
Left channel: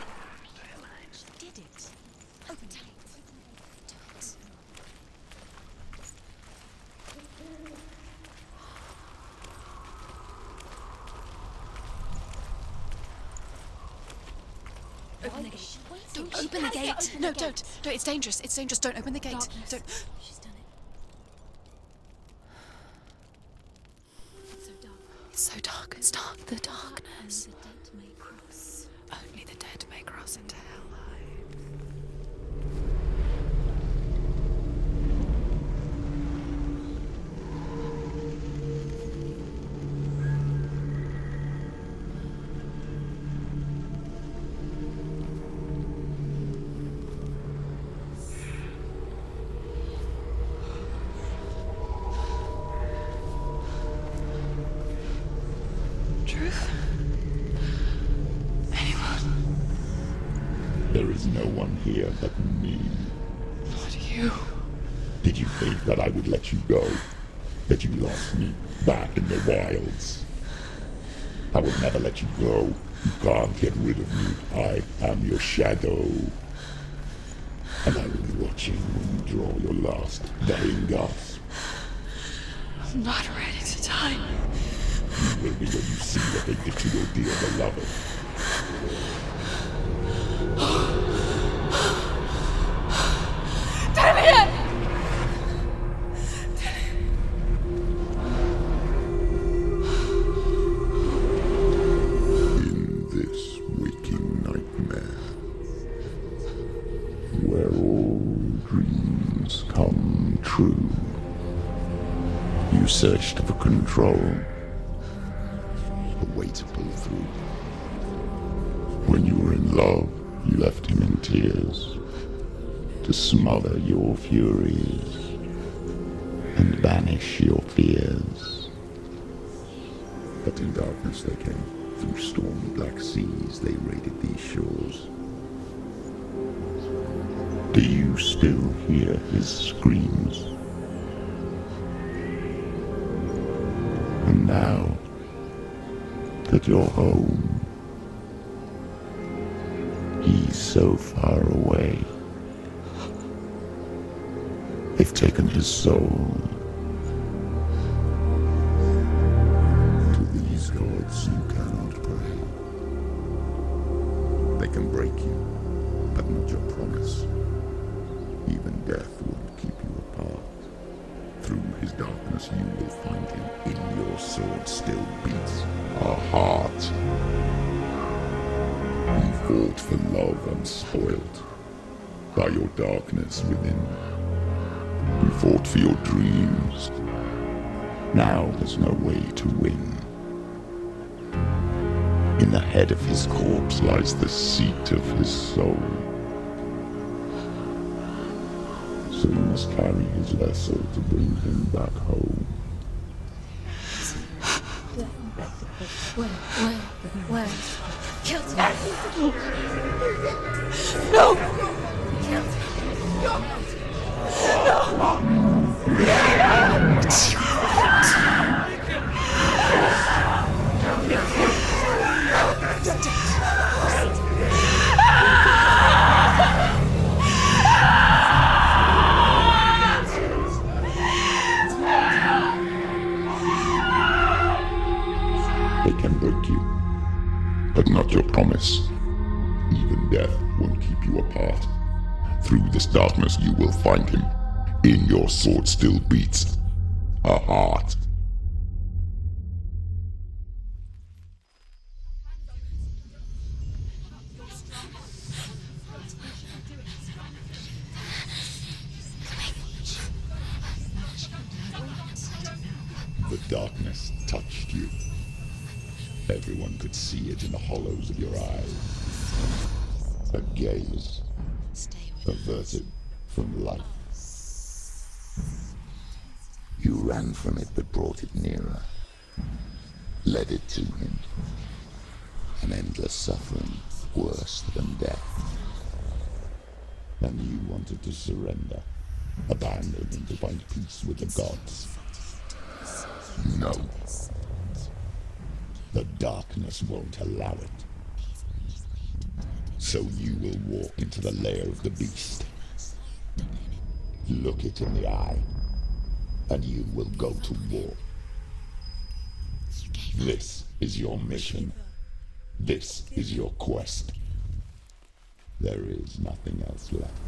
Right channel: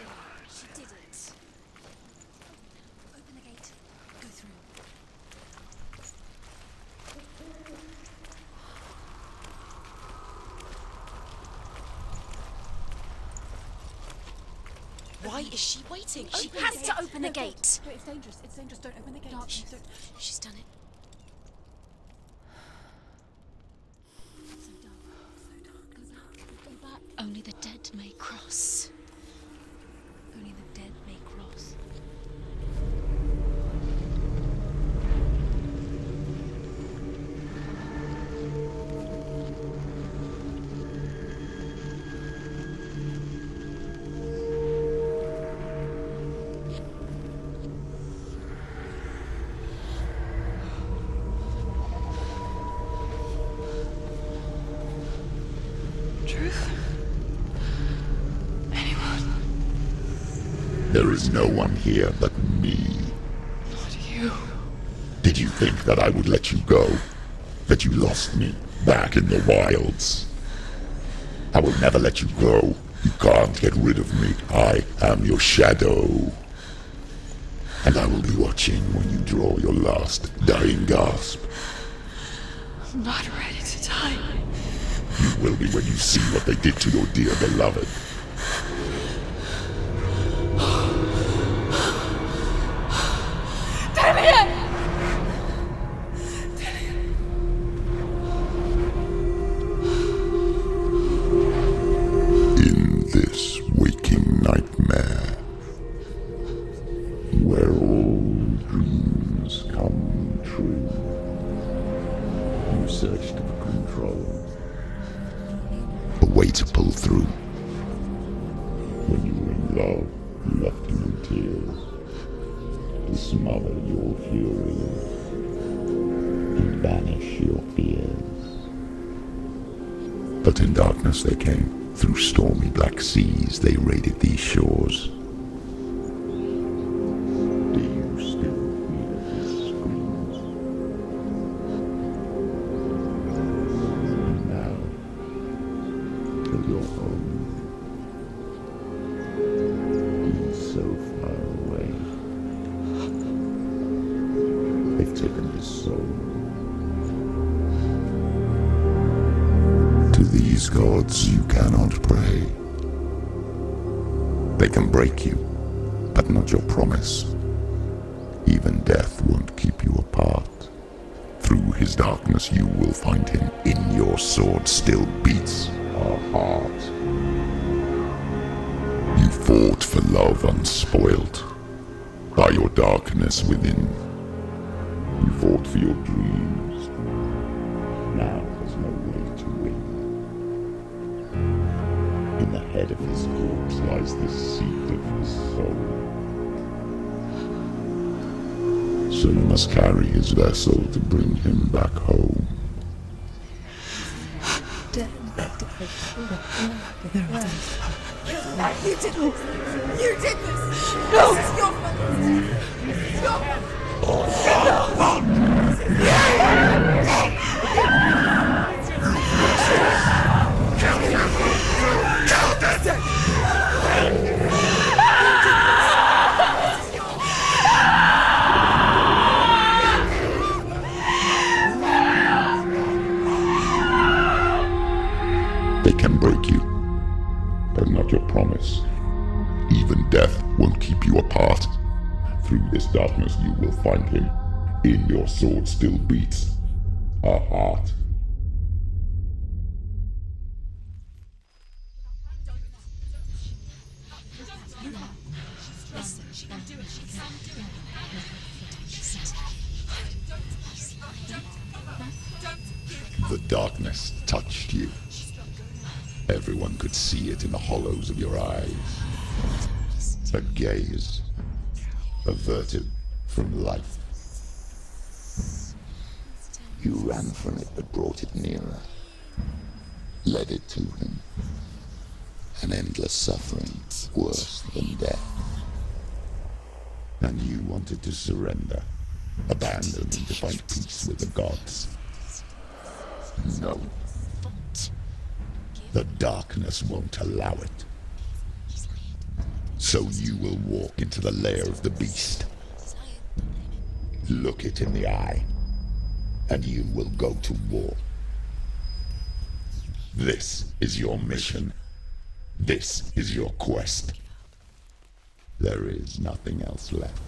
Why is she waiting? She Open the has gate. to open No, the gate. don't. No, it's dangerous. It's dangerous. Don't open the gate. Darkness. Don't. She's done it. It's so dark. It's dark. The darkness. Only the dead may cross. Only the dead may cross Only into the hell. dead may cross. Truth? Anyone? There is no one here but me. Not you. Did you think that I would let you go? That you lost me back in the wilds? I will never let you go Can't get rid of me. I am your shadow. And I will be watching when you draw your last dying gasp. I'm not ready to die. You will be when you see what they did to your dear beloved. Dillion! In this waking nightmare, where all dreams come true, you searched for control, a way to pull through. When you were in love, you left him in tears, to smother your furies and banish your fears. But in darkness they came, through stormy black seas they raided these shores. Do you still hear his screams? And now that you're home, he's so far away. They've taken his soul. To these gods you cannot pray. They can break you, but not your promise. Even death won't keep you apart. Through his darkness you will find him. In your sword still beats a heart. You fought for love unspoilt by your darkness within. You fought for your dreams. Now there's no way to win. In the head of his corpse lies the seat of his soul. So you must carry his vessel to bring him back home. You did this! No! They can break you, but not your promise. Even death won't keep you apart. Through this darkness you will find him. In your sword still beats a heart. The darkness touched you. Everyone could see it in the hollows of your eyes. A gaze averted from life. You ran from it but brought it nearer. Led it to him. An endless suffering worse than death. And you wanted to surrender, abandoning to find peace with the gods. No. The darkness won't allow it. So you will walk into the lair of the beast. Look it in the eye, and you will go to war. This is your mission. This is your quest. There is nothing else left.